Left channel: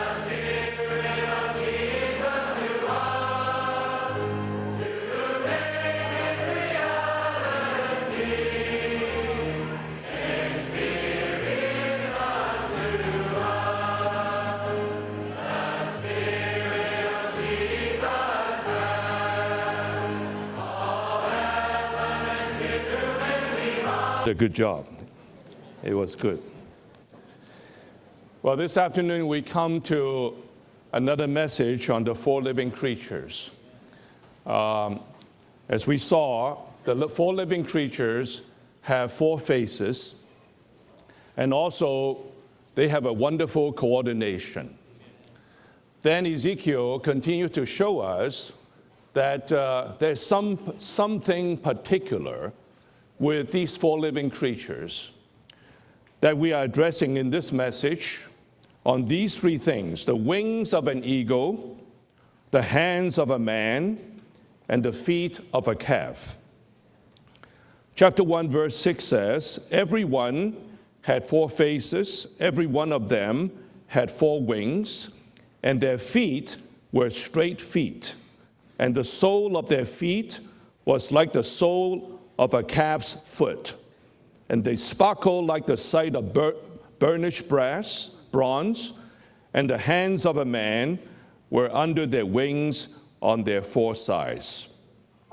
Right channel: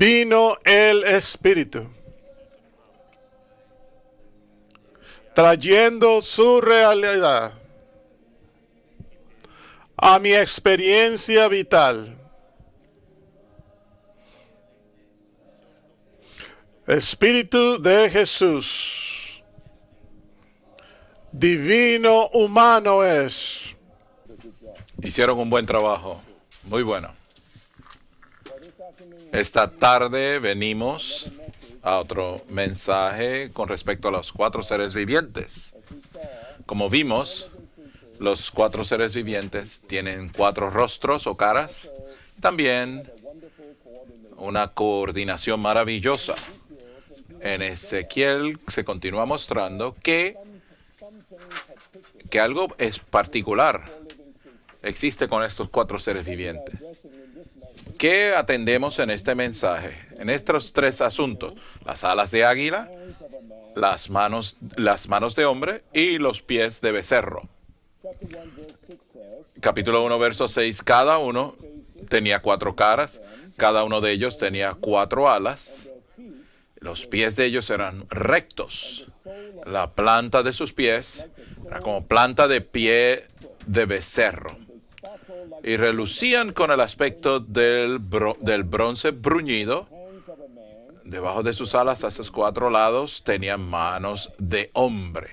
vino el Espíritu, trayendo su realidad a mi experiencia vital. Espíritu de Jesús, divino humano es. A good job. Hicieron un buen It trabajo. was good. Muy bueno. Well, this afternoon we Esta come tarde to venimos another message a on the four otro living mensaje creatures. con respecto a los cuatro seres vivientes. As we saw, Como the vimos, four living creatures Los cuatro have seres four vivientes faces, tienen cuatro rostros o and caras. also they También have a wonderful coordination. una coordinación Then maravillosa. Ezekiel continued En to show us Ezequiel se continúa that mostrando there's que something particular algo es with particular these four living creatures existe con estos cuatro seres that we are vivientes. addressing in this message. ¿Qué atendemos on en este these three mensaje? things, the En estos wings of tres an asuntos: eagle, las alas de the águila, hands of a man, las manos and the de feet of hombre a calf. y los pies de becerro. Chapter 1, verse 6 says, Capítulo 1, "Everyone verso 6. Cada had uno four faces, tenía every cuatro one of caras, them cada uno had de ellos four tenía wings, cuatro alas, and their feet los were pies de straight ellos eran feet, rectos. and the sole of their La planta feet de sus was pies like the era sole como planta of de a pie calf's foot, de becerro. and they sparkled like Y the sight relucían of con el aspecto burnished del brass, bronze, bronce and bruñido. the hands of a man Debajo de were sus alas under a their sus cuatro wings lados on their tenían four manos sides." de hombre.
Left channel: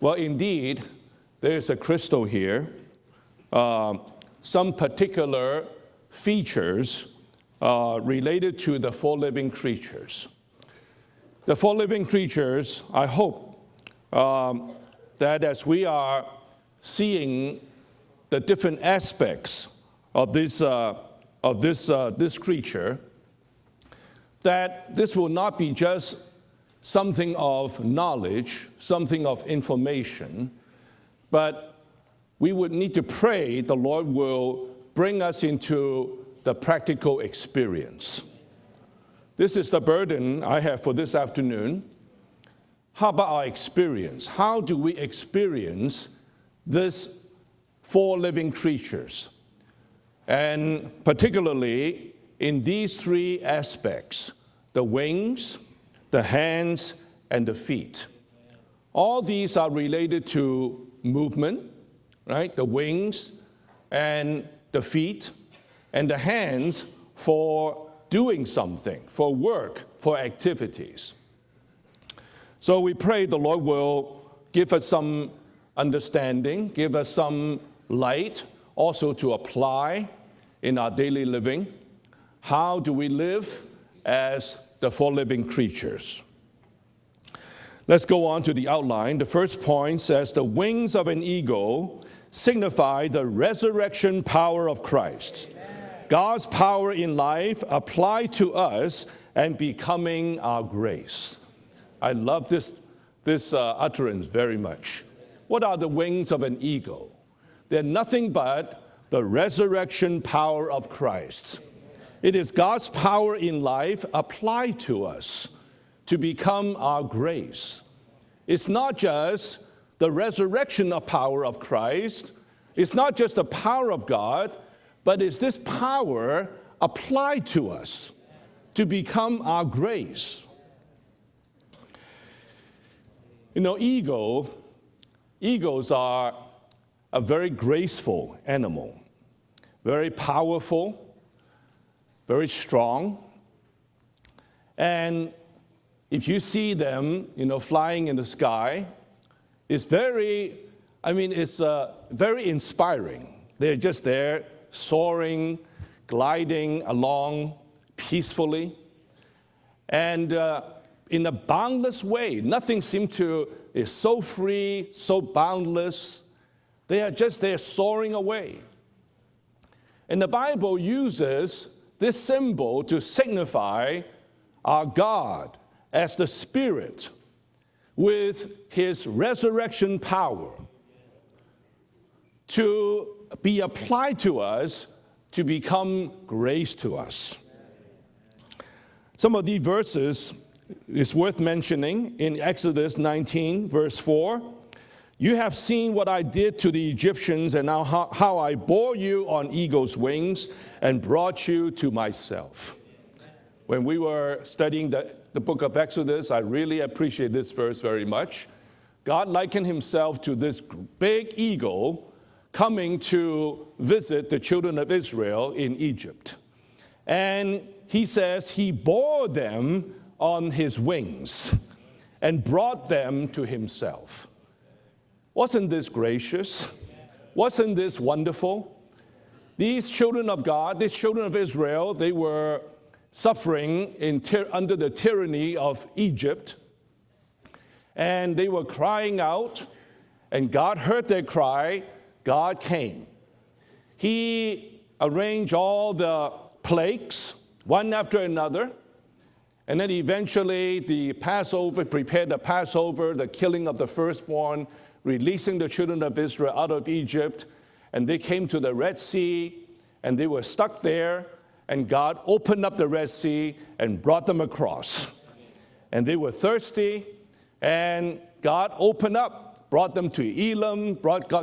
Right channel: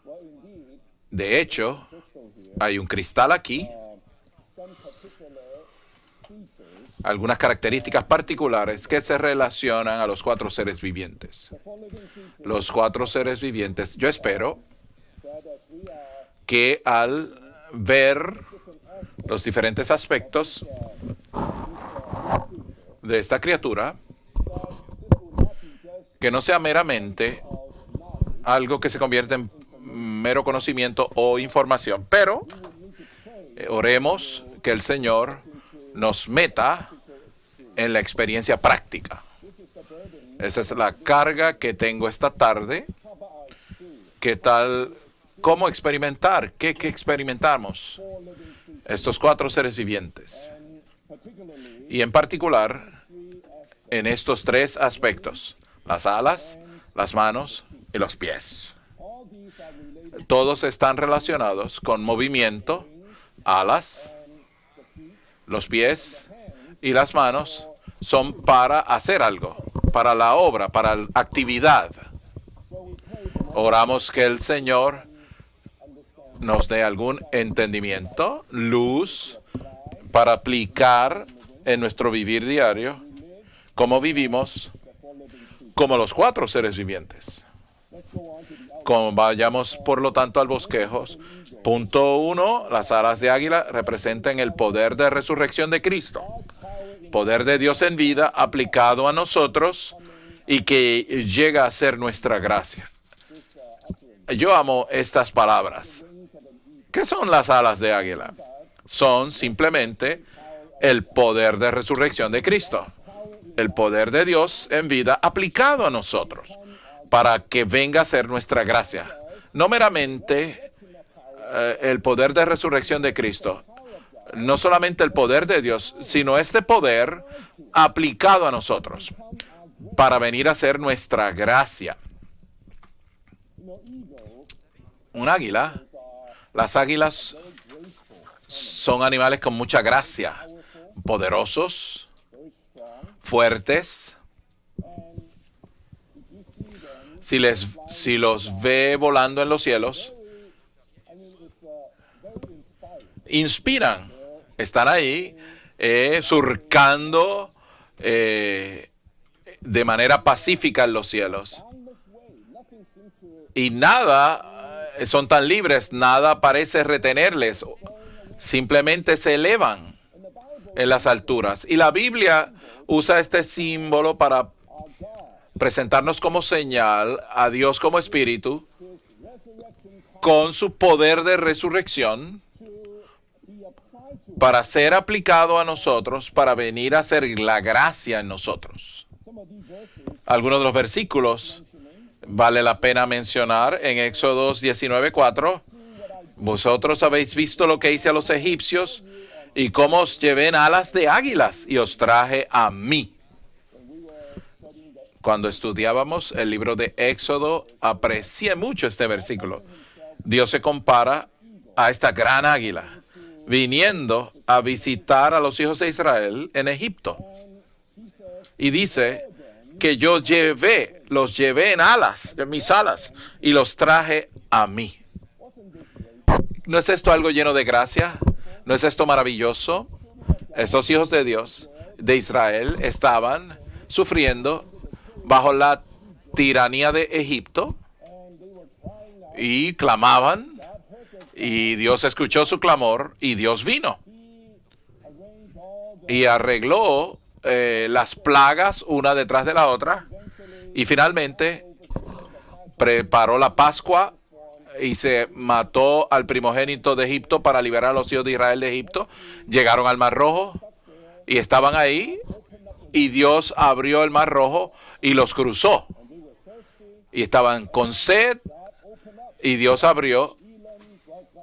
Well, indeed, De there's hecho, a crystal here. hay un cristal aquí, Some particular features. algunas características related particulares to the que se four living relacionan a creatures. los cuatro seres vivientes. The four living creatures, Los cuatro I seres hope, vivientes. Yo espero that as we are que al seeing ver the different aspects los diferentes of aspectos this creature, de esta criatura, that this will not be just que no sea something meramente of knowledge, algo que se something convierte of en information. mero conocimiento o But información, pero We would need to pray the Lord oremos will que el bring Señor us into nos the meta practical experience. en la experiencia práctica. This is the burden I Esa es have la for this carga afternoon. que tengo esta tarde. How about our experience? ¿Qué How do tal? we experience ¿Cómo experimentar? ¿Qué this experimentamos? four living creatures? Estos cuatro seres vivientes. And particularly Y en particular, in these three aspects, En estos tres the aspectos: wings, las the alas, hands, las and the manos feet. y los pies. All these are related Todos to están relacionados movement, con right? movimiento, The wings alas, and the feet los and pies the hands y las manos for son doing para something, hacer for algo, work, para for la obra, para la activities. actividad. So we pray the Lord Oramos will que el give Señor us some understanding, nos dé give us algún some entendimiento, light, luz, also to apply para in our aplicar daily living. en nuestro vivir How do diario we live cómo as vivimos the four living creatures? como los cuatro seres vivientes. Let's go on to the outline. The first Vayamos point por lo says tanto al the wings bosquejo. of an eagle Punto 1. signify Las alas the de águila resurrection representan el power poder of de Christ. resurrección de Cristo. God's power in Poder de life Dios en applied vida to aplicado a us nosotros and becoming our y que grace. llega a ser I nuestra love gracia. this utterance very Yo amo much. estas What are the palabras. wings of an eagle? ¿Qué son las alas de They're nothing águila? but Son the simplemente resurrection power of el Christ. poder de resurrección It de is Cristo. God's power in El poder de life Dios applied en to vida us aplicado a to nosotros become our para grace. que venga a ser nuestra It's not gracia. just No the meramente resurrection of power of Christ. el poder de resurrección It's de not just the Cristo, power of God, no solamente el but poder it's de this Dios, power sino este poder applied to us aplicado a to nosotros become our grace. para venir a ser nuestra gracia. You know, Un águila, eagles are las a águilas very graceful animal. son animales con mucha Very gracia, powerful, poderosos, very strong, fuertes. and if you see them Si, you know, les, flying si in the los sky, ve volando en los it's cielos, very, I mean, it's very inspiring. They're inspiran, just there, están ahí soaring, gliding surcando along peacefully. de manera And, pacífica en los in a cielos. boundless way. Nothing seemed to Y it's nada, so free, so son tan libres, boundless. nada parece They are just there retenerles. soaring away. Simplemente se elevan And the Bible en las uses alturas. Y la this Biblia symbol to usa este signify símbolo para our God presentarnos as the como Spirit señal a Dios como with Espíritu his resurrection power con su poder de resurrección to be applied to para us, ser aplicado to a become nosotros, para grace venir to a ser us. la gracia en nosotros. Some of these verses Algunos de los is versículos worth mentioning in vale la Exodus pena 19, mencionar verse en 4. Éxodo You 19:4. have seen what I did Vosotros to the habéis Egyptians visto and lo que hice a los how I egipcios bore you on y eagle's cómo os wings llevé en alas and de brought águilas you y to os traje myself. a mí. When we were studying the Cuando book of estudiábamos Exodus, I el libro really de appreciate this Éxodo, verse very much. aprecié mucho este God versículo. likened himself to Dios this se compara big eagle a esta gran águila coming to viniendo visit the a children of visitar a Israel los hijos de in Egypt. Israel en Egipto. And he says Y he dice bore them que yo on his llevé, wings. los llevé en alas, and en mis brought alas, them to y los himself. traje a mí. Wasn't this gracious? ¿No es esto algo lleno de Wasn't this gracia? wonderful? ¿No es esto maravilloso? These children of God, Estos these hijos de children of Dios, Israel, they de Israel, were estaban suffering sufriendo under the tyranny bajo la of Egypt, tiranía de Egipto and they were crying out, y clamaban, and God heard their cry. y Dios escuchó God su clamor y Dios vino. came. He arranged all the Y arregló plagues, las one after plagas una detrás de la another, and otra then eventually y finalmente prepared the Passover, preparó the la killing of the Pascua firstborn, y se releasing the mató children of al Israel primogénito out de of Egipto Egypt. para liberar a los And hijos de they came Israel to de the Red Egipto. Sea, Llegaron al Mar and they were Rojo stuck there, y estaban and ahí God opened up the Red y Dios Sea abrió and el brought Mar them Rojo across. y los cruzó. And they were thirsty, Y estaban con and sed. God opened up, Y Dios brought them abrió to Elam,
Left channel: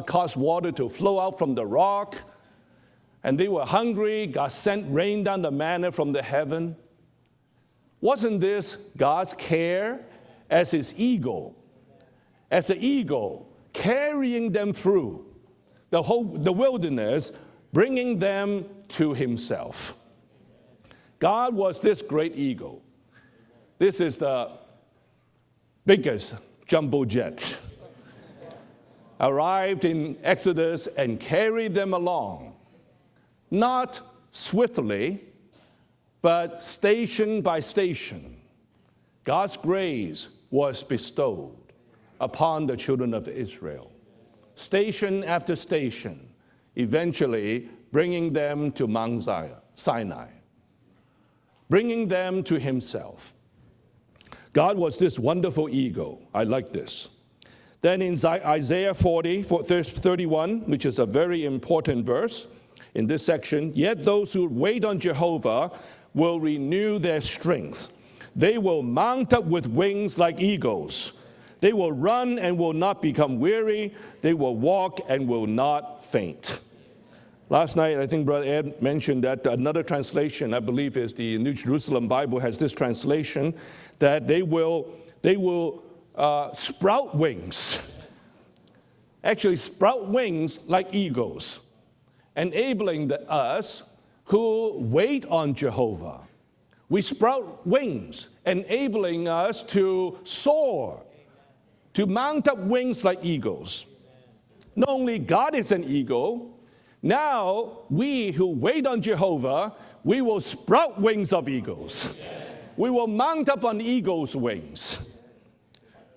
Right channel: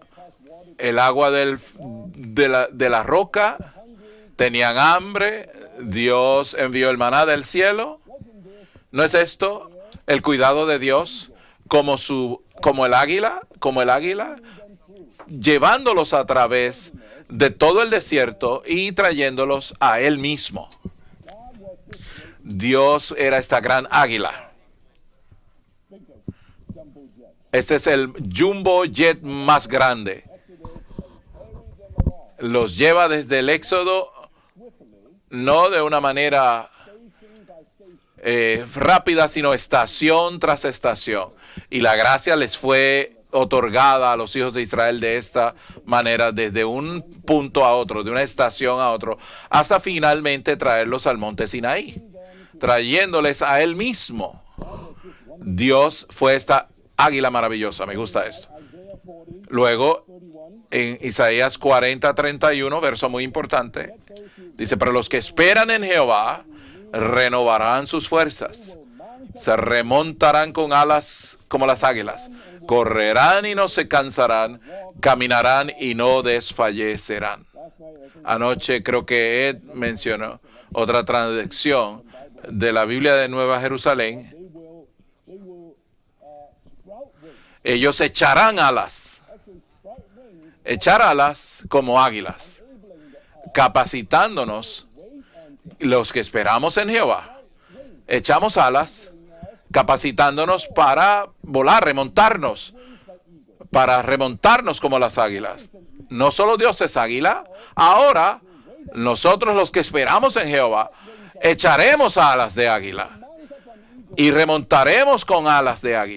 caused water to El flow agua out from the rock, de la and they were roca, hungry. God tenían sent rain hambre, down the manna from Dios the heaven. envió el maná del cielo. Wasn't this ¿No es God's esto care el cuidado as de his Dios eagle, como el as an águila, eagle, como el águila, carrying them through llevándolos a través de todo el bringing desierto them y to trayéndolos himself? a él mismo? God was this great eagle. Dios era esta gran This águila. is the biggest jumbo jet. Este es el jumbo jet más Arrived in grande. Exodus and carried them along. Los lleva desde el Éxodo, Not swiftly, no de una manera but station by station. rápida, sino God's estación grace tras was estación. bestowed Y la gracia les upon the fue children of Israel. otorgada a los hijos de Israel de Station esta after station, manera, desde un eventually punto a otro, de una bringing them estación to a otro, Mount Sinai. hasta finalmente traerlos al monte Sinaí, Bringing them to himself. trayéndoles a él mismo. God was this wonderful Dios eagle. fue I esta like this. águila maravillosa. Me Then in gusta esto. Isaiah 40, Luego, 31, which is en a very Isaías important 40, verse, 31, verso in muy this section, importante, "Yet those who dice, wait pero on los que Jehovah esperan en Jehová will renew their renovarán strength. sus fuerzas, They will mount up se with wings like remontarán con eagles. alas como They las will águilas, run and will not correrán y become no se weary. They cansarán, will walk and will caminarán not y no faint." desfallecerán. Last night, I think Brother Anoche Ed creo que mentioned that Ed another mencionó translation, I believe otra it's the New Jerusalem traducción Bible has de this la Biblia de translation, Nueva Jerusalén. that they will sprout wings. Ellos echarán alas, Actually, sprout wings like echar eagles, alas como águilas, enabling us capacitándonos, who wait on Jehovah. los que esperamos en We Jehová. sprout wings, Echamos alas, enabling us to capacitándonos soar, para volar, to mount up remontarnos, wings like eagles. para remontarnos como Not las only God águilas. is an eagle, No solo Dios es águila, now, ahora we who wait on nosotros Jehovah, los que esperamos we will en Jehová sprout wings of echaremos alas de eagles. We will águila mount up on eagles' y wings. remontaremos con alas de águilas.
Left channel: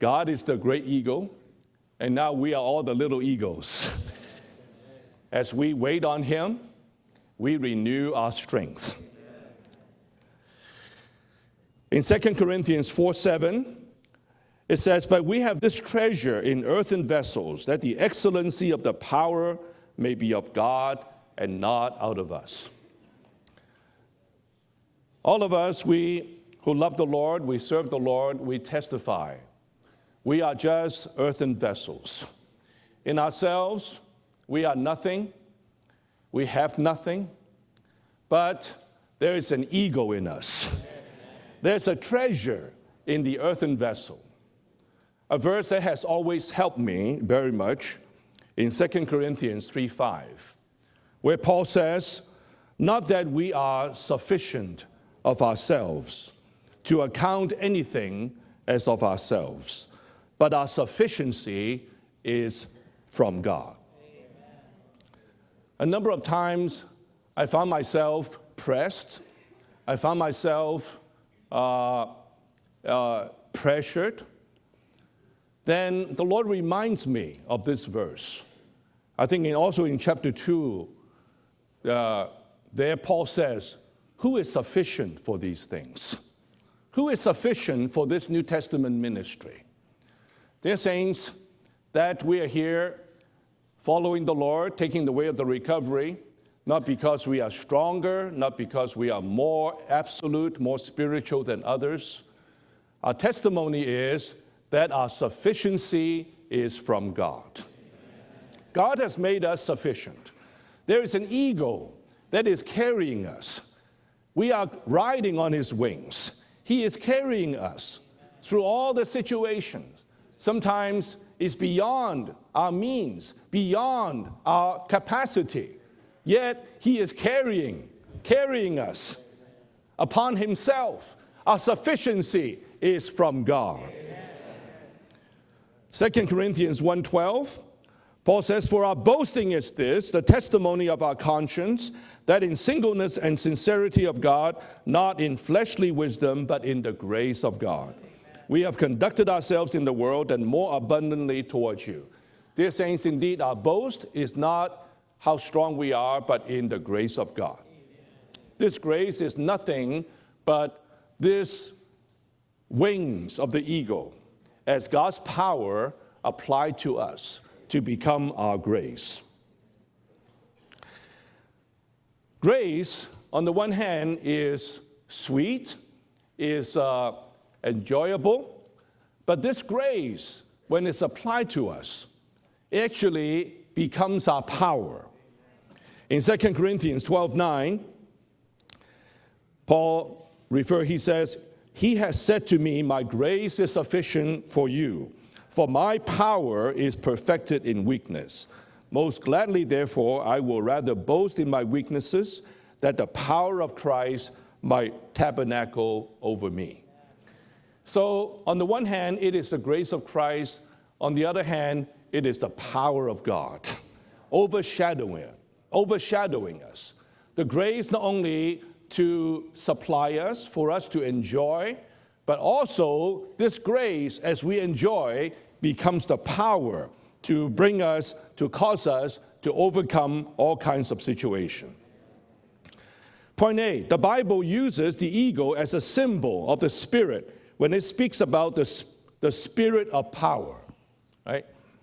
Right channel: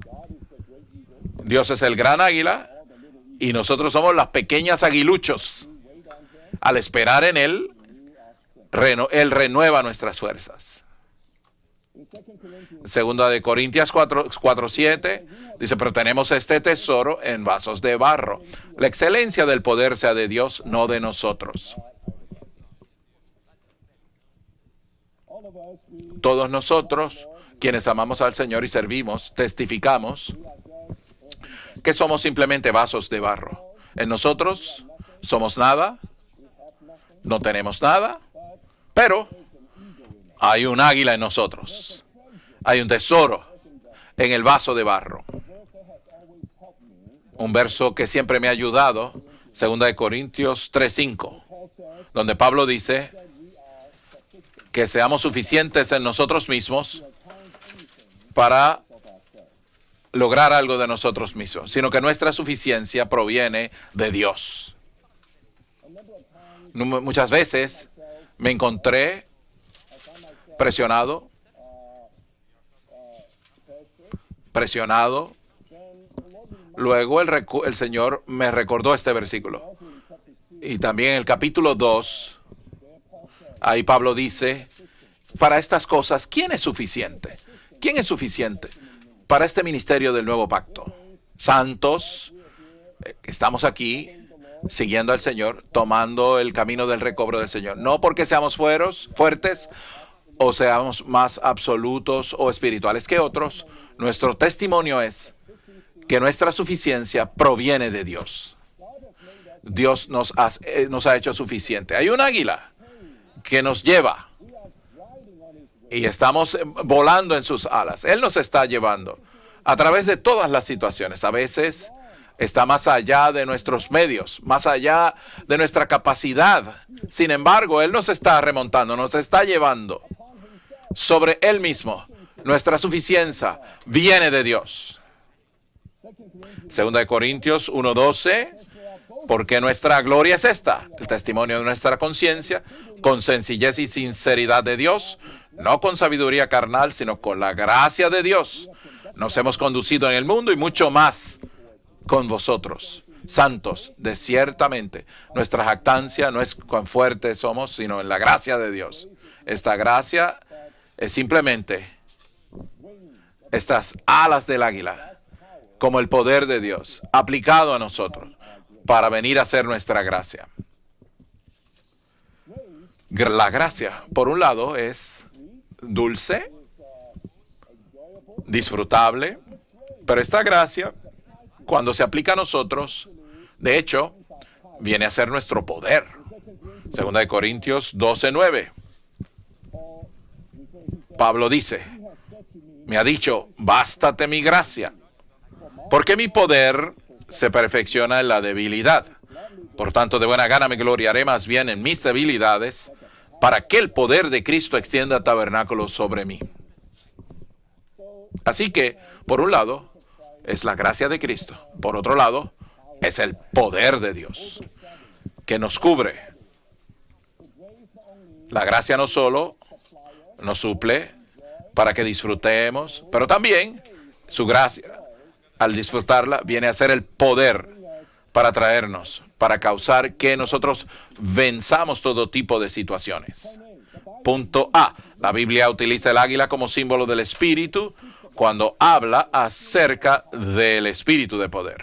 God is the great eagle. Dios es el gran Now we are águila all the little eagles. y nosotros somos las pequeñas As aguiluchos. we wait on him, Al esperar en we Él, renew our strength. Él renueva nuestras fuerzas. In 2 Corinthians 4, Segunda de 7, Corintios 4, it says, 7, "But we have this dice, pero tenemos treasure este in earthen tesoro vessels, en vasos that de the barro. excellency of La the excelencia power del poder sea may de be of Dios, no de God nosotros. and not out of us." All of us, we Todos who love the nosotros, Lord, we quienes serve the amamos Lord, al Señor we y servimos, testify. testificamos We are just earthen vessels. que somos simplemente vasos de In barro. ourselves, En nosotros we are nothing. somos nada, We have nothing, no tenemos nada, but pero there is an ego in us. hay un águila en nosotros, There's a treasure hay un tesoro in the earthen vessel. en el vaso de barro. A verse that has always helped me very Un verso much, que siempre me ha in ayudado, 2 Corinthians 2 de 3:5, Corintios 3:5, where Paul says, donde Pablo not dice that we are sufficient que seamos of suficientes en ourselves nosotros mismos to account anything para as of ourselves. lograr But our algo de nosotros sufficiency mismos, sino que nuestra is suficiencia from proviene God. de Dios. A number of times, Muchas I veces found myself me encontré pressed. I found myself presionado, pressured. presionado. Then the Lord reminds Luego me of el this Señor verse. me recordó este I think versículo. also in chapter 2, Y también en el capítulo 2, there Paul says, ahí Pablo who is dice, sufficient for para this? estas cosas, ¿quién es Who suficiente? is sufficient ¿Quién for es this New suficiente Testament ministry? para este ministerio del nuevo pacto? Dear saints, Santos, that we are here estamos aquí following the Lord, siguiendo al taking the way Señor, of the recovery, tomando el camino not del because recobro we del are Señor. stronger, No porque seamos not because we are fuertes more absolute o or seamos más spiritual than absolutos o espirituales que Our otros. testimony is Nuestro testimonio that our es sufficiency que nuestra is from suficiencia God. proviene de Dios. God has made us Dios sufficient. nos ha There's an hecho eagle suficiente. Hay un that águila is carrying us. que nos lleva We are riding on his wings. y estamos He is volando en carrying sus us alas. Él nos está through all the llevando situations. a través de todas las Sometimes situaciones. A it's veces beyond está our más allá means, de nuestros beyond medios, más our allá capacity. de nuestra capacidad. Yet he is Sin embargo, Él nos está carrying remontando, us nos está llevando upon himself. sobre Our Él mismo. sufficiency Nuestra is from suficiencia God. viene de Dios. 2 Corinthians 2 1:12, Corintios Paul 1:12. says, "For our boasting Porque is nuestra this, gloria the es esta, testimony of el our testimonio de nuestra conscience, conciencia, that in singleness con and sencillez y sincerity of sinceridad God, de Dios, not in fleshly no con sabiduría wisdom, but in carnal, the sino grace con la of God. gracia de Dios. We have conducted Nos hemos ourselves in the conducido en el world mundo y and more mucho más abundantly towards you. con vosotros, Dear saints, indeed, our santos, boast de is not ciertamente. how Nuestra strong we are, jactancia but no es in the cuán grace fuertes of God. somos, sino en la gracia de This Dios. grace is Esta nothing gracia but es simplemente wings of the estas eagle, alas del as águila, God's power como el poder de applied Dios, to us aplicado a to become nosotros, our grace. para venir a ser nuestra gracia. Grace, La on the one gracia, hand, por un lado, is es sweet, dulce, is enjoyable, disfrutable, but this grace, pero esta gracia, when it's applied to cuando us, se aplica a nosotros, actually de hecho, becomes our power. viene a ser nuestro poder. In 2 Corinthians 2 12:9, Corintios 12:9. he says, Pablo dice, He has said to me, me ha dicho, grace is bástate sufficient mi for gracia, you, for my porque mi power poder is perfected se in perfecciona en la weakness. debilidad. Most gladly, Por tanto, de therefore, buena I gana will me rather gloriaré boast más in bien my en mis weaknesses, debilidades, that the power para of que el poder Christ de Cristo might extienda tabernáculo tabernacle sobre mí. over me. So, on Así the one que, hand, it por is un the lado, grace of Christ. es la gracia On de the other Cristo. hand, Por otro it is lado, the power es of el God poder de Dios que nos cubre. The grace not only La gracia no to solo supply us, nos for us to suple enjoy, para que but disfrutemos, also pero también this grace, as su we gracia, enjoy, al becomes disfrutarla, the viene a power ser el to poder bring us, para to cause traernos, us para to causar overcome que all nosotros kinds of situations. venzamos todo tipo de situaciones. Point A, the Bible Punto uses A. the La eagle Biblia as a utiliza el águila symbol como of the símbolo del Spirit. When Espíritu it speaks about cuando the habla spirit of acerca power. del Espíritu de poder.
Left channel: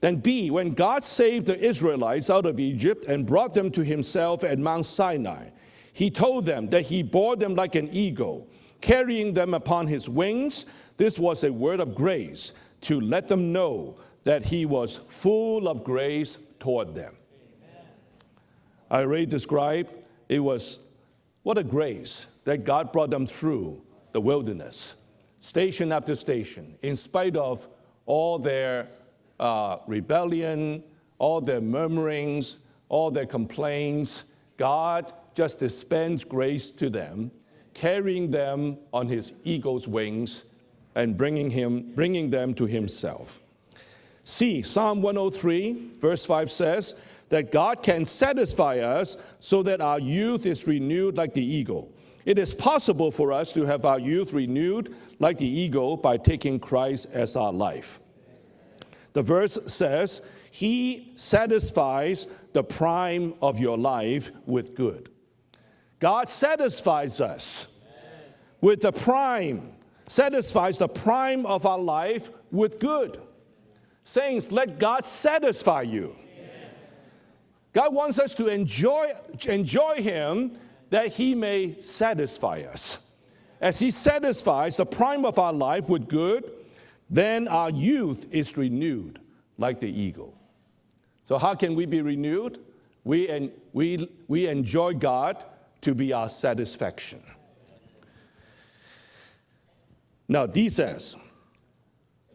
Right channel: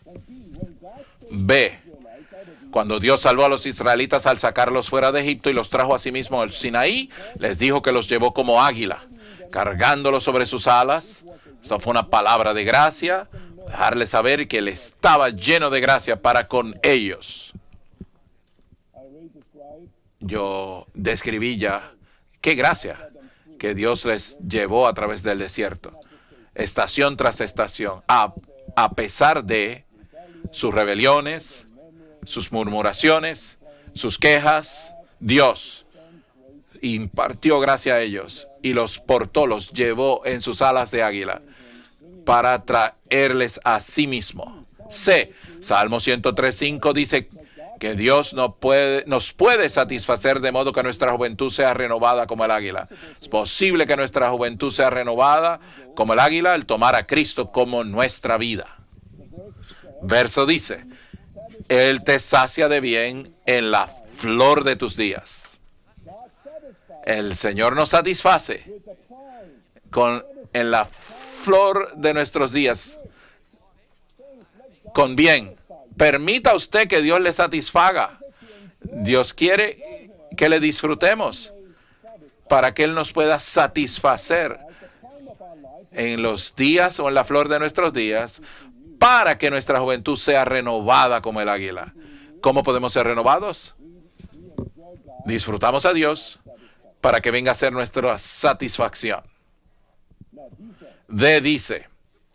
Then B, when God saved B, the Israelites out of Egypt Cuando Dios and salvó a brought los them to israelitas al himself at sacarlos Mount fuera de Sinai, Egipto y los trajo a sí he mismo told al them Sinaí, that he bore them les like dijo an que los llevó eagle, como águila, carrying them upon his cargándolos sobre wings. sus alas. This was a word Eso of fue una grace palabra de to gracia, let them know dejarles saber that que he él was estaba full lleno de of gracia grace para con toward them. ellos. I already described it was Yo describí what a ya grace qué that God gracia brought them through que Dios les the wilderness. llevó a través del desierto, Station after station, estación in tras spite of estación, all their, a pesar de rebellion, sus rebeliones, all their murmurings, sus all murmuraciones, their complaints, sus quejas, God Dios just dispensed grace to them, impartió gracia a carrying ellos them y los on portó, his los eagle's llevó wings en sus alas de and águila bringing para them to himself. traerles a sí mismo. Sí, Psalm C, 103, Salmo verse 103:5 5 dice that God que can Dios nos satisfy puede us nos so puede that our satisfacer youth de is modo que nuestra renewed like the juventud sea eagle. renovada It como el is águila. possible Es for us to posible have que our nuestra youth juventud renewed sea renovada like the eagle como el by águila taking al tomar a Christ as Cristo our como life. nuestra vida. The verse says, Verso dice, He satisfies Él te sacia the de bien prime of en your la life flor with de tus good. días. God satisfies El us Señor nos satisface with the prime, en la the prime of flor our de life nuestros with días. good. Saints, let God Con bien. satisfy you. Permita usted que Dios le God satisfaga. wants us to enjoy, Dios quiere enjoy him, que le that disfrutemos he may satisfy para us. que Él nos pueda As he satisfacer satisfies the prime of our life with en good, los días o en la then flor de our nuestros youth días is renewed para que nuestra like the juventud eagle. sea renovada como So el how can águila. we be renewed? ¿Cómo podemos ser renovados? We enjoy God Disfrutamos to a be Dios our satisfaction. para que venga a ser nuestra satisfacción. Now, D says, D dice,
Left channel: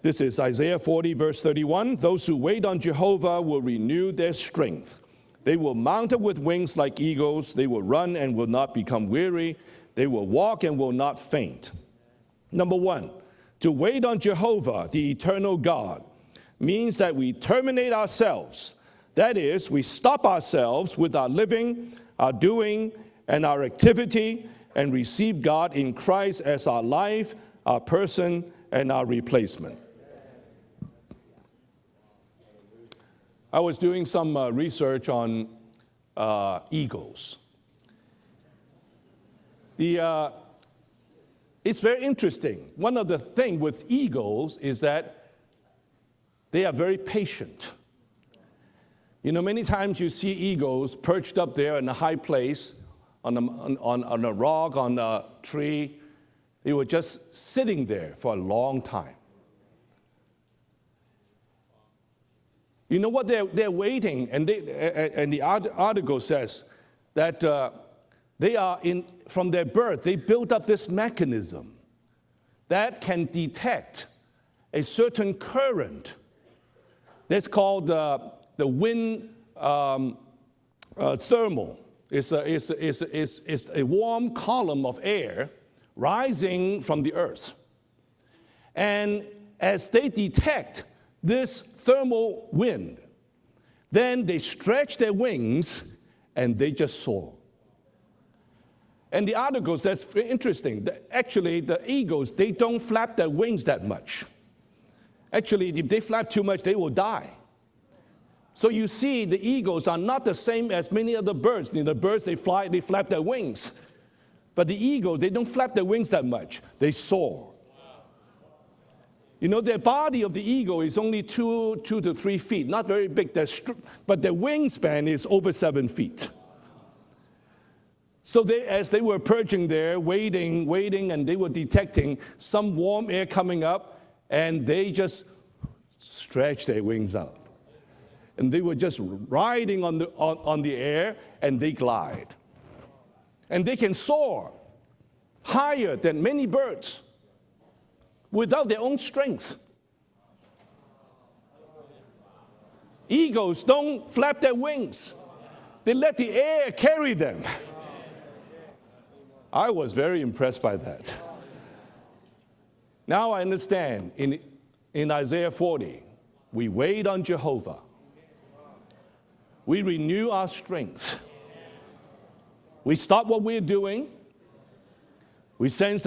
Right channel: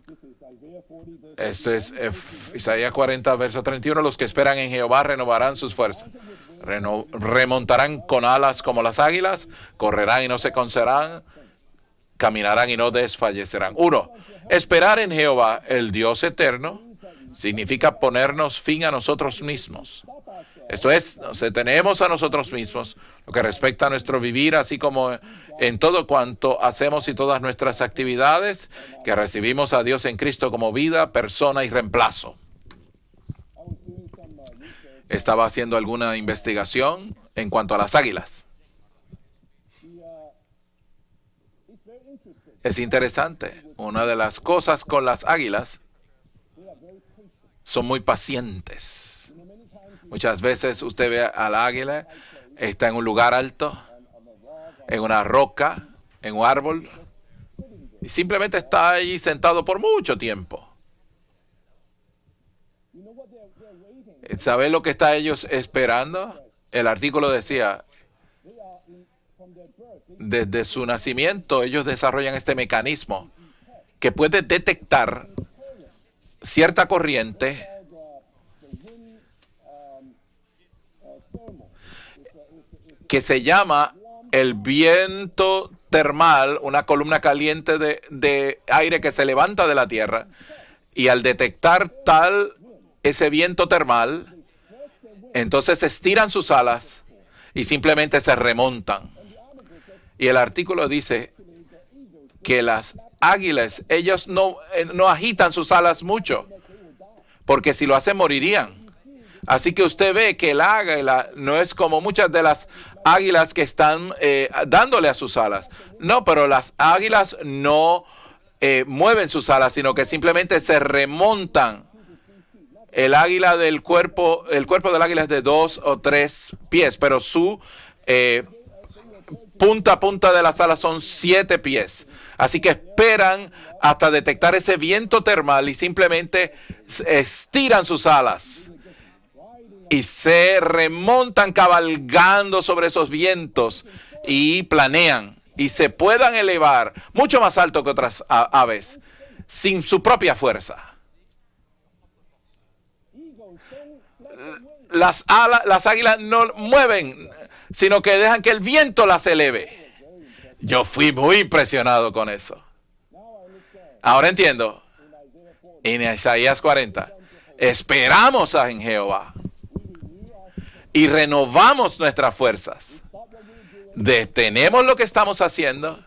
this is Isaiah 40, verse esto es 31. Those who wait on Isaías 40, Jehovah verso will 31, renew los que their esperan en strength. Jehová renovarán They sus will fuerzas. mount up with wings like eagles. They will Remontarán run con and will alas not como las become águilas, weary. correrán They y no will se walk and will cansarán, not faint. caminarán y no Number one, desfallecerán. to wait 1. on Jehovah, Esperar en the Jehová, eternal el God, Dios eterno, means that we significa terminate ponernos ourselves. fin a nosotros That is, we mismos. stop ourselves Esto es, with our nos living, detenemos a our nosotros doing, mismos, lo and que our respecta a nuestro activity, vivir, así and como receive God en in todo Christ cuanto as our hacemos y life, todas nuestras our person, actividades, and our que recibimos replacement. a Dios en Cristo como vida, persona y reemplazo. I was doing some research on Estaba haciendo alguna investigación eagles. en cuanto a las águilas. It's very interesting. Es One of the interesante. thing with Una de las eagles cosas is con that las águilas they are very patient. son muy pacientes. You know, many times you Muchas see veces eagles usted ve perched al up there in a águila, high place, está en un lugar alto, on a rock, on en a una roca, tree. en un They árbol, were just sitting there y simplemente for a long está time. allí sentado por mucho tiempo. You know what they're waiting. And ¿Saben lo que está and ellos the esperando? article says El artículo that, decía, they are from their birth, they built desde up this su nacimiento ellos desarrollan este that mecanismo can detect que puede a detectar certain current. cierta That's corriente called the wind thermal. que se llama el viento termal, una columna caliente de aire que se levanta de la tierra. Y al detectar ese viento termal, entonces estiran sus alas y simplemente se remontan. Y el artículo dice que las águilas, ellos no agitan sus alas mucho, porque si lo hacen morirían. Así que usted ve que el águila no es como muchas de las águilas que están dándole a sus alas. No, pero las águilas no mueven sus alas, sino que simplemente se remontan. El águila del cuerpo, el cuerpo del águila es de 2 o 3 pies, pero su punta a punta de las alas son 7 pies. Así que esperan hasta detectar ese viento termal y simplemente estiran sus alas y se remontan cabalgando sobre esos vientos y planean y se puedan elevar mucho más alto que otras aves sin su propia fuerza. Las águilas no mueven, sino que dejan que el viento las eleve. Yo fui muy impresionado con eso. Ahora entiendo. En Isaías 40, esperamos en Jehová y renovamos nuestras fuerzas. Detenemos lo que estamos haciendo,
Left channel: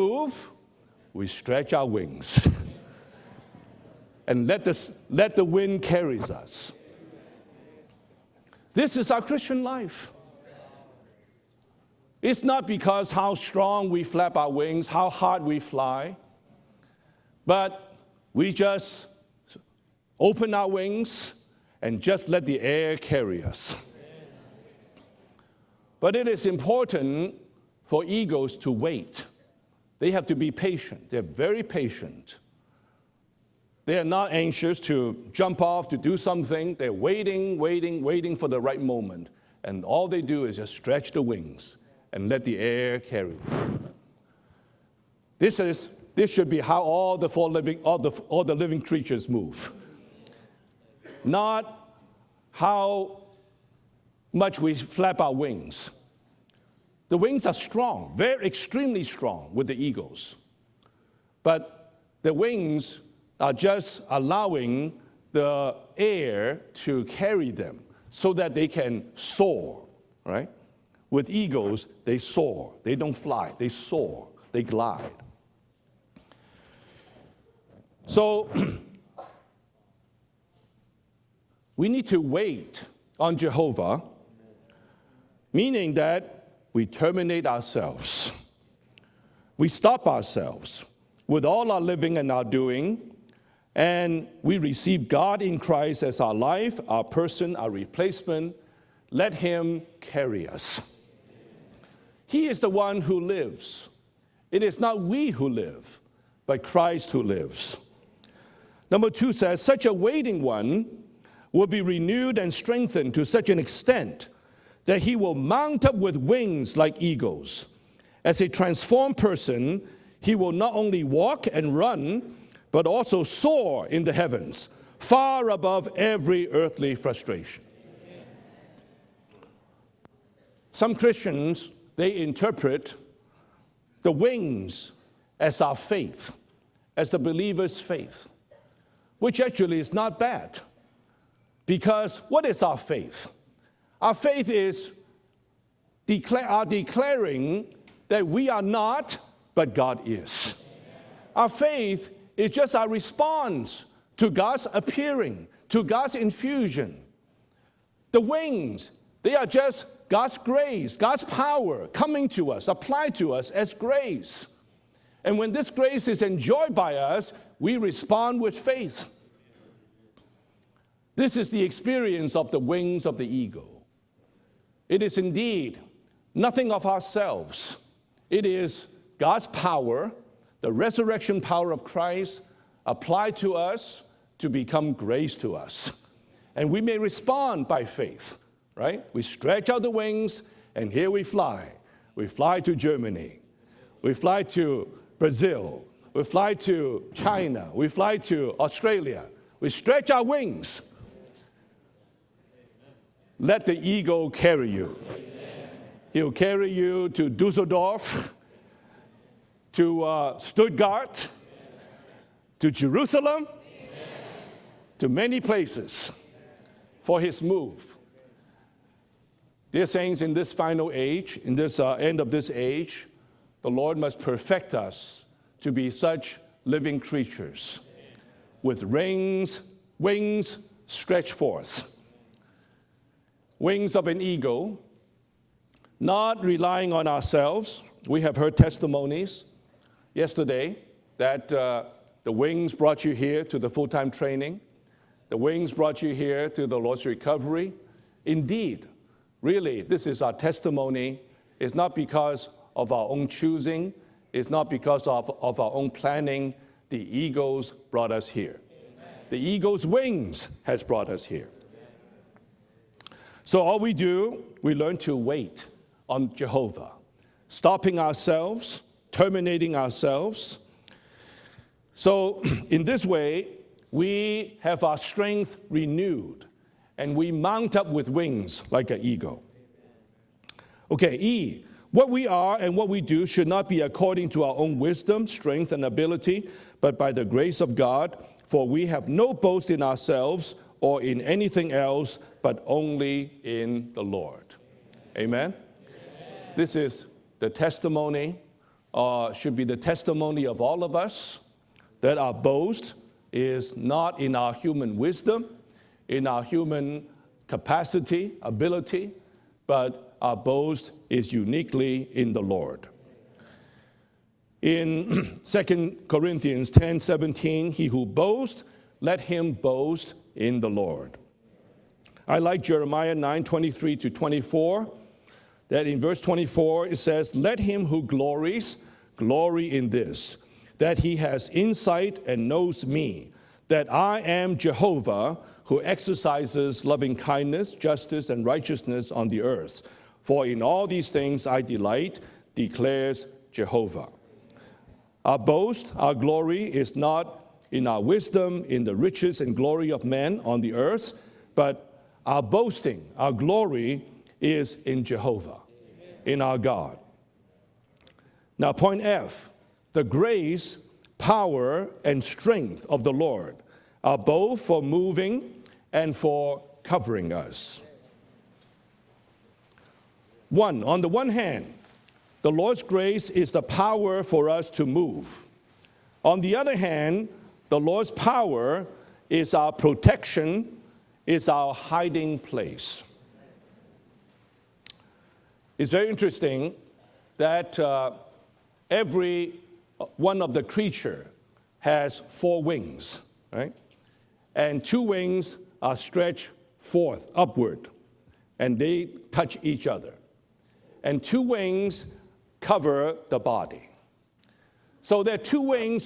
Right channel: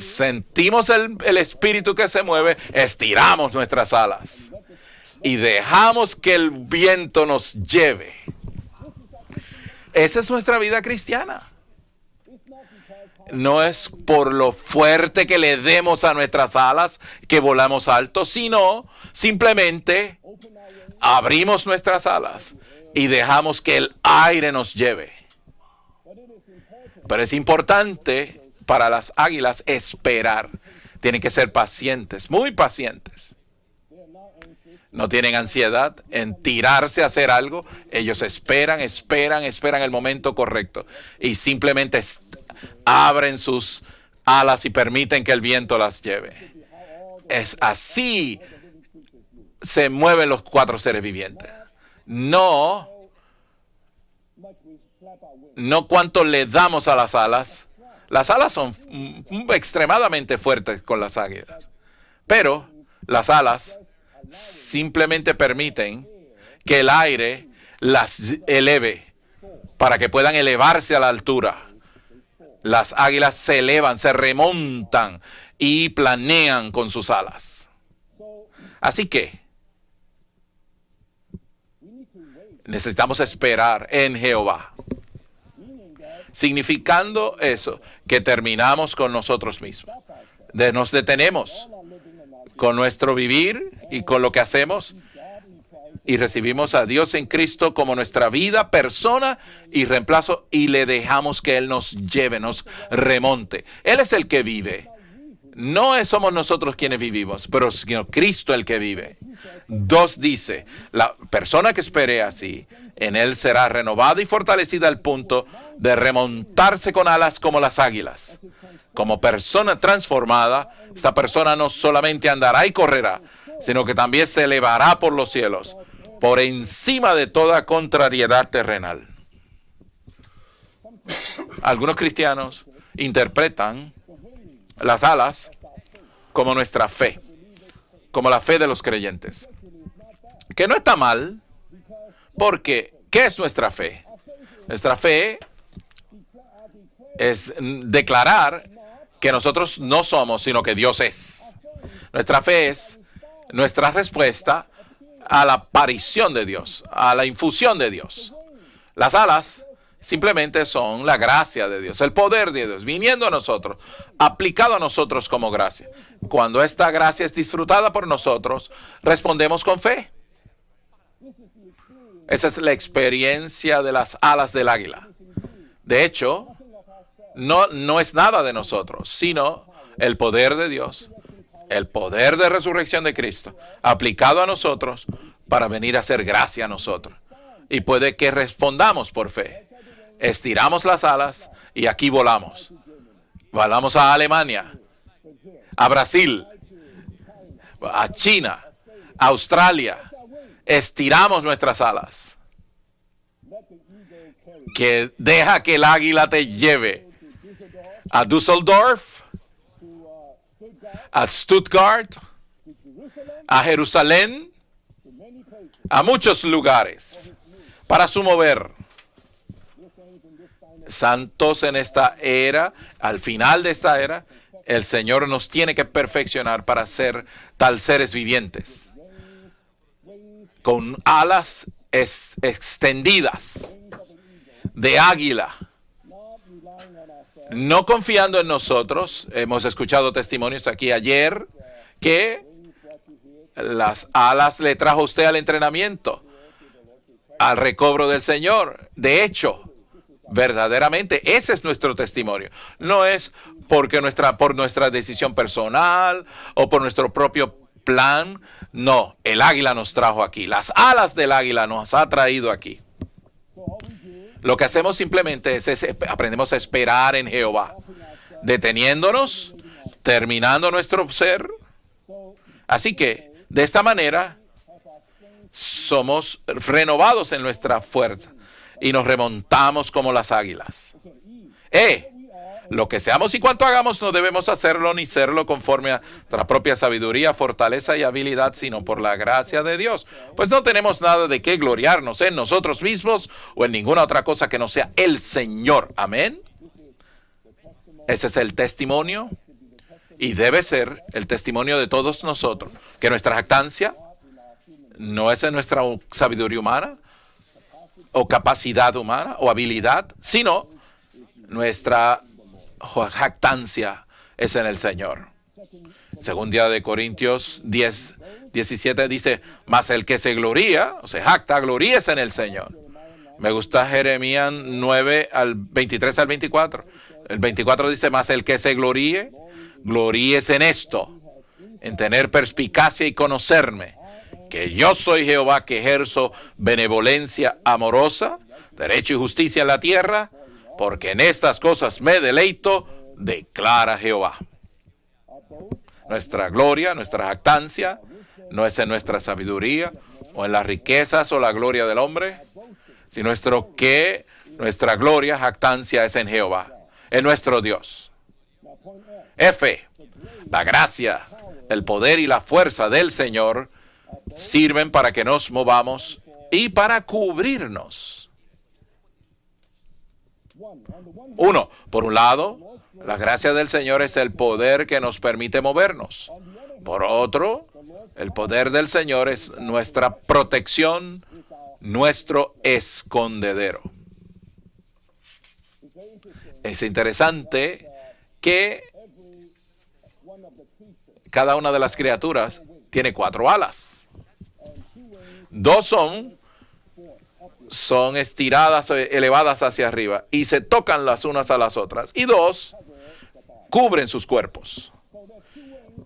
sentimos el espíritu que se mueve, estiramos nuestras alas y dejamos que el viento nos lleve. Esa es nuestra vida cristiana. No es por lo fuerte que le demos a nuestras alas que volamos alto, sino simplemente abrimos nuestras alas y dejamos que el aire nos lleve. Pero es importante para las águilas esperar. Tienen que ser pacientes, muy pacientes. No tienen ansiedad en tirarse a hacer algo. Ellos esperan el momento correcto y simplemente abren sus alas y permiten que el viento las lleve. Es así se mueven los 4 seres vivientes. No cuánto le damos a las alas. Las alas son extremadamente fuertes con las águilas. Pero las alas simplemente permiten que el aire las eleve para que puedan elevarse a la altura. Las águilas se elevan, se remontan y planean con sus alas. Así que necesitamos esperar en Jehová. Significando eso, que terminamos con nosotros mismos. Nos detenemos con nuestro vivir y con lo que hacemos y recibimos a Dios en Cristo como nuestra vida, persona y reemplazo y le dejamos que Él nos lleve, nos remonte. Él es el que vive. No somos nosotros quienes vivimos, pero sino Cristo el que vive. 2 dice, la persona que espere así, en Él será renovada y fortalecida al punto de remontarse con alas como las águilas. Como persona transformada, esta persona no solamente andará y correrá, sino que también se elevará por los cielos, por encima de toda contrariedad terrenal. Algunos cristianos interpretan las alas como nuestra fe, como la fe de los creyentes, que no está mal. Porque, ¿qué es nuestra fe? Nuestra fe es declarar que nosotros no somos, sino que Dios es. Nuestra fe es nuestra respuesta a la aparición de Dios, a la infusión de Dios. Las alas simplemente son la gracia de Dios, el poder de Dios, viniendo a nosotros, aplicado a nosotros como gracia. Cuando esta gracia es disfrutada por nosotros, respondemos con fe. Esa es la experiencia de las alas del águila. De hecho, no es nada de nosotros, sino el poder de Dios, el poder de resurrección de Cristo, aplicado a nosotros para venir a hacer gracia a nosotros. Y puede que respondamos por fe. Estiramos las alas y aquí volamos. Volamos a Alemania, a Brasil, a China, a Australia. Estiramos nuestras alas. Que deja que el águila te lleve a Düsseldorf, a Stuttgart, a Jerusalén, a muchos lugares para su mover. Santos en esta era, al final de esta era, el Señor nos tiene que perfeccionar para ser tal seres vivientes, con alas extendidas de águila. No confiando en nosotros. Hemos escuchado testimonios aquí ayer que las alas le trajo usted al entrenamiento, al recobro del Señor. De hecho, verdaderamente ese es nuestro testimonio. No es por nuestra decisión personal o por nuestro propio plan. No, el águila nos trajo aquí. Las alas del águila nos ha traído aquí. Lo que hacemos simplemente es aprendemos a esperar en Jehová, deteniéndonos, terminando nuestro ser. Así que, de esta manera, somos renovados en nuestra fuerza y nos remontamos como las águilas. Lo que seamos y cuanto hagamos no debemos hacerlo ni serlo conforme a nuestra propia sabiduría, fortaleza y habilidad, sino por la gracia de Dios. Pues no tenemos nada de qué gloriarnos en nosotros mismos o en ninguna otra cosa que no sea el Señor. Amén. Ese es el testimonio y debe ser el testimonio de todos nosotros, que nuestra jactancia no es en nuestra sabiduría humana o capacidad humana o habilidad, sino nuestra jactancia es en el Señor. Segunda de Corintios 10, 17 dice, mas el que se gloría, o se jacta, gloríese en el Señor. Me gusta Jeremías 9, al 23 al 24. El 24 dice, mas el que se gloríe, gloríese en esto, en tener perspicacia y conocerme, que yo soy Jehová que ejerzo benevolencia amorosa, derecho y justicia en la tierra, porque en estas cosas me deleito, declara Jehová. Nuestra gloria, nuestra jactancia, no es en nuestra sabiduría o en las riquezas o la gloria del hombre, sino nuestra gloria, jactancia es en Jehová, en nuestro Dios. F, la gracia, el poder y la fuerza del Señor sirven para que nos movamos y para cubrirnos. Uno, por un lado, la gracia del Señor es el poder que nos permite movernos. Por otro, el poder del Señor es nuestra protección, nuestro escondedero. Es interesante que cada una de las criaturas tiene 4 alas. 2 son estiradas, elevadas hacia arriba y se tocan las unas a las otras. Y 2 cubren sus cuerpos.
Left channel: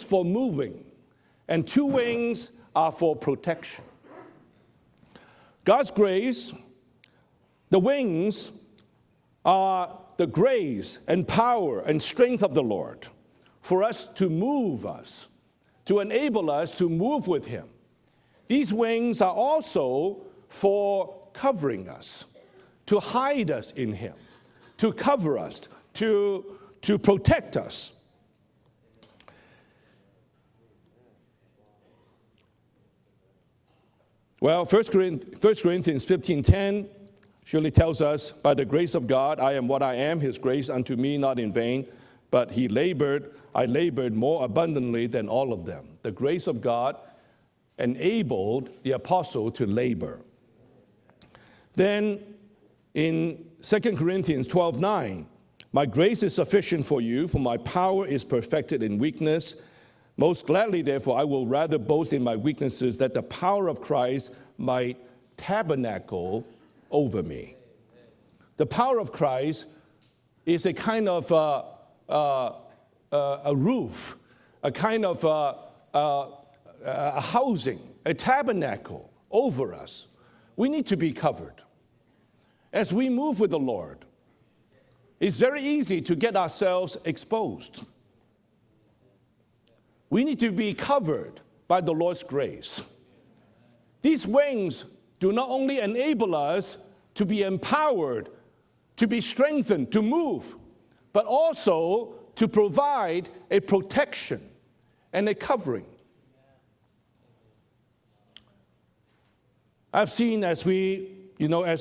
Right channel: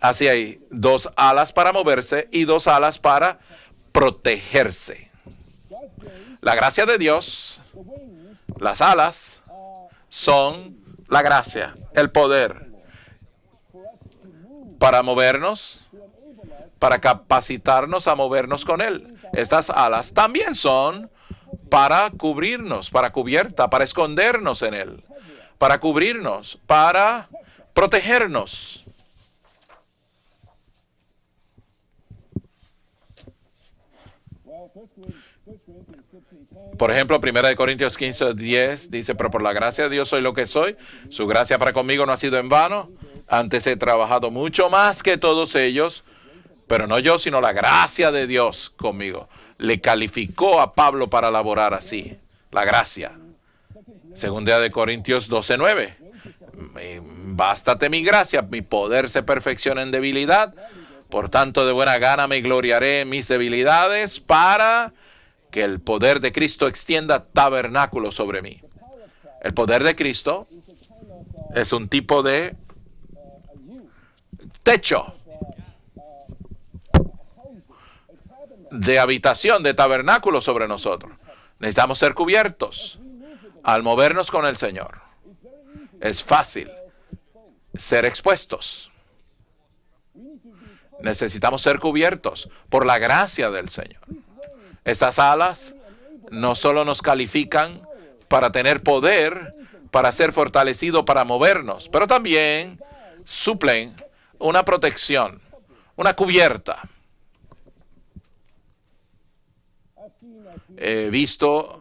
Así hay 2 alas para moverse y 2 alas para protegerse. La gracia de Dios, las alas, son la gracia, el poder para movernos, para capacitarnos a movernos con Él. Estas alas también son para cubrirnos, para cubierta, para escondernos en Él, para cubrirnos, para protegernos. Por ejemplo, 1 Corintios 15:10 dice, pero por la gracia de Dios soy lo que soy. Su gracia para conmigo no ha sido en vano. Antes he trabajado mucho más que todos ellos, pero no yo, sino la gracia de Dios conmigo. Le calificó a Pablo para laborar así. La gracia. Segunda de Corintios 12:9. Bástate mi gracia, mi poder se perfecciona en debilidad. Por tanto, de buena gana me gloriaré en mis debilidades para que el poder de Cristo extienda tabernáculo sobre mí. El poder de Cristo es un tipo de techo, de habitación, de tabernáculo sobre nosotros. Necesitamos ser cubiertos al movernos con el Señor. Es fácil ser expuestos. Necesitamos ser cubiertos por la gracia del Señor. Estas alas no solo nos califican para tener poder, para ser fortalecidos, para movernos, pero también suplen una protección, una cubierta. He visto el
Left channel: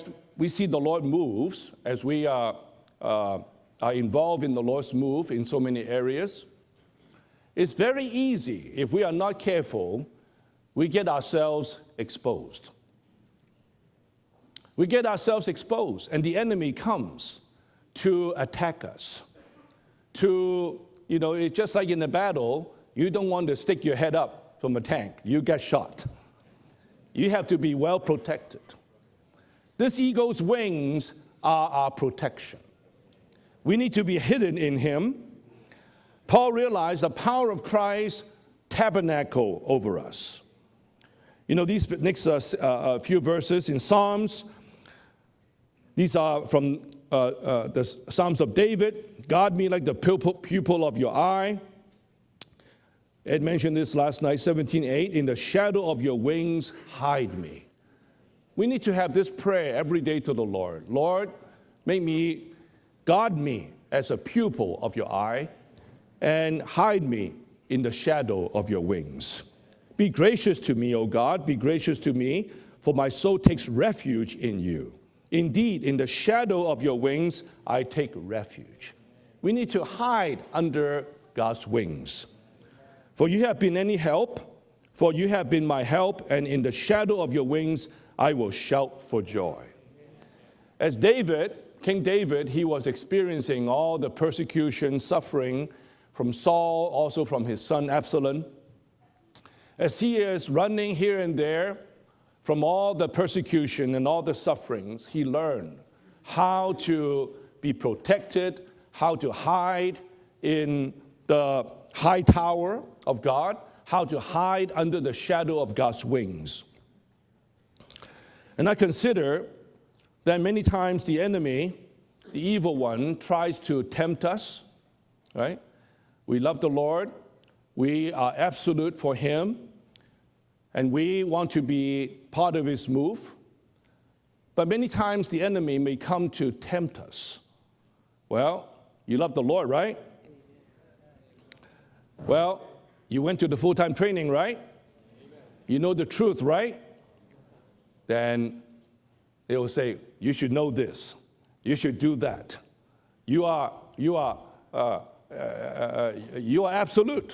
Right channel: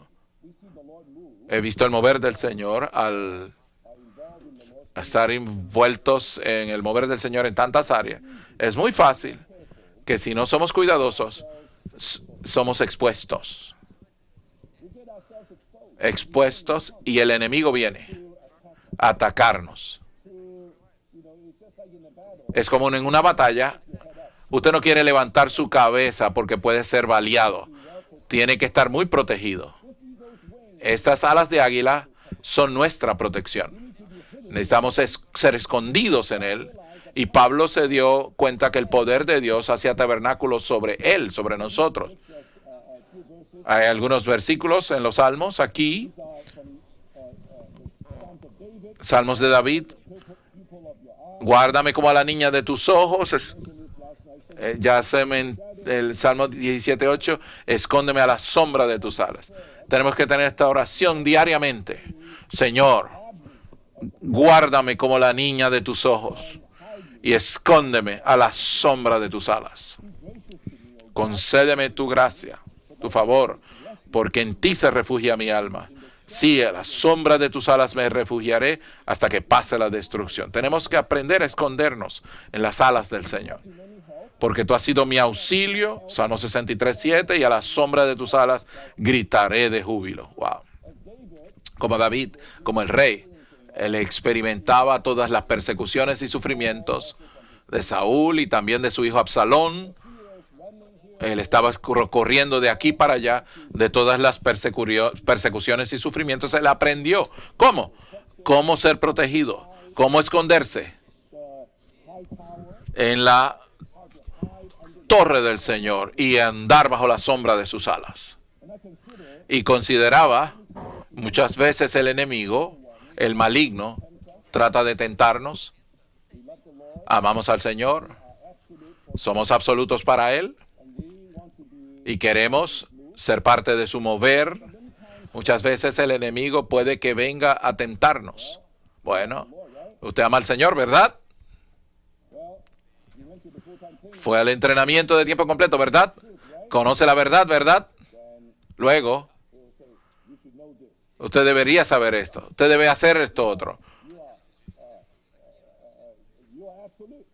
mover del Señor al estar envueltos en el mover del Señor en tantas áreas. Es muy fácil que si no somos cuidadosos, somos expuestos. Expuestos y el enemigo viene a atacarnos. Es como en una batalla, usted no quiere levantar su cabeza porque puede ser baleado. Tiene que estar muy protegido. Estas alas de águila son nuestra protección. Necesitamos ser escondidos en él. Y Pablo se dio cuenta que el poder de Dios hacía tabernáculo sobre él, sobre nosotros. Hay algunos versículos en los Salmos aquí. Salmos de David. Guárdame como a la niña de tus ojos. El Salmo 17:8. Escóndeme a la sombra de tus alas. Tenemos que tener esta oración diariamente. Señor, guárdame como la niña de tus ojos y escóndeme a la sombra de tus alas. Concédeme tu gracia, por favor, porque en ti se refugia mi alma. Sí, a la sombra de tus alas me refugiaré hasta que pase la destrucción. Tenemos que aprender a escondernos en las alas del Señor, porque tú has sido mi auxilio, Salmo 63:7, y a la sombra de tus alas gritaré de júbilo. Wow. Como David, como el rey, él experimentaba todas las persecuciones y sufrimientos de Saúl y también de su hijo Absalón. Él estaba corriendo de aquí para allá de todas las persecuciones y sufrimientos. Él aprendió cómo ser protegido, cómo esconderse en la torre del Señor y andar bajo la sombra de sus alas. Y consideraba muchas veces el enemigo, el maligno, trata de tentarnos. Amamos al Señor, somos absolutos para Él y queremos ser parte de su mover. Muchas veces el enemigo puede que venga a tentarnos. Bueno, usted ama al Señor, ¿verdad? Fue al entrenamiento de tiempo completo, ¿verdad? Conoce la verdad, ¿verdad? Luego, usted debería saber esto. Usted debe hacer esto otro.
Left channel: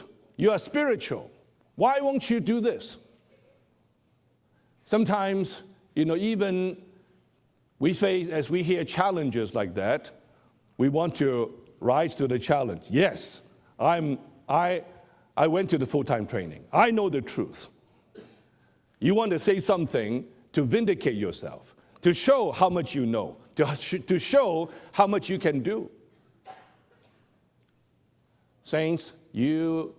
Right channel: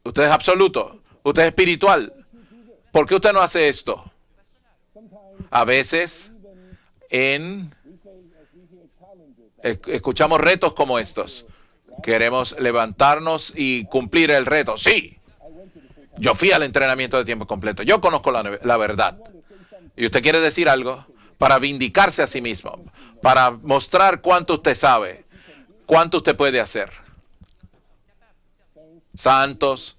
Usted es absoluto. Usted es espiritual. ¿Por qué usted no hace esto? A veces, escuchamos retos como estos. Queremos levantarnos y cumplir el reto. Sí. Yo fui al entrenamiento de tiempo completo. Yo conozco la verdad. Y usted quiere decir algo para vindicarse a sí mismo, para mostrar cuánto usted sabe, cuánto usted puede hacer. Santos,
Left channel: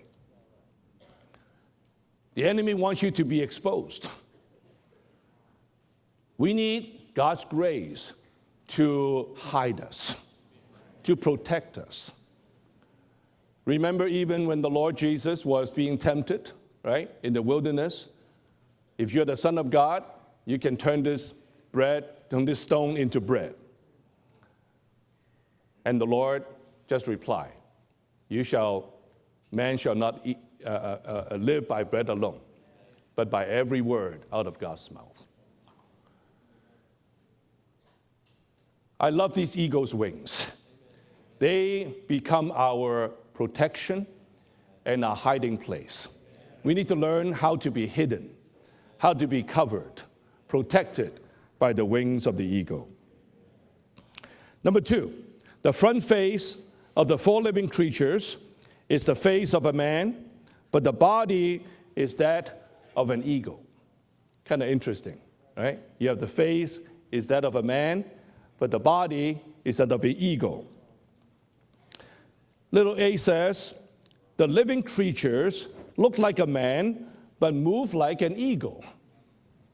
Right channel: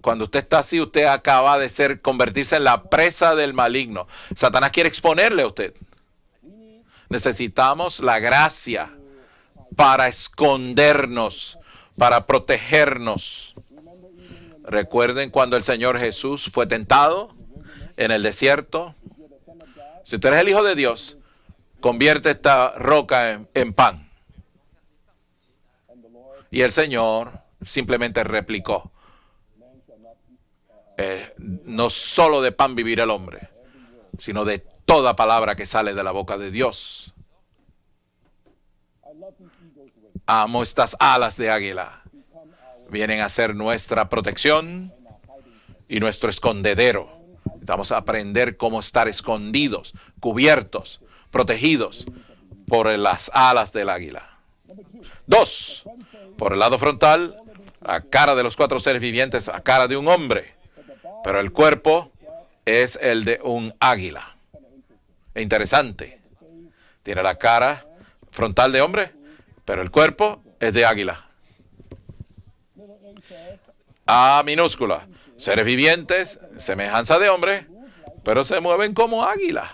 cuando usted está así, usted acaba de convertirse en la presa del maligno. Satanás quiere exponerle a usted. Necesitamos la gracia para escondernos, para protegernos. Recuerden cuando el Señor Jesús fue tentado en el desierto. Si usted es el Hijo de Dios, convierte esta roca en pan. Y el Señor simplemente replicó: no solo de pan vivirá el hombre, sino de toda palabra que sale de la boca de Dios. I love these eagle's wings. Amo estas alas de They águila. become our Vienen a ser nuestra protección and our hiding place. y nuestro We need to escondedero. learn how to Vamos be a hidden, aprender cómo estar how to be escondidos, covered, cubiertos, protected by the protegidos wings of the eagle. por las alas del águila. Number two, Dos, the front face por el lado of frontal, the four living la creatures cara de los cuatro seres is the vivientes, face la of a cara de un man, hombre, but the body pero el cuerpo is that es of el an de eagle. un águila. Kind of interesting. Interesante. You have the face Tiene is la that of a cara man, frontal but de the hombre, body is pero that el of the cuerpo eagle. es de águila. Little a says, A the living minúscula, creatures seres look vivientes, like a man, semejanza de hombre, but move like an pero se eagle. mueven como águila.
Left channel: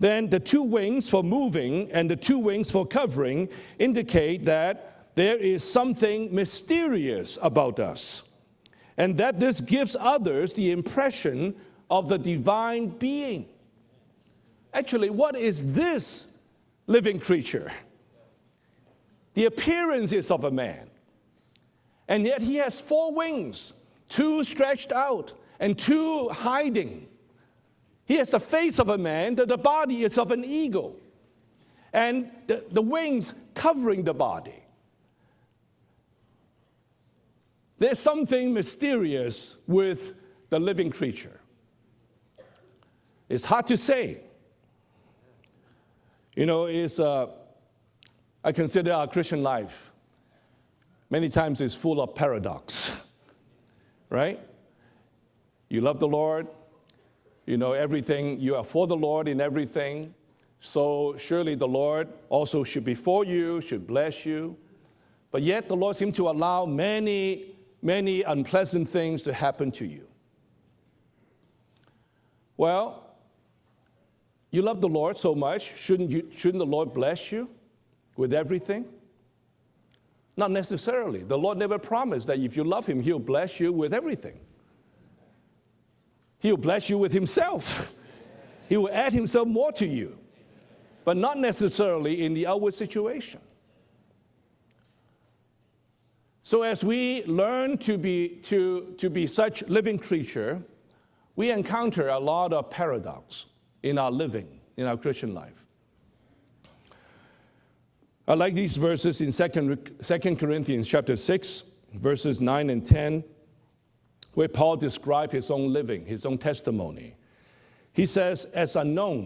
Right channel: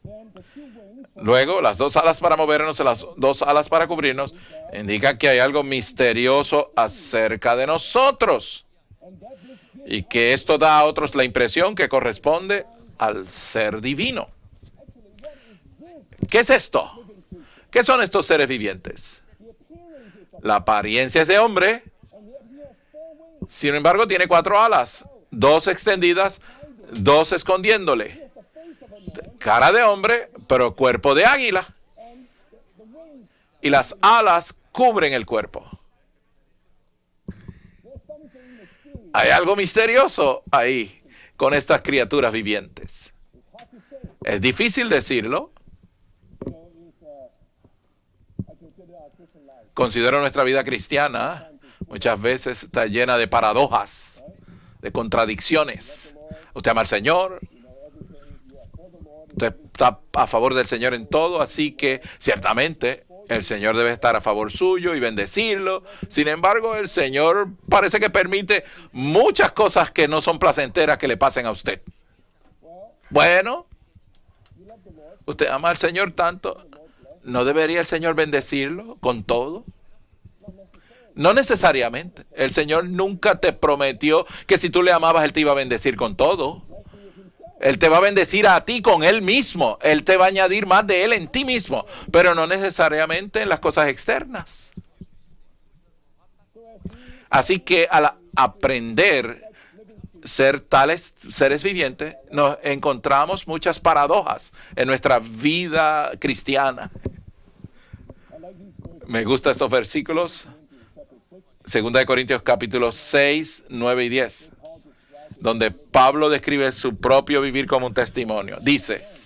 Then the two wings for Luego, moving las dos and alas the para two wings movernos y for las covering dos alas para cubrirnos indicate that indica que there hay algo is something misterioso mysterious acerca de about us. nosotros And that this gives y others que esto the da a otros la impression impresión que of the corresponde divine al being. ser divino. Actually, what is this ¿Qué es esto? living creature? ¿Qué son estos seres vivientes? The appearance is of a La man, apariencia es de hombre, and yet he has four wings. sin embargo tiene Two cuatro alas, stretched out, dos and extendidas, two hiding. dos He escondiéndole. has the face of a man, the Cara de body hombre, is of an pero eagle, cuerpo de águila. and the wings Y las covering the alas body. cubren el cuerpo. There's something mysterious Hay algo with misterioso the ahí living creature. con estas criaturas vivientes. It's hard to say. Es difícil decirlo. You know, I consider our Christian life, Considero nuestra vida many cristiana times it's full muchas of veces paradox, está llena de paradojas, right? de You contradicciones. love the Lord, Usted ama al Señor, you know everything, you are for the Lord in usted está everything. a favor del Señor en So todo, surely así the que Lord also ciertamente should be for you, el Señor to debe estar a bless favor you. suyo y But yet the bendecirlo. Lord seems Sin to embargo, allow el many, Señor parece que many permite unpleasant things to muchas happen to cosas you. que no son placenteras que le pasen a usted. Well, Bueno, you love the Lord so usted ama al much, Señor shouldn't tanto, the Lord bless you? ¿no debería el Señor with bendecirlo everything? con todo? Not necessarily. No The Lord never necesariamente. promised that you El should Señor love him. He'll nunca te bless you with prometió everything. que si tú le amabas, Él te iba a bendecir con He'll todo. bless you with himself. Él te va a bendecir a ti He will con add Él him some mismo. more to Él you. te va a añadir más de Él But en not ti mismo, necessarily pero in no the outer necesariamente situation. en las cosas externas. So as we Así learn que to al be- aprender to be such living creatures, ser tales seres encounter vivientes, a lot nos of encontramos muchas in our paradojas living, en in our nuestra Christian life. vida cristiana. I like these verses Me in gustan 2 estos versículos. Corinthians chapter 6, Segunda de verses Corintios 9 and capítulo 10, 6, 9 y 10, where Paul describes his donde own living, Pablo his own describe su testimony. propio vivir como un He says, testimonio. as Dice, unknown,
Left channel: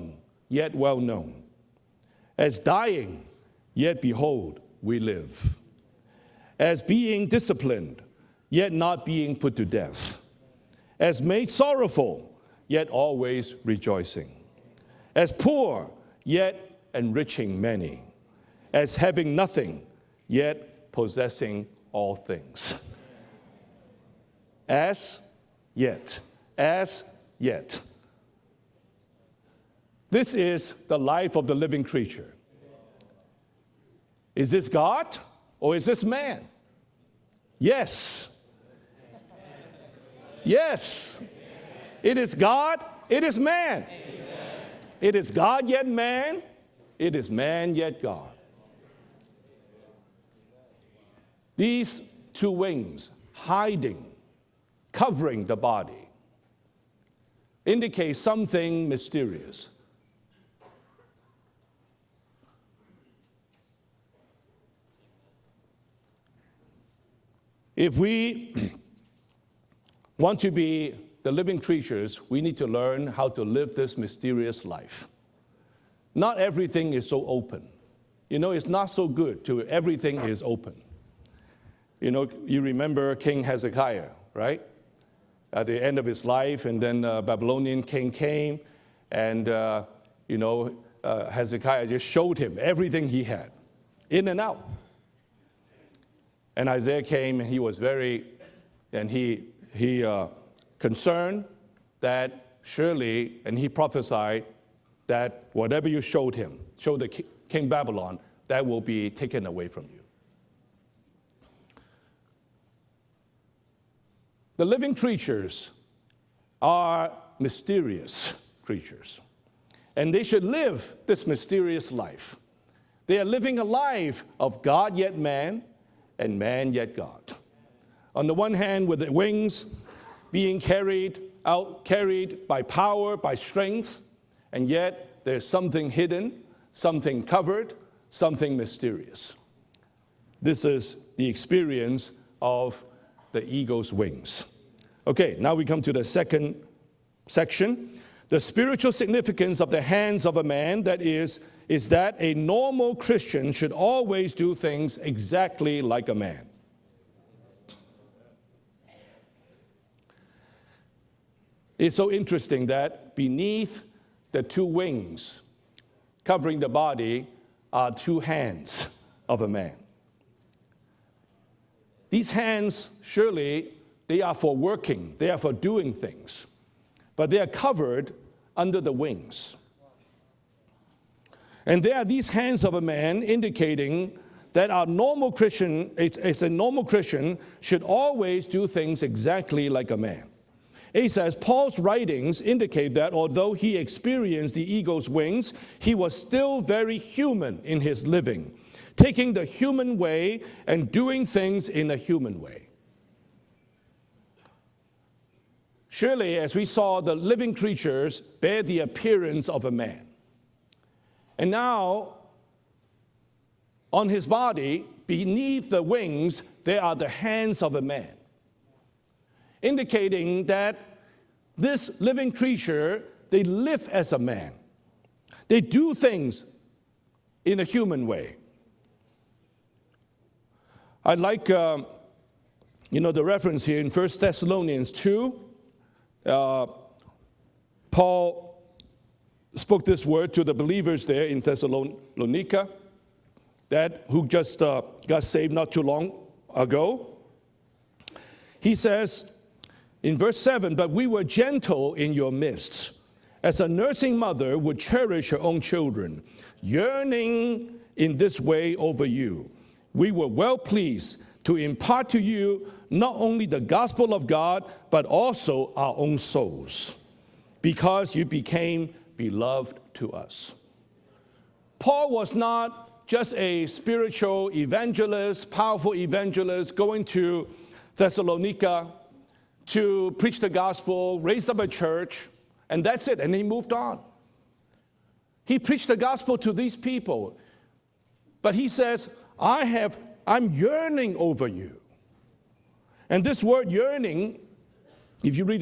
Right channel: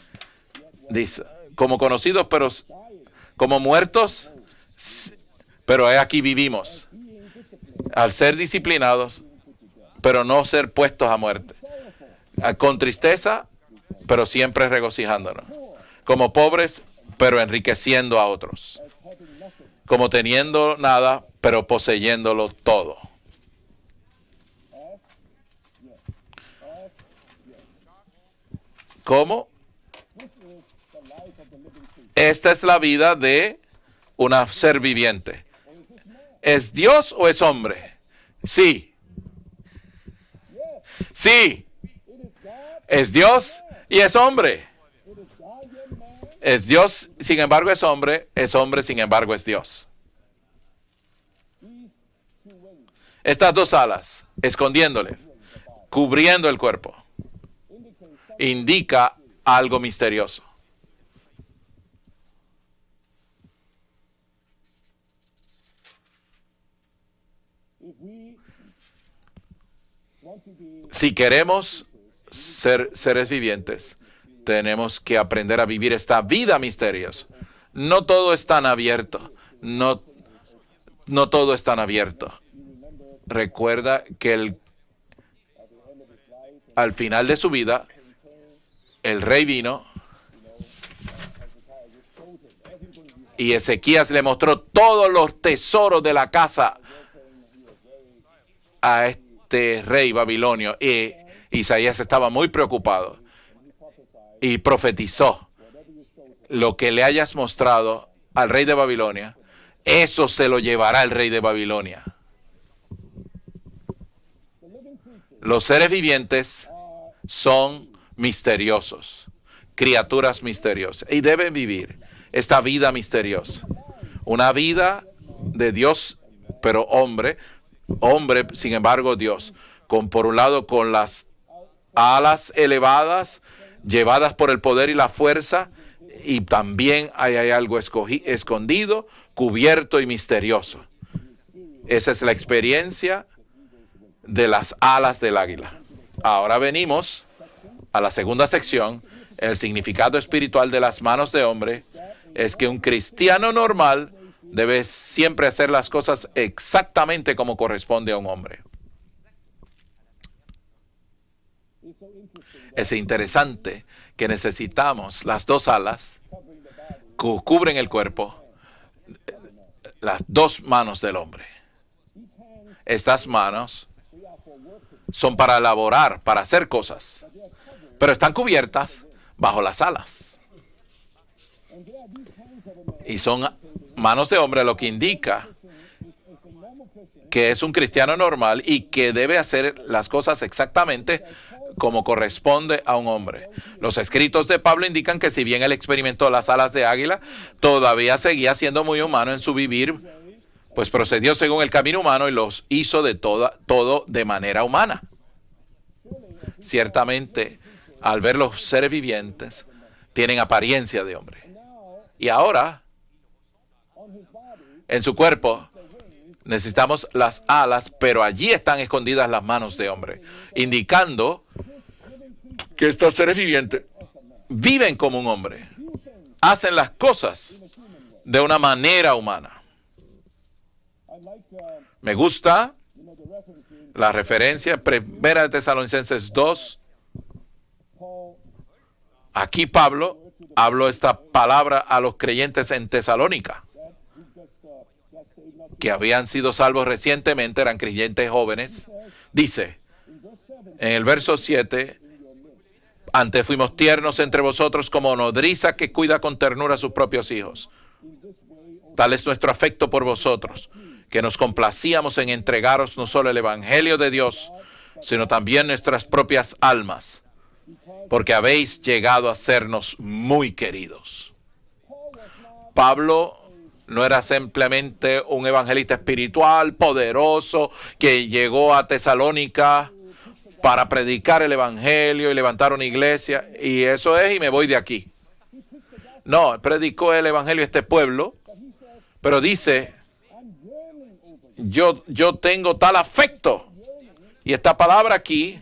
yet well known. como conocidos pero As dying, como yet muertos, behold, we live. pero aquí vivimos. As being disciplined, Al ser yet not disciplinados, being put to death. pero no ser puestos a As made muerte. sorrowful, Con yet tristeza, always rejoicing. pero siempre As regocijándonos. poor, Como yet pobres, enriching pero many. enriqueciendo a otros. As having nothing, Como teniendo yet nada, possessing pero all poseyéndolo things. todo. as yet. ¿Cómo? This is the life of the living creature. Esta es la vida de un Is this ser God, viviente. or is this man? ¿Es Dios o es hombre? Yes. Sí, Yes. sí. It is God. Es It Dios is man. y es hombre. It is God yet man. Es Dios, It is sin man embargo es yet hombre. God. Es hombre, sin embargo es Dios. These two wings, Estas dos hiding, alas, escondiéndole, covering the body, cubriendo el cuerpo, indicate something indica mysterious. algo misterioso. If we want to be Si living queremos creatures, we need to ser learn how seres to live vivientes, this mysterious tenemos que aprender a vivir esta Not vida everything is misteriosa. so open. No todo life. es You know, tan it's not so abierto. good to- No, everything is open. no todo es tan You abierto. know, you remember King Recuerda Hezekiah, que right? At the end of his life, and al then, final de su Babylonian vida, king came, el and, rey vino, you know, Hezekiah just showed him everything he had. y Ezequías le Even mostró now. todos los tesoros de la And casa Isaiah came, and he was very a and he- este he, rey uh, babilonio. Y concerned Isaías that estaba muy preocupado surely, and he prophesied y that profetizó whatever you showed him, lo que le hayas King mostrado Babylon, al rey de that will be Babilonia. taken away from him. Eso se lo llevará el rey de Babilonia. The living creatures Los seres vivientes are son mysterious. misteriosos, criaturas should live misteriosas, this y deben mysterious vivir life. esta vida They are living a misteriosa. life Una of vida God, yet man, de Dios, and man pero yet God. hombre, On the one sin hand, embargo with the Dios, wings por un lado being con las carried alas elevadas, llevadas por el poder y la fuerza, y también hay algo escondido, cubierto y misterioso. Esa es la experiencia de las alas del águila. Ahora venimos a la segunda sección. El significado espiritual de las manos de hombre es que un cristiano normal debe siempre hacer las cosas exactamente como corresponde a un hombre. Es interesante que necesitamos las dos alas que cubren el cuerpo, las dos manos del hombre. Estas manos son para elaborar, para hacer cosas, pero están cubiertas bajo las alas. Y son manos de hombre, lo que indica que es un cristiano normal y que debe hacer las cosas exactamente como corresponde a un hombre. Los escritos de Pablo indican que si bien él experimentó las alas de águila, todavía seguía siendo muy humano en su vivir, pues procedió según el camino humano y los hizo todo de manera humana. Ciertamente, al ver los seres vivientes, tienen apariencia de hombre. Y ahora, en su cuerpo, necesitamos las alas, pero allí están escondidas las manos de hombre, indicando que estos seres vivientes viven como un hombre, hacen las cosas de una manera humana. Me gusta la referencia en 1 Tesalonicenses 2. Aquí Pablo habló esta palabra a los creyentes en Tesalónica, que habían sido salvos recientemente, eran creyentes jóvenes. Dice en el verso 7, antes fuimos tiernos entre vosotros como nodriza que cuida con ternura a sus propios hijos. Tal es nuestro afecto por vosotros, que nos complacíamos en entregaros no solo el Evangelio de Dios, sino también nuestras propias almas, porque habéis llegado a sernos muy queridos. Pablo no era simplemente un evangelista espiritual poderoso que llegó a Tesalónica para predicar el Evangelio y levantar una iglesia, y eso es, y me voy de aquí. No, él predicó el Evangelio a este pueblo, pero dice, yo tengo tal afecto. Y esta palabra aquí,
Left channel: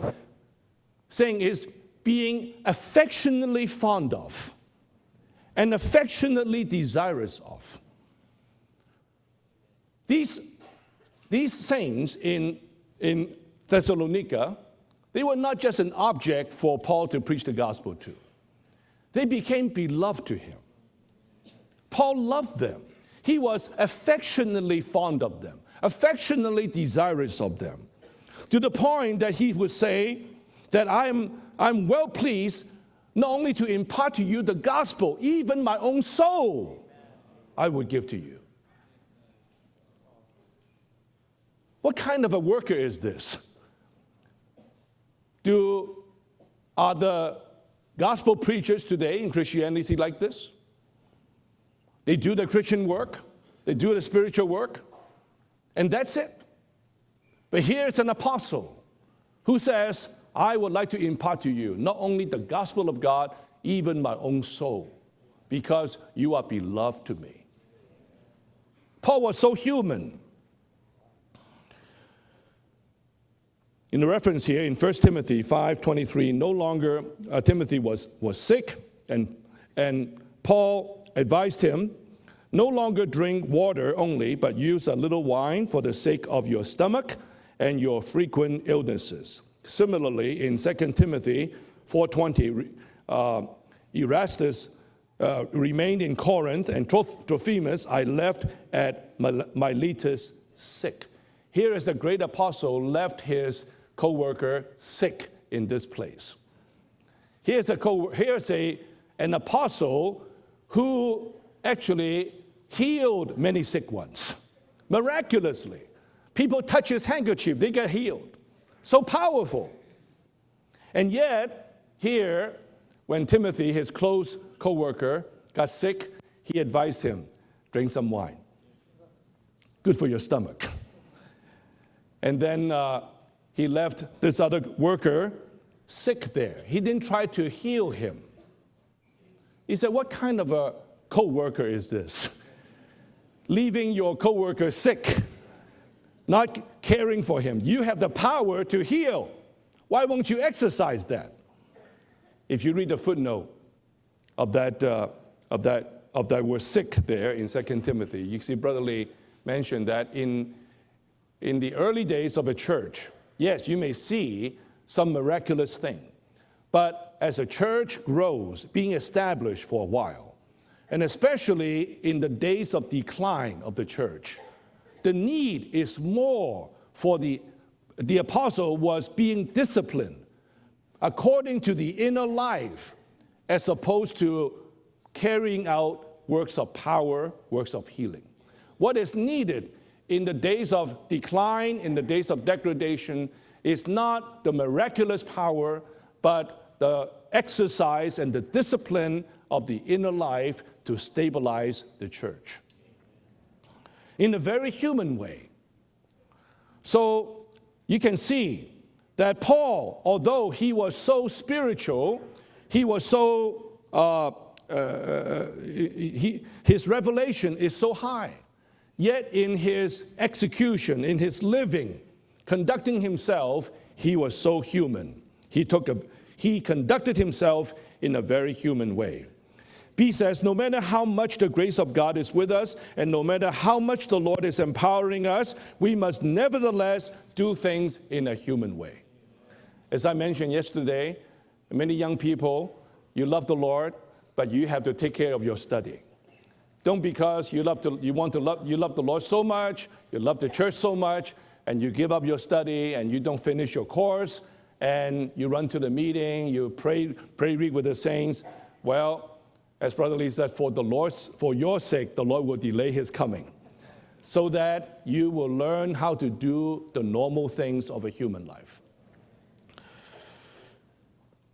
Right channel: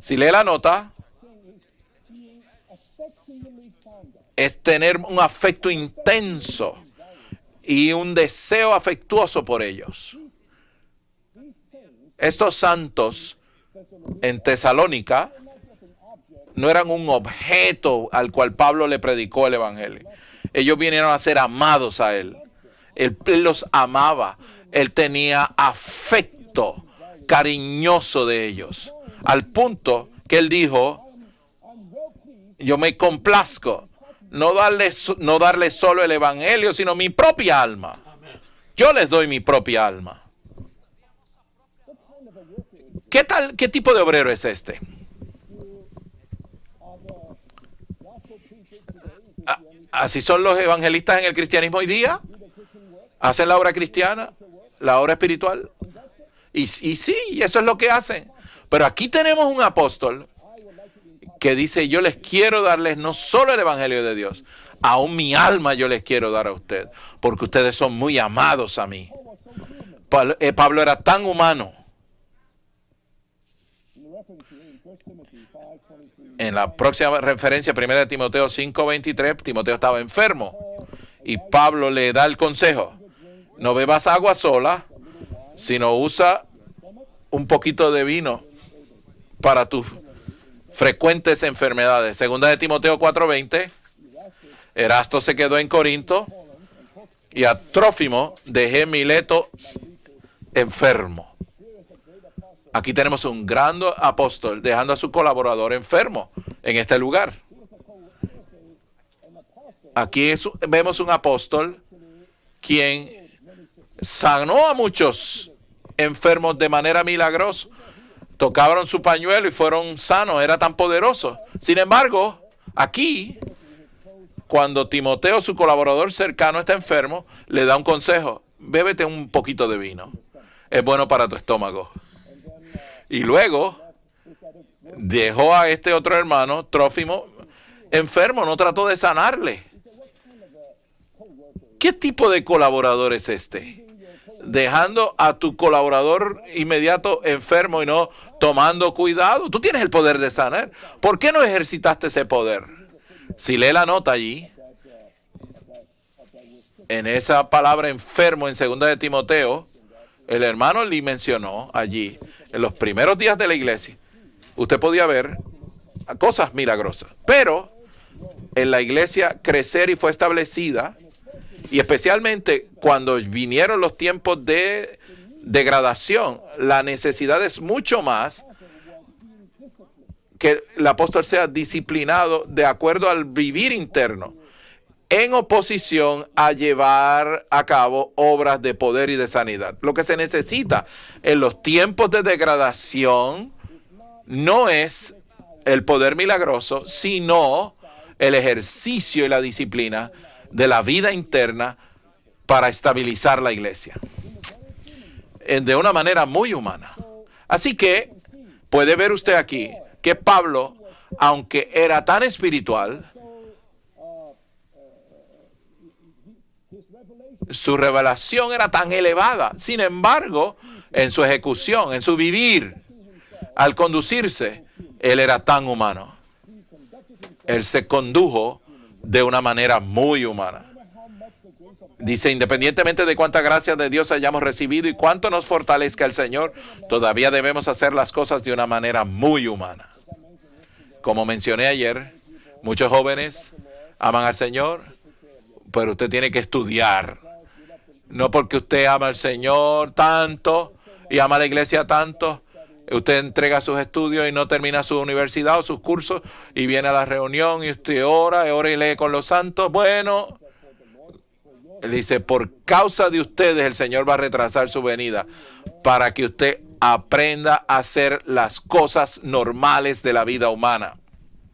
si lee la nota, es tener un afecto intenso y un deseo afectuoso por ellos. Estos santos en Tesalónica no eran un objeto al cual Pablo le predicó el Evangelio. Ellos vinieron a ser amados a él. Él los amaba. Él tenía afecto cariñoso de ellos. Al punto que él dijo, yo me complazco no darles solo el Evangelio, sino mi propia alma. Yo les doy mi propia alma. ¿Qué tipo de obrero es este? ¿Así son los evangelistas en el cristianismo hoy día? ¿Hacen la obra cristiana? ¿La obra espiritual? Y sí, eso es lo que hacen. Pero aquí tenemos un apóstol que dice, yo les quiero darles no solo el Evangelio de Dios, aún mi alma yo les quiero dar a ustedes, porque ustedes son muy amados a mí. Pablo era tan humano. En la próxima referencia, 1 Timoteo 5:23, Timoteo estaba enfermo y Pablo le da el consejo: no bebas agua sola, sino usa un poquito de vino para tus frecuentes enfermedades. Segunda de Timoteo 4:20, Erasto se quedó en Corinto y a Trófimo dejé en Mileto enfermo. Aquí tenemos un gran apóstol dejando a su colaborador enfermo en este lugar. Aquí vemos un apóstol quien sanó a muchos enfermos de manera milagrosa. Tocaron su pañuelo y fueron sanos, era tan poderoso. Sin embargo, aquí, cuando Timoteo, su colaborador cercano, está enfermo, le da un consejo: bébete un poquito de vino. Es bueno para tu estómago. And then, Y luego he left this other worker dejó a este otro sick hermano, there. He didn't Trófimo, try to heal him. enfermo, no trató de sanarle. He said, what kind of a co-worker is ¿Qué this? tipo de colaborador es este? Leaving your co-worker Dejando sick. a tu colaborador Not inmediato caring for him. enfermo y You have no the power tomando to heal. cuidado. Tú tienes el Why poder don't de you sanar. exercise ¿Por that? qué no ejercitaste ese poder? If you read the footnote Si lee la nota allí, of that word sick en there esa in 2 palabra Timothy, enfermo you en see 2 de Brother Lee Timoteo, mentioned that in el hermano Lee mencionó the early allí, days of the en los church, primeros días de la that you may iglesia, see usted podía some ver miraculous thing. cosas milagrosas. But as the Pero church grows, en la being iglesia established crecer y for a fue while, establecida, and especially y in the especialmente days of cuando decline vinieron of the los church, tiempos de the need is degradación, more la for necesidad es mucho the más apostle was being disciplined que el apóstol sea according to the disciplinado inner de life, acuerdo al as vivir opposed interno, to en carrying out oposición works a of llevar power, a works of cabo healing. obras de poder What y is de needed sanidad. Lo que se in the days necesita of en los decline, tiempos in de the days of degradación degradation, is not the no es miraculous power, el poder but milagroso, the sino exercise el and the ejercicio y la discipline disciplina of the inner life de la to vida interna stabilize the church. para estabilizar la iglesia In a very human way. de una manera muy humana. So, Así you que can see puede ver usted that aquí Paul, que although Pablo, he was so aunque era spiritual, tan he espiritual, was so, his revelation is su so revelación era tan elevada. in Sin his embargo, execution, en su in his ejecución, living, en su vivir, conducting himself, al he was conducirse, so human. él era tan He took humano. He conducted himself Él se in a very condujo human way. de una manera muy He says, no humana. matter how much the grace of God Dice, is with us, independientemente and de no cuánta matter gracia how de much Dios the hayamos Lord is recibido y empowering cuánto nos us, fortalezca we el must Señor, nevertheless todavía do debemos hacer las things in a cosas de una human way. manera muy humana. As I mentioned yesterday, Como mencioné many ayer, young people, muchos you jóvenes love the Lord, aman al but you Señor, have to take care of your study. pero usted tiene que Don't estudiar. because you love to, you No want to porque love- you usted love ama the al Lord so Señor much, you love the tanto church so much, y ama la iglesia and you give up tanto, your study, and usted you don't entrega finish sus your estudios y course, no termina su and you universidad o run sus to the cursos meeting, y you viene a la pray reunión y daily with the usted saints. ora y lee con Well, los santos. that's what Bueno, he said, for your él sake, dice, the Lord por will delay causa his de coming. ustedes el Señor va a retrasar that su venida you will learn para how que to usted do the normal aprenda things a of hacer the human las life. cosas normales de la vida humana.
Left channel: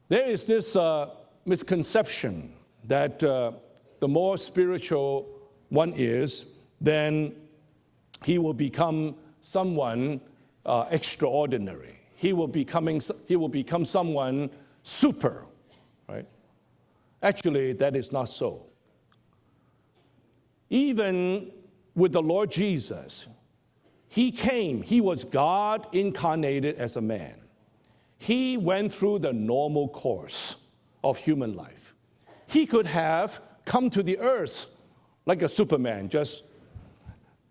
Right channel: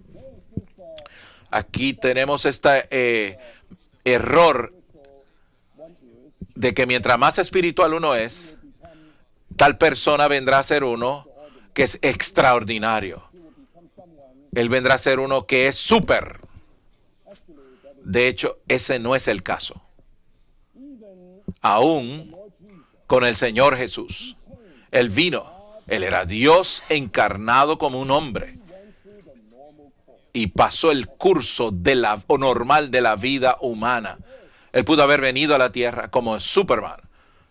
There is this Aquí misconception tenemos este that, the more error spiritual one is, de que mientras then más espiritual uno he es, will become tal someone, persona vendrá a ser uno extraordinary. que es He will extraordinario. he will become someone Él vendrá a ser super. uno que es súper. Actually, that is De not hecho, so. ese no es el caso. Even Aún with the Lord Jesus, con el Señor Jesús, he came. He Él was vino. God Él era incarnated Dios as a man. encarnado como un hombre He went through the normal course y pasó el of human curso life. de la o normal He could de la have vida come to humana. the earth Él pudo haber like a venido a la Superman, tierra como just, Superman.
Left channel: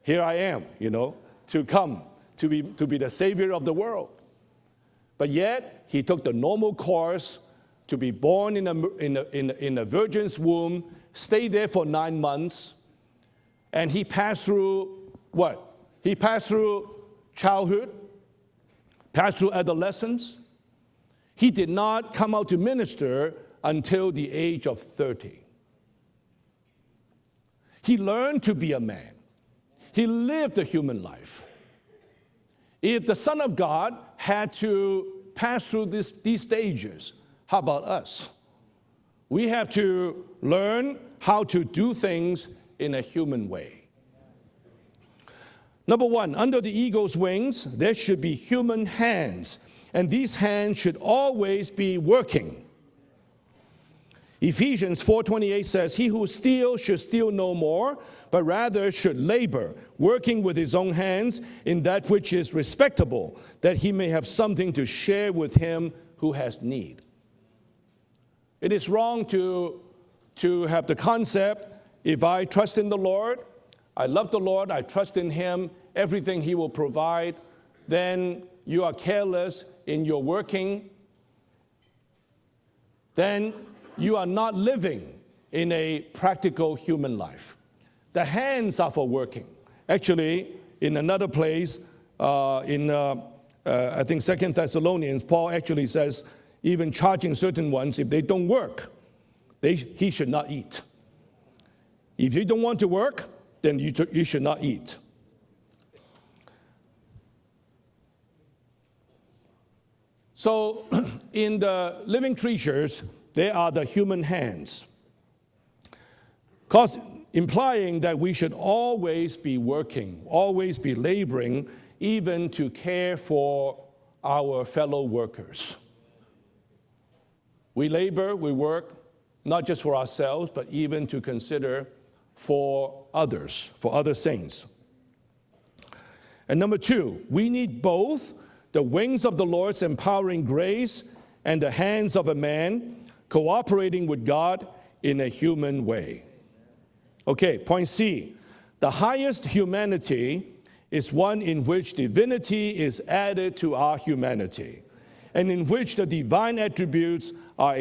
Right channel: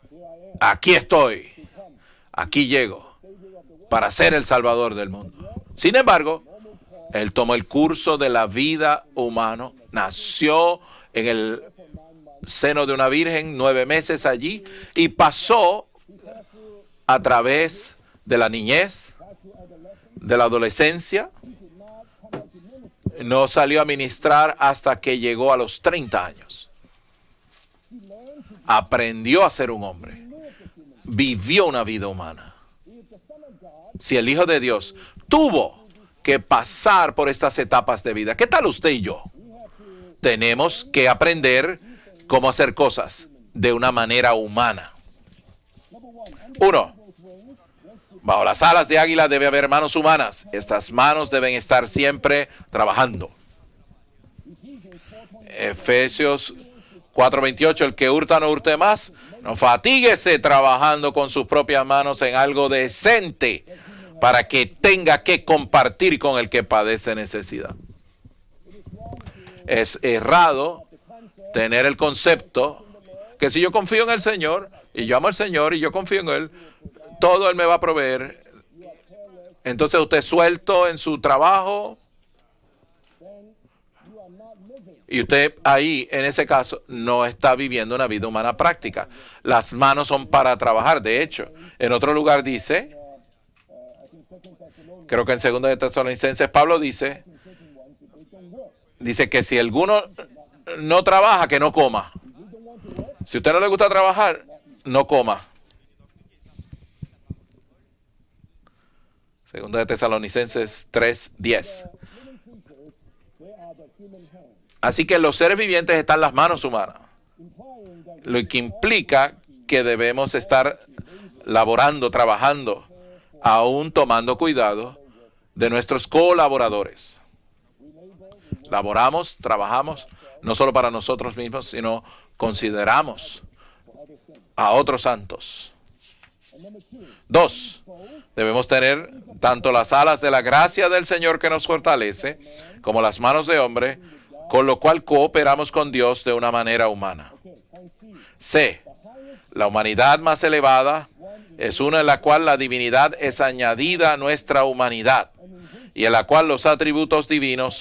Here I am. Aquí estoy. To come, Aquí to llego be the savior of the world. para ser el Salvador del But mundo. yet, Sin he took the embargo, normal course Él tomó el curso to be de la born in a- vida in a- humana, in a virgin's nació womb, en stay el there for 9 months, seno de una virgen 9 and he meses passed allí through y pasó what? He passed through a través childhood, de la niñez, passed through adolescence. de la adolescencia. He did not come out to minister No salió a until the ministrar age of hasta que 30. llegó a los 30 años. He learned to be a man. Aprendió a ser un He hombre. lived a human life. Vivió una vida humana. If the Son of God Si el Hijo had de to Dios pass tuvo through que these pasar stages, por estas how about etapas de us? vida, ¿qué tal usted y yo? We have to Tenemos learn que how aprender to do things cómo hacer in a cosas human way. de una manera humana. Number one, under Uno, the eagle's wings, there should be bajo las human alas de águila hands, debe haber manos and humanas. these hands Estas should manos deben always estar be siempre working. trabajando. Ephesians 4:28 says, "He who Efesios steals should steal 4:28, no el que more, hurta no but hurte rather más, should labor, no fatíguese working with his own trabajando con hands sus propias in that manos which en is algo respectable, decente, that he may have para que something to tenga share que with him compartir con who el has que need." padece necesidad. It is wrong to Es errado have the concept, tener el if I concepto trust in the Lord, que si yo confío en I el love the Señor Lord, I y trust yo amo in al Señor him, y yo confío en everything he Él, will provide, todo Él me va a proveer. then you are careless Entonces in usted your working, suelto en su trabajo then you are not living y usted in a ahí, en ese practical caso, human no life. está viviendo una vida The humana hands práctica. are for working. Las manos son Actually, para in trabajar. De another hecho, place, en otro lugar in, dice, I think 2 Thessalonians, creo que en Paul 2 de actually Tesalonicenses says, Pablo even dice, charging certain ones, if they don't work, dice que si alguno he should not eat. no trabaja, que no coma. If you don't want to work, Si a usted no le then gusta you trabajar, should not eat. no coma. Segunda de Tesalonicenses So, 3:10. in the living creatures, there are the human hands. Así que en los seres vivientes están las manos humanas. Because lo que implica que debemos estar laborando, trabajando, aún tomando cuidado de nuestros colaboradores. Laboramos, trabajamos, no solo para nosotros mismos, sino consideramos a otros santos. Dos, debemos tener tanto las alas de la gracia del Señor que nos fortalece, como las manos de hombre, con lo cual cooperamos con Dios de una manera humana. C, la humanidad más elevada es una en la cual la divinidad es añadida a nuestra humanidad y en la cual los atributos divinos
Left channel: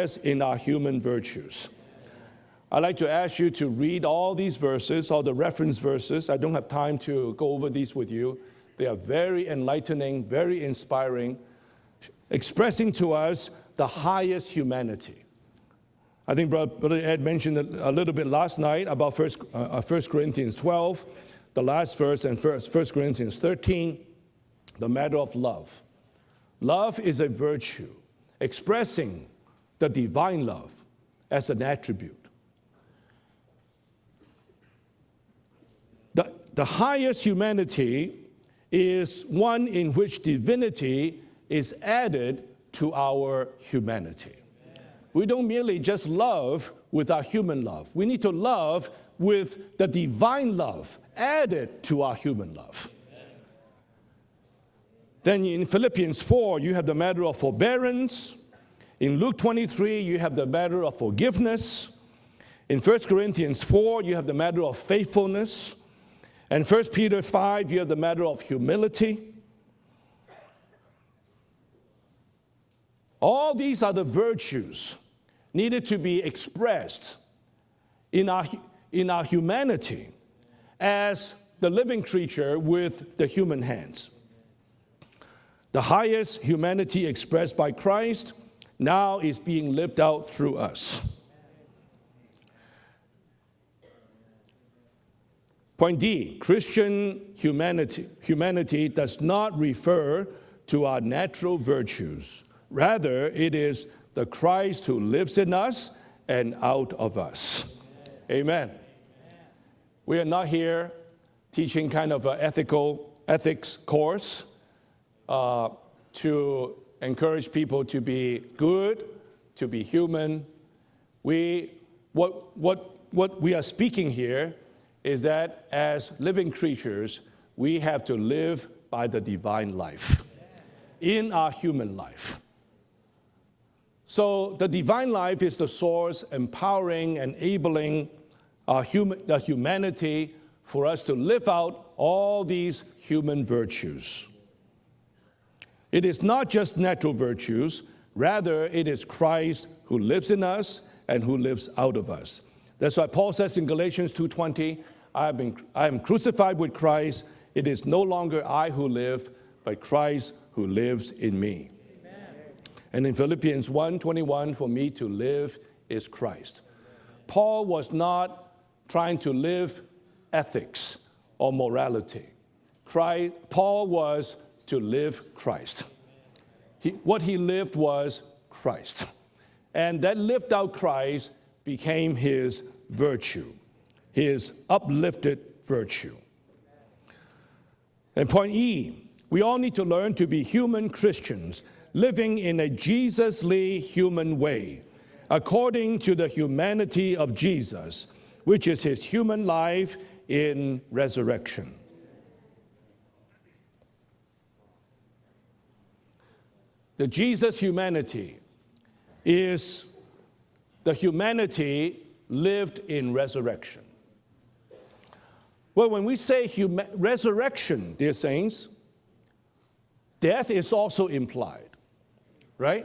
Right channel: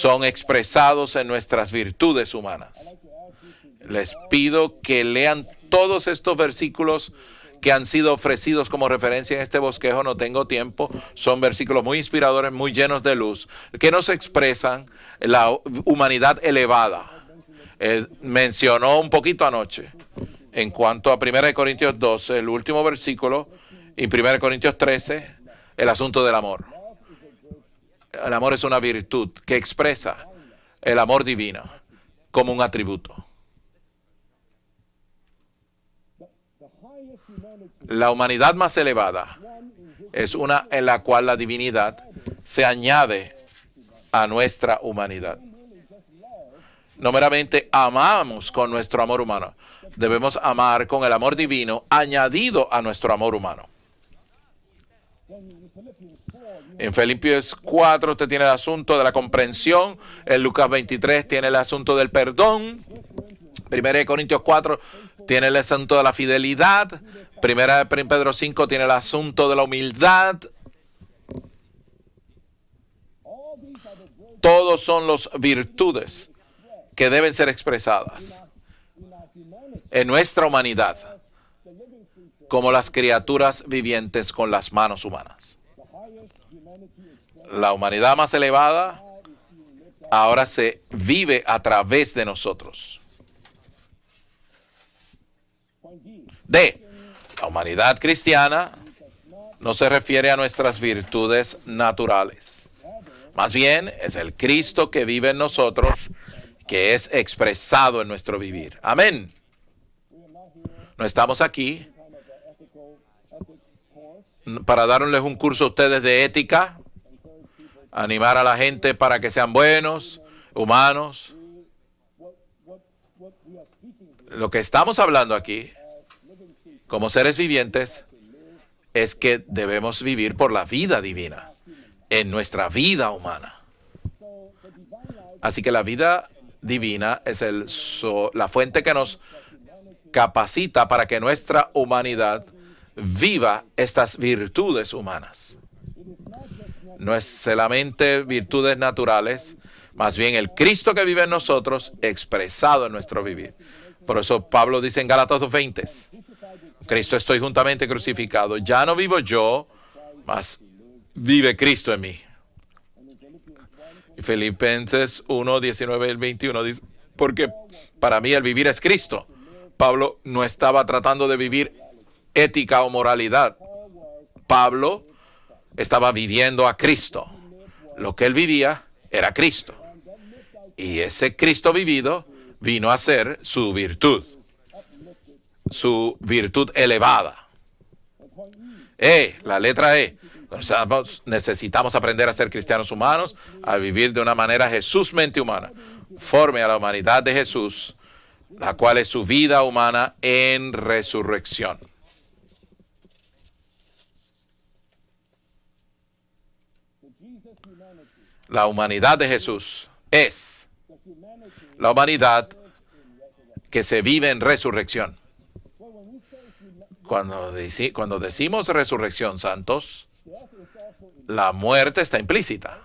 son expresados en nuestras virtudes humanas. Les pido que lean todos estos versículos que han sido ofrecidos como referencia en este bosquejo. No tengo tiempo. Son versículos muy inspiradores, muy llenos de luz, que nos expresan la humanidad elevada. Él mencionó un poquito anoche en cuanto a 1 Corintios 12, el último versículo, y 1 Corintios 13, el asunto del amor. El amor es una virtud que expresa el amor divino como un atributo. La humanidad más elevada es una en la cual la divinidad se añade a nuestra humanidad. No meramente amamos con nuestro amor humano, debemos amar con el amor divino añadido a nuestro amor humano. En Filipenses 4 usted tiene el asunto de la comprensión. En Lucas 23 tiene el asunto del perdón. 1 Corintios 4 tiene el asunto de la fidelidad. 1 Pedro 5 tiene el asunto de la humildad. Todos son las virtudes que deben ser expresadas en nuestra humanidad como las criaturas vivientes con las manos humanas. La humanidad más elevada ahora se vive a través de nosotros. D, la humanidad cristiana no se refiere a nuestras virtudes naturales. Más bien es el Cristo que vive en nosotros, que es expresado en nuestro vivir. Amén. No estamos aquí para darles un curso a ustedes de ética, animar a la gente para que sean buenos, humanos. Lo que estamos hablando aquí, como seres vivientes, es que debemos vivir por la vida divina, en nuestra vida humana. Así que la vida divina es la fuente que nos capacita para que nuestra humanidad viva estas virtudes humanas. No es solamente virtudes naturales, más bien el Cristo que vive en nosotros, expresado en nuestro vivir. Por eso Pablo dice en Gálatas 2:20, Cristo estoy juntamente crucificado. Ya no vivo yo, mas vive Cristo en mí. Filipenses 1, 19 y 21 dice, porque para mí el vivir es Cristo. Pablo no estaba tratando de vivir ética o moralidad. Pablo estaba viviendo a Cristo. Lo que él vivía era Cristo. Y ese Cristo vivido vino a ser su virtud elevada. La letra E. Necesitamos aprender a ser cristianos humanos, a vivir de una manera Jesús-mente humana, conforme a la humanidad de Jesús, la cual es su vida humana en resurrección. La humanidad de Jesús es la humanidad que se vive en resurrección. Cuando decimos resurrección, santos, la muerte está implícita.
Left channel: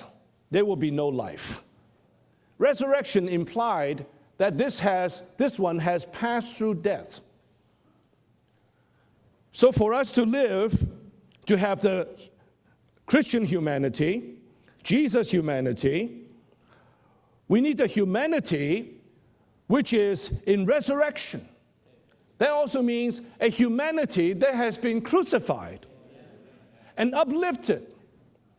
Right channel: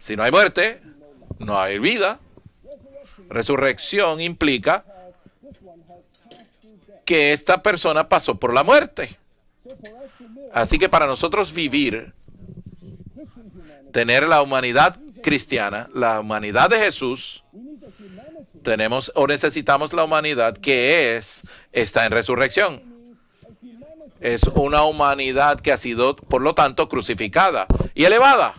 Si no hay muerte, no hay vida. Resurrección implica que esta persona pasó por la muerte. Así que para nosotros vivir, tener la humanidad cristiana, la humanidad de Jesús, necesitamos la humanidad que está en resurrección. Es una humanidad que ha sido, por lo tanto, crucificada y elevada.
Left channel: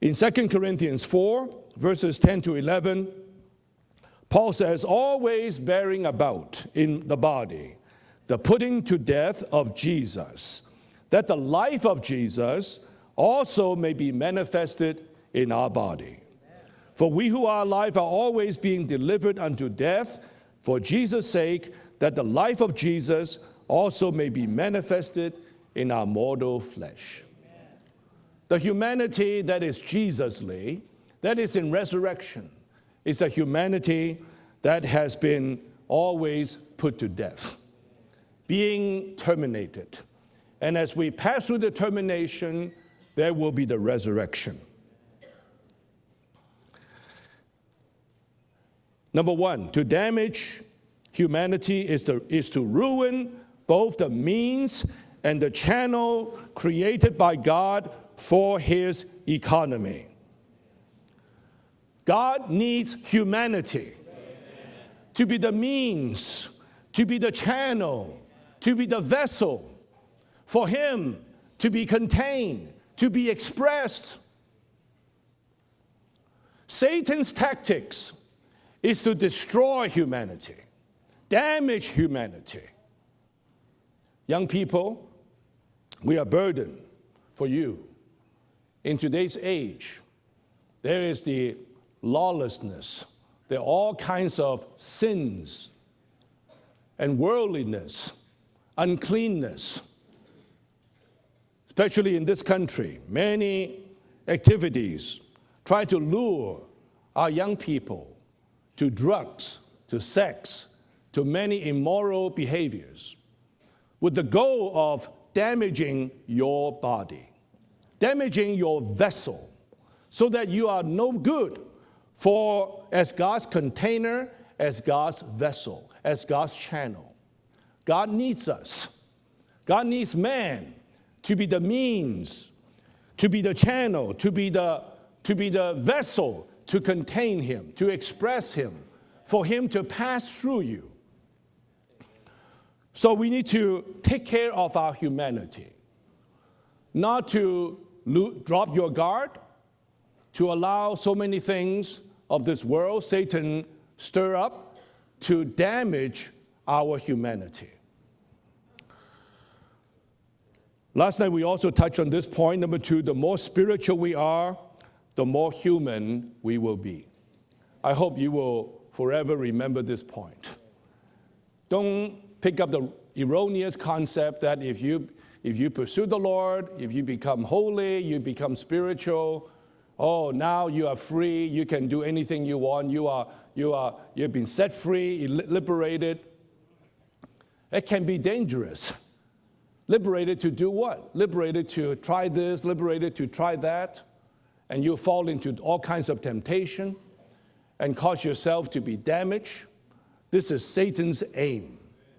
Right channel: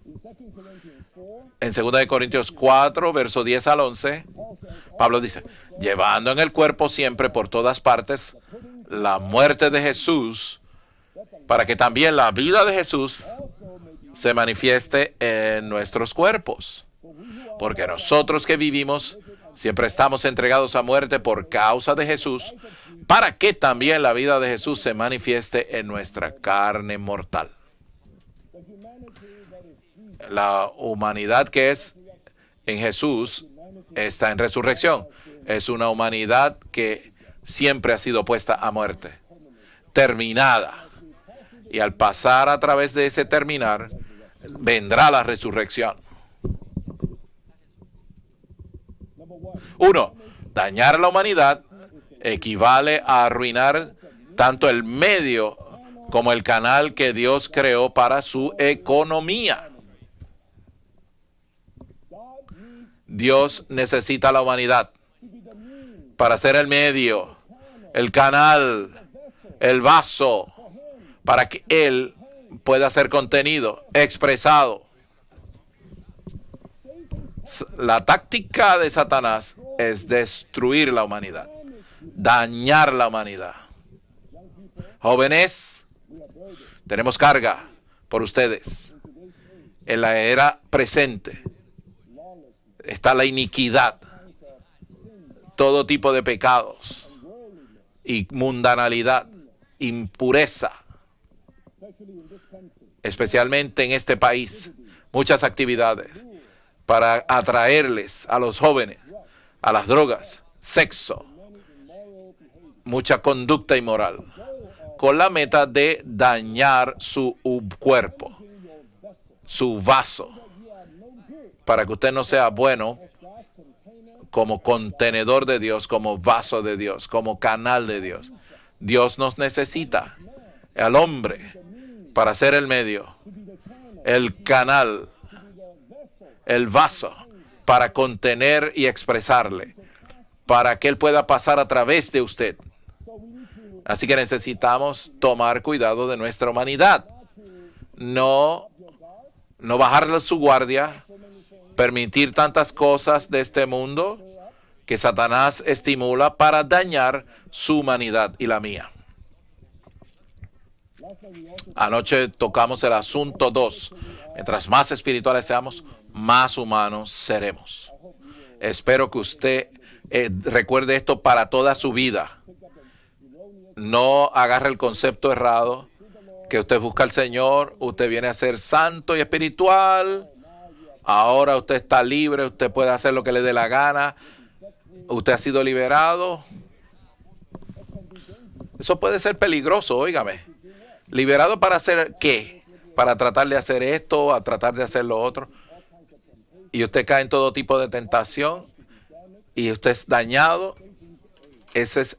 In 2 Corinthians 4, En 2 Corintios 4, verso 10 al 11, Pablo dice, llevando en el cuerpo siempre por todas partes la muerte de Jesús, para que también la vida de Jesús se manifieste en nuestros cuerpos. Porque nosotros que vivimos siempre estamos entregados a muerte por causa de Jesús, para que también la vida de Jesús se manifieste en nuestra carne mortal. La humanidad que es en Jesús está en resurrección. Es una humanidad que siempre ha sido puesta a muerte, terminada. Y al pasar a través de ese terminar, vendrá la resurrección. Uno, dañar la humanidad equivale a arruinar tanto el medio como el canal que Dios creó para su economía. Dios necesita la humanidad para ser el medio, el canal, el vaso, para que Él pueda ser contenido, expresado. La táctica de Satanás es destruir la humanidad, dañar la humanidad. Jóvenes, tenemos carga por ustedes. En la era presente está la iniquidad, todo tipo de pecados y mundanalidad, impureza. Especialmente en este país, muchas actividades para atraerles a los jóvenes a las drogas, sexo, mucha conducta inmoral, con la meta de dañar su cuerpo, su vaso, para que usted no sea bueno como contenedor de Dios, como vaso de Dios, como canal de Dios. Dios nos necesita al hombre para ser el medio, el canal, el vaso para contener y expresarle, para que Él pueda pasar a través de usted. Así que necesitamos tomar cuidado de nuestra humanidad, no bajar su guardia, permitir tantas cosas de este mundo que Satanás estimula para dañar su humanidad y la mía. Anoche tocamos el asunto 2. Mientras más espirituales seamos, más humanos seremos. Espero que usted recuerde esto para toda su vida. No agarre el concepto errado que usted busca al Señor, usted viene a ser santo y espiritual. Ahora usted está libre, usted puede hacer lo que le dé la gana. Usted ha sido liberado. Eso puede ser peligroso, óigame. ¿Liberado para hacer qué? Para tratar de hacer esto, a tratar de hacer lo otro. Y usted cae en todo tipo de tentación y usted es dañado. Ese es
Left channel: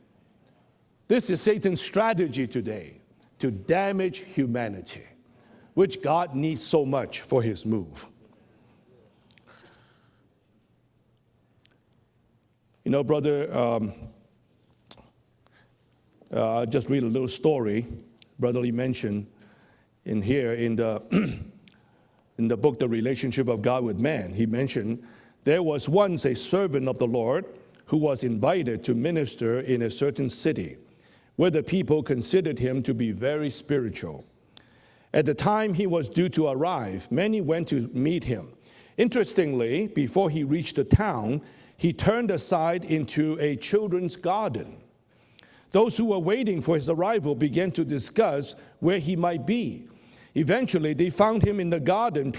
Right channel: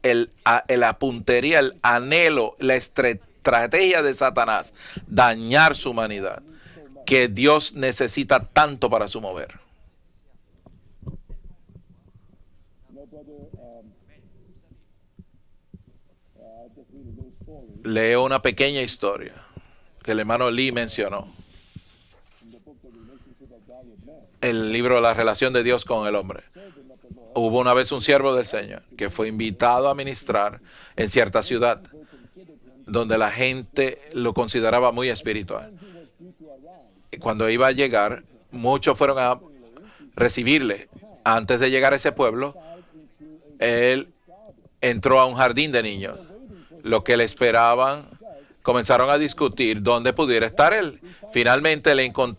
la puntería, el anhelo, la estrategia de Satanás. Dañar su humanidad, que Dios necesita tanto para su mover. Leo una pequeña historia que el hermano Lee mencionó en el libro de la relación de Dios con el hombre. Hubo una vez un siervo del Señor que fue invitado a ministrar en cierta ciudad donde la gente lo consideraba muy espiritual. Y cuando iba a llegar, muchos fueron a recibirle. Antes de llegar a ese pueblo, él entró a un jardín de niños. Los que le esperaban comenzaron a discutir dónde pudiera estar él. Finalmente le encontraron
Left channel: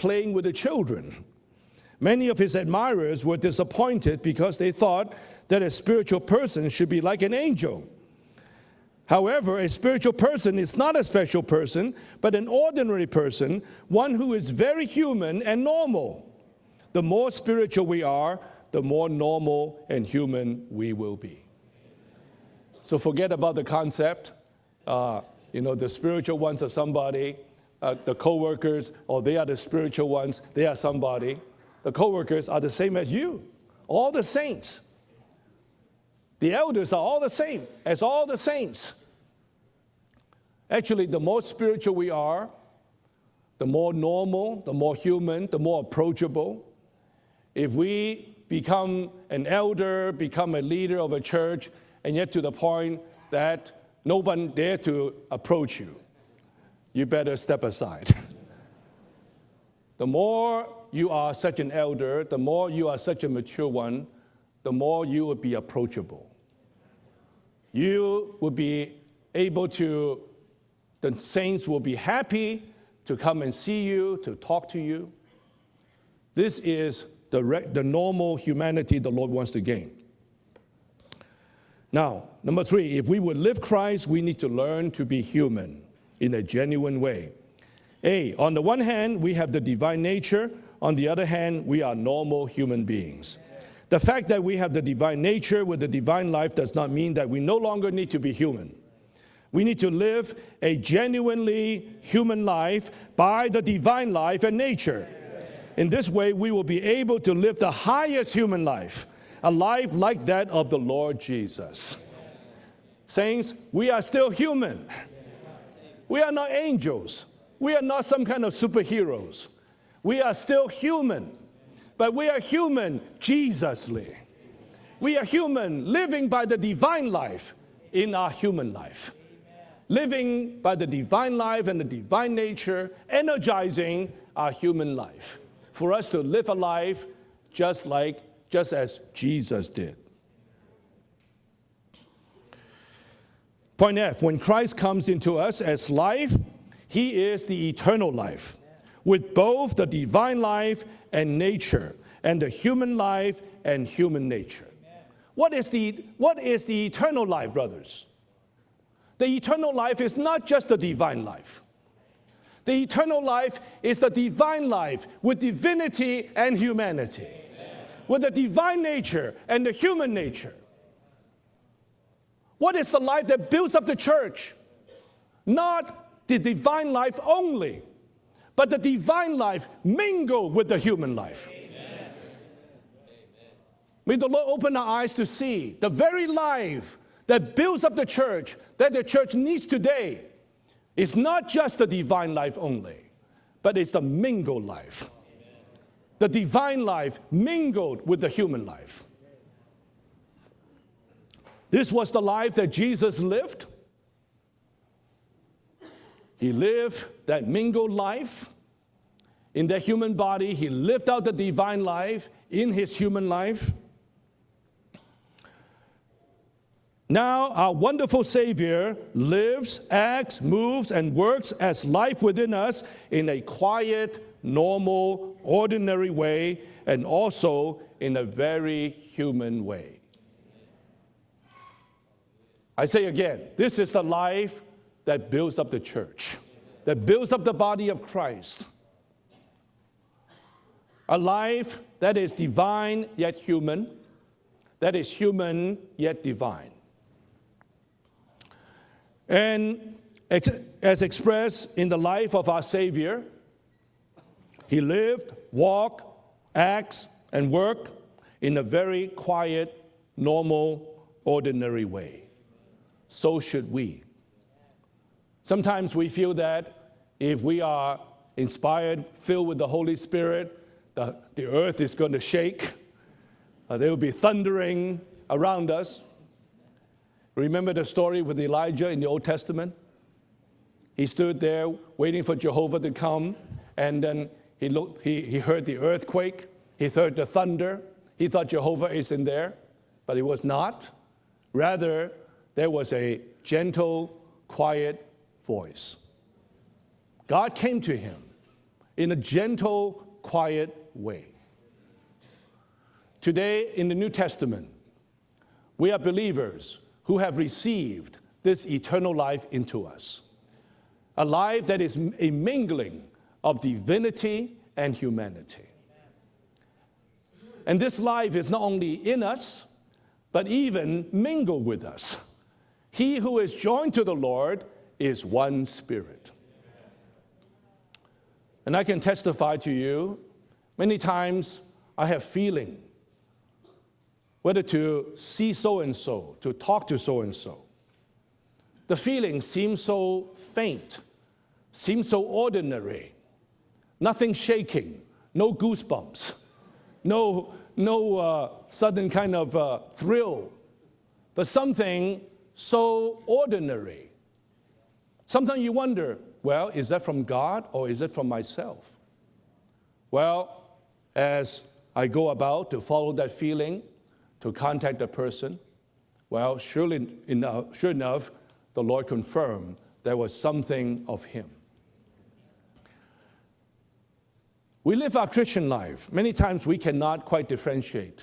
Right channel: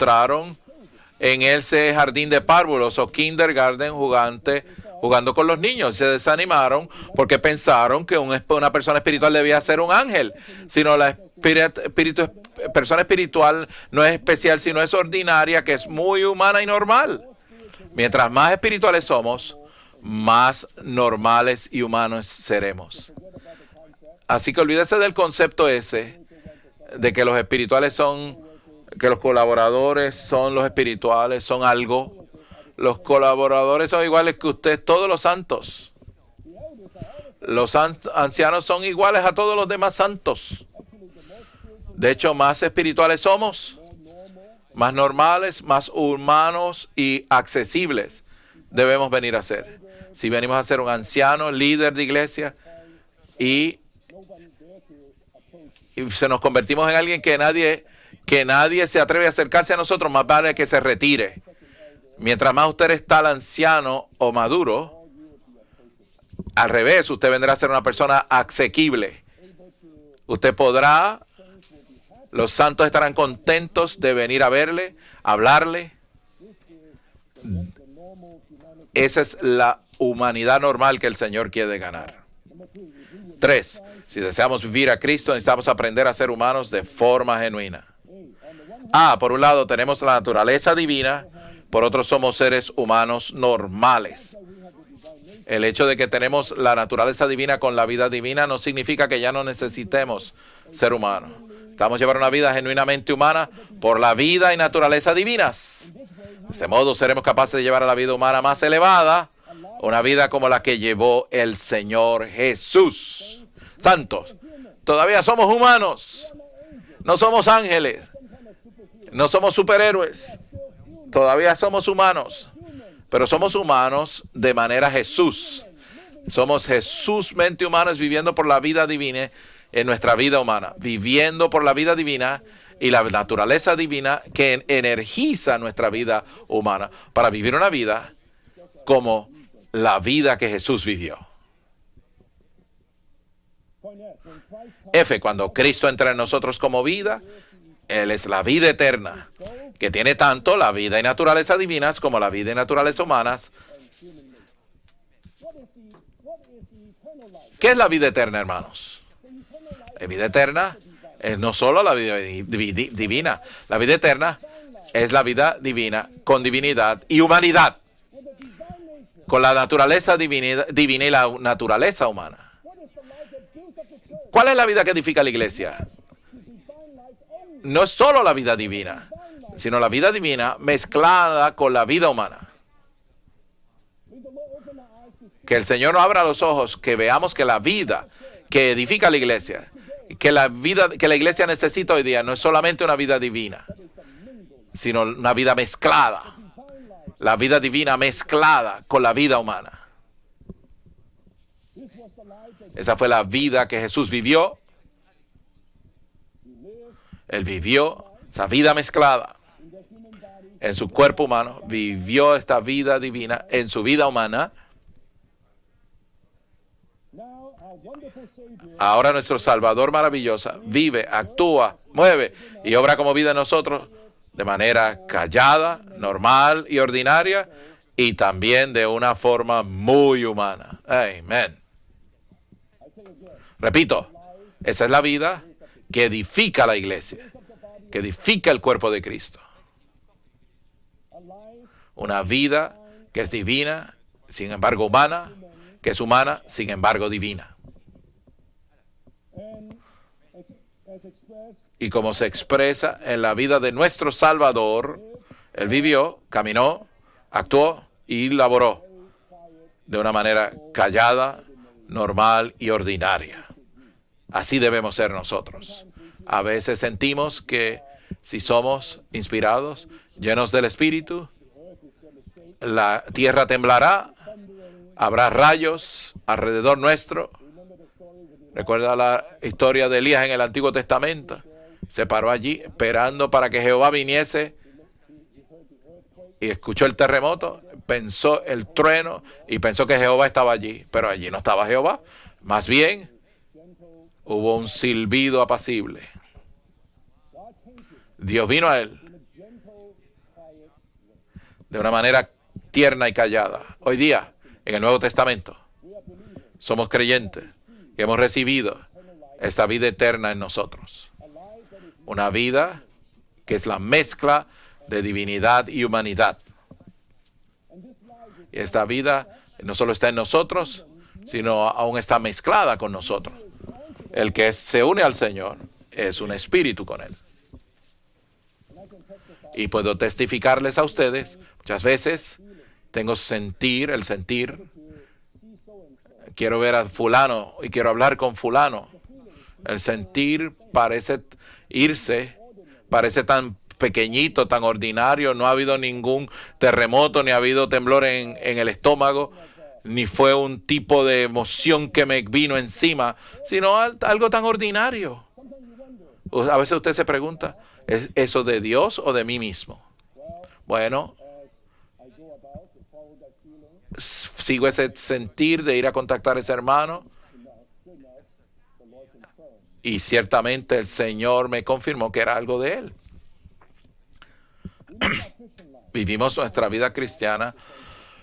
en ese jardín de párvulos o kindergarten jugando con los niños. Se desanimaron porque pensaron que una persona espiritual debía ser un ángel, sino la persona espiritual no es especial, sino es ordinaria, que es muy humana y normal. Mientras más espirituales somos, más normales y humanos seremos. Así que olvídese del concepto ese de que los espirituales son, que los colaboradores son los espirituales, son algo. Los colaboradores son iguales que usted, todos los santos. Los ancianos son iguales a todos los demás santos. De hecho, más espirituales somos, más normales, más humanos y accesibles debemos venir a ser. Si venimos a ser un anciano, líder de iglesia, y se nos convertimos en alguien que nadie se atreve a acercarse a nosotros, más vale que se retire. Mientras más usted está al anciano o maduro, al revés, usted vendrá a ser una persona asequible. Usted podrá, los santos estarán contentos de venir a verle, a hablarle. Esa es la humanidad normal que el Señor quiere ganar. 3. Si deseamos vivir a Cristo, necesitamos aprender a ser humanos de forma genuina. Por un lado tenemos la naturaleza divina, por otro somos seres humanos normales. El hecho de que tenemos la naturaleza divina con la vida divina no significa que ya no necesitemos ser humanos. Estamos llevando una vida genuinamente humana por la vida y naturaleza divinas. De este modo seremos capaces de llevar a la vida humana más elevada, una vida como la que llevó el Señor Jesús. Santos, todavía somos humanos, no somos ángeles. No somos superhéroes. Todavía somos humanos. Pero somos humanos de manera Jesús. Somos Jesús mente humanos viviendo por la vida divina en nuestra vida humana. Viviendo por la vida divina y la naturaleza divina que energiza nuestra vida humana. Para vivir una vida como la vida que Jesús vivió. Cuando Cristo entra en nosotros como vida, Él es la vida eterna, que tiene tanto la vida y naturaleza divinas como la vida y naturaleza humanas. ¿Qué es la vida eterna, hermanos? La vida eterna es no solo la vida divina, la vida eterna es la vida divina con divinidad y humanidad, con la naturaleza divina y la naturaleza humana. ¿Cuál es la vida que edifica la iglesia? No es solo la vida divina, sino la vida divina mezclada con la vida humana. Que el Señor nos abra los ojos, que veamos que la vida que edifica la iglesia, que la iglesia necesita hoy día, no es solamente una vida divina, sino una vida mezclada, la vida divina mezclada con la vida humana. Esa fue la vida que Jesús vivió. Él vivió esa vida mezclada en su cuerpo humano. Vivió esta vida divina en su vida humana. Ahora nuestro Salvador maravilloso vive, actúa, mueve y obra como vida en nosotros de manera callada, normal y ordinaria, y también de una forma muy humana. Amén. Repito, esa es la vida que edifica la iglesia, que edifica el cuerpo de Cristo. Una vida que es divina, sin embargo humana, que es humana, sin embargo divina. Y como se expresa en la vida de nuestro Salvador, Él vivió, caminó, actuó y laboró de una manera callada, normal y ordinaria. Así debemos ser nosotros. A veces sentimos que si somos inspirados, llenos del Espíritu, la tierra temblará, habrá rayos alrededor nuestro. Recuerda la historia de Elías en el Antiguo Testamento. Se paró allí esperando para que Jehová viniese y escuchó el terremoto, pensó el trueno y pensó que Jehová estaba allí, pero allí no estaba Jehová. Más bien, hubo un silbido apacible. Dios vino a él de una manera tierna y callada. Hoy día, en el Nuevo Testamento, somos creyentes que hemos recibido esta vida eterna en nosotros. Una vida que es la mezcla de divinidad y humanidad. Esta vida no solo está en nosotros, sino aún está mezclada con nosotros. El que se une al Señor es un espíritu con Él. And I can testify Y to puedo you, testificarles a many ustedes, times muchas I have veces feeling, tengo el sentir, whether to see so and so, quiero to ver a talk to fulano so-and-so. y quiero hablar con fulano. The feeling seems El so sentir faint, parece seems so irse, ordinary. parece tan pequeñito, tan shaking, ordinario, no no ha habido goosebumps, ningún terremoto, ni ha habido temblor en el estómago, ni fue un tipo de emoción que me vino encima, sino algo tan ordinario. Sometimes you wonder, A veces is usted that se from pregunta, God or is ¿es it from eso de myself? Dios o de mí mismo? Well, Bueno, as I go about to follow that feeling, sigo ese contact the sentir de ir a contactar a ese hermano, sure enough, the Lord confirmed y there was ciertamente el something of Señor me confirmó que era algo de Él. We live our Christian life. Vivimos Many nuestra times we vida cannot cristiana quite differentiate.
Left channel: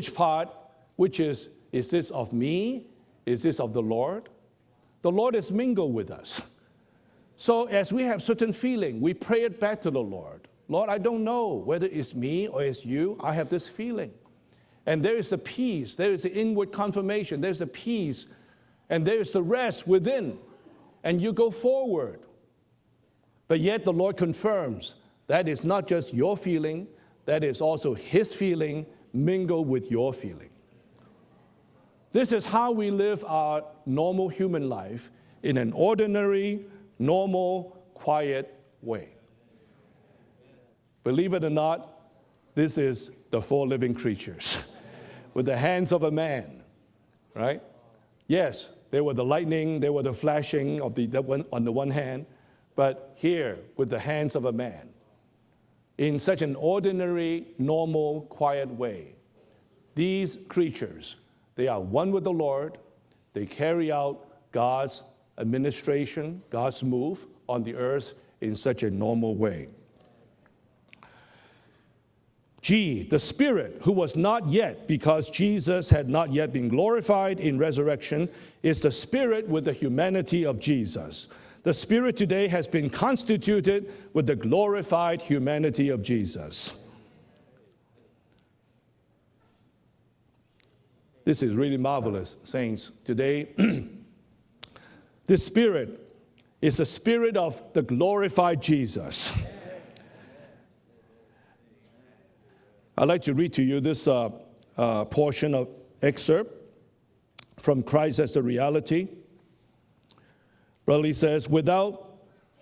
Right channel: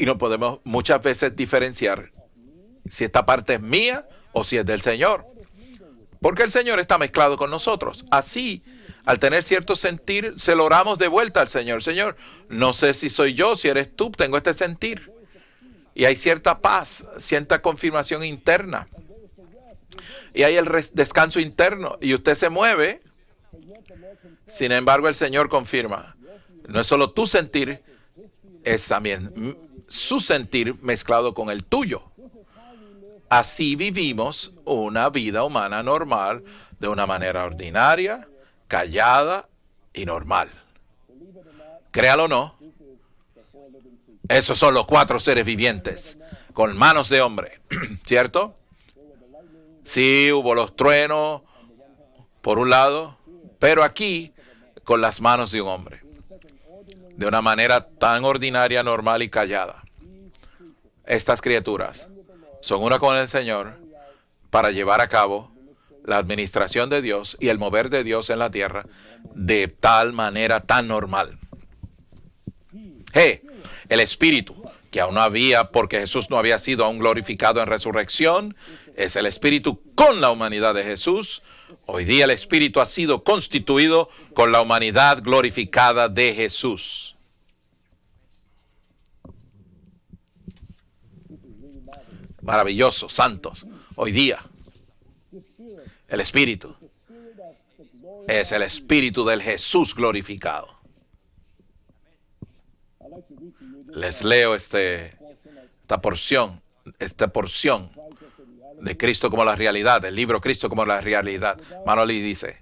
y no podemos muchas Which veces is diferenciar this of me? si esta Is parte this es of the mía Lord? o si es del The Señor. Lord is mingled with us. Porque el Señor está mezclado con So, nosotros. as we have certain Así, feeling, we al tener pray it cierto back to the sentir, Lord. se lo oramos God, I de don't vuelta al know Señor. whether Señor, it's me or no it's sé you, si I soy have yo, this si eres feeling. tú, tengo este And sentir. there is a peace, Y there hay is cierta inward paz, confirmation, cierta there's a confirmación peace, interna. and there is the rest within. Y hay el descanso go interno. forward. Y usted se mueve. But yet the Lord confirms Sin embargo, el Señor that it's not confirma, just your feeling, no es solo tu that is sentir, also His feeling es también mingled with your su feeling. sentir mezclado con el tuyo. This is how we live our Así normal vivimos human life. una vida In an humana normal, ordinary, de una manera normal, ordinaria, quiet callada y normal. Believe it or not, Créalo o no, this is the four living creatures. esos son los 4 seres With the hands vivientes, of a man. con manos de hombre, ¿cierto? Yes, there were the lightning, there Sí, were the hubo los flashing, truenos, on the one hand, por un lado, here, pero with the aquí hands of a man. con las manos de un hombre, In such an ordinary, de una manera normal, tan quiet ordinaria, way. normal y callada. These creatures, Estas they are criaturas one with the Lord, son una con el they Señor carry out para God's llevar a cabo administration, la administración God's de move Dios y el on the mover de earth Dios en la in tierra such a normal way. de tal manera tan normal. G, the Spirit, who El was not Espíritu, yet, que aún no because había Jesus porque had Jesús not no yet había been sido aún glorified glorificado en in resurrección, is the es el Spirit Espíritu with the con la humanity humanidad of de Jesus. Jesús. The Hoy Spirit día el today has Espíritu been ha sido constituted constituido with the con la humanidad glorified glorificada humanity de of Jesús. This is really marvelous. Maravilloso, Today, santos. Hoy día, the Spirit el Espíritu is the Spirit of the glorified es el Espíritu Jesus. del Jesús glorificado. I'd like to read to you this Les leo portion of esta excerpt porción from Christ as the reality. de Cristo como la realidad, el libro Cristo como la Well, he says, realidad. without- Manoli dice,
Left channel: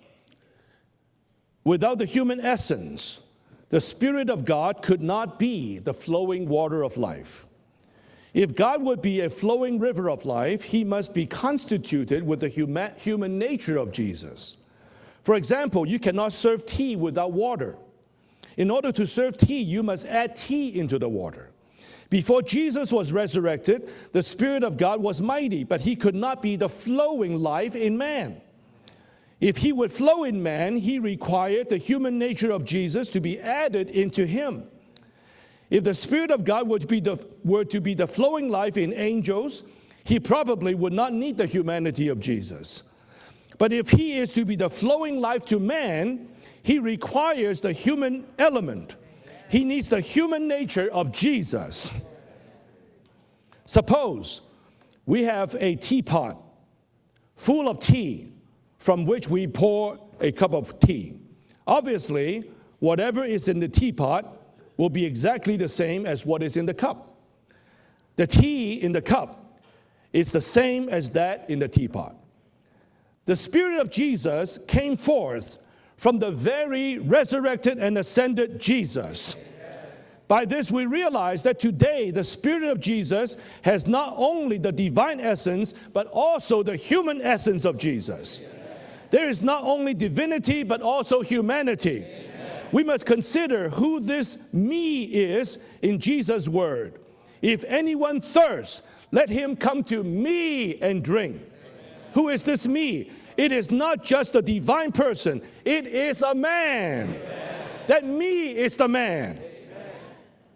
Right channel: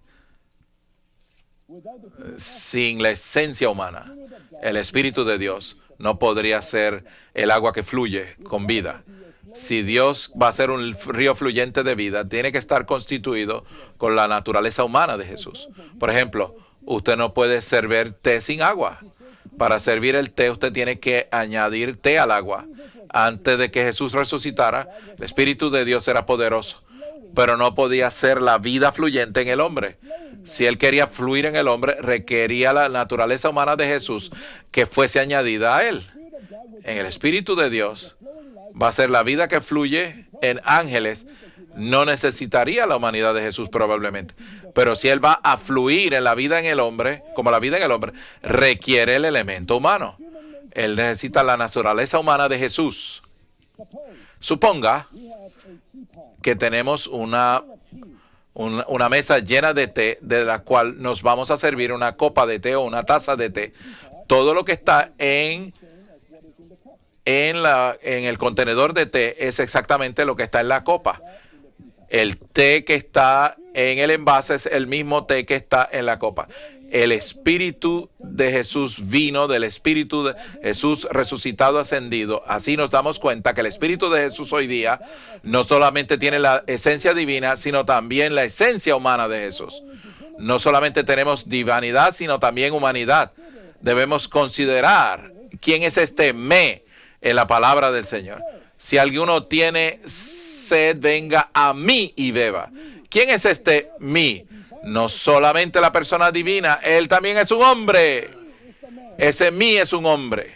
Without the human essence, sin la esencia the humana, Spirit of God el could Espíritu not de Dios be the no flowing podría water ser of life. el agua que fluye If con God vida. would be a flowing Si river Dios of va a life, ser he un must be río fluyente de vida, constituted with tiene the que estar human constituido nature of con la Jesus. naturaleza humana de For Jesús. example, you Por cannot ejemplo, serve tea usted no without puede water. servir té sin In order agua. to serve tea, Para you must servir el add té, tea usted tiene into the que water. añadir té al Before agua. Jesus was Antes de que resurrected, Jesús the Spirit resucitara, of God was el mighty, Espíritu but de he Dios could era not be the poderoso, flowing pero no life in podía man. ser la vida fluyente en If el he hombre. would flow in man, Si él quería he fluir en required el hombre, the human nature of requería la Jesus to be naturaleza humana de added Jesús into him. que fuese añadida a If él. the Spirit of God would be En el the- Espíritu de would to be Dios the flowing life in va a ser la vida angels, que fluye he probably en would not ángeles. need the humanity No of Jesus. necesitaría la humanidad de Jesús But if he is probablemente. to be the Pero si él flowing va life a to fluir man, en la vida en he el hombre, requires como la the vida en el hombre, human element. requiere el He elemento needs the humano. human nature Él of necesita la Jesus. naturaleza humana de Jesús. Suppose Suponga we have a teapot que tenemos full una of tea. from una which mesa we llena de pour té, a de cup la of cual tea. nos vamos a servir una Obviously, copa de té o una whatever taza is de in the té. teapot Todo lo que will está be exactly en the same as what is in the cup. en The el tea contenedor in the de té cup es exactamente It's lo que the está en la same as copa. that in the teapot. El té que está The Spirit of en el Jesus envase es el came mismo té forth que está en la from the copa. very El resurrected and Espíritu ascended de Jesús Jesus. vino del Espíritu de By this we Jesús realize resucitado, that today ascendido. the Spirit Así of nos damos Jesus cuenta que el has Espíritu not de Jesús only hoy the día divine essence, no solamente but tiene la also the esencia human divina, essence sino of también Jesus. la esencia humana There de is not Jesús. only divinity, No but solamente also tenemos humanity. divinidad, sino también We must humanidad. consider who Debemos this considerar me is quién es in este Jesus' me word. en la If palabra del anyone Señor. thirsts, Si alguno let him tiene come to me sed, and drink. venga a mí Who y is beba. this me? ¿Quién es It is este not just mí? a divine No person. solamente It la is persona a divina, man. él también es un The hombre. me is the man. Ese mí es un hombre.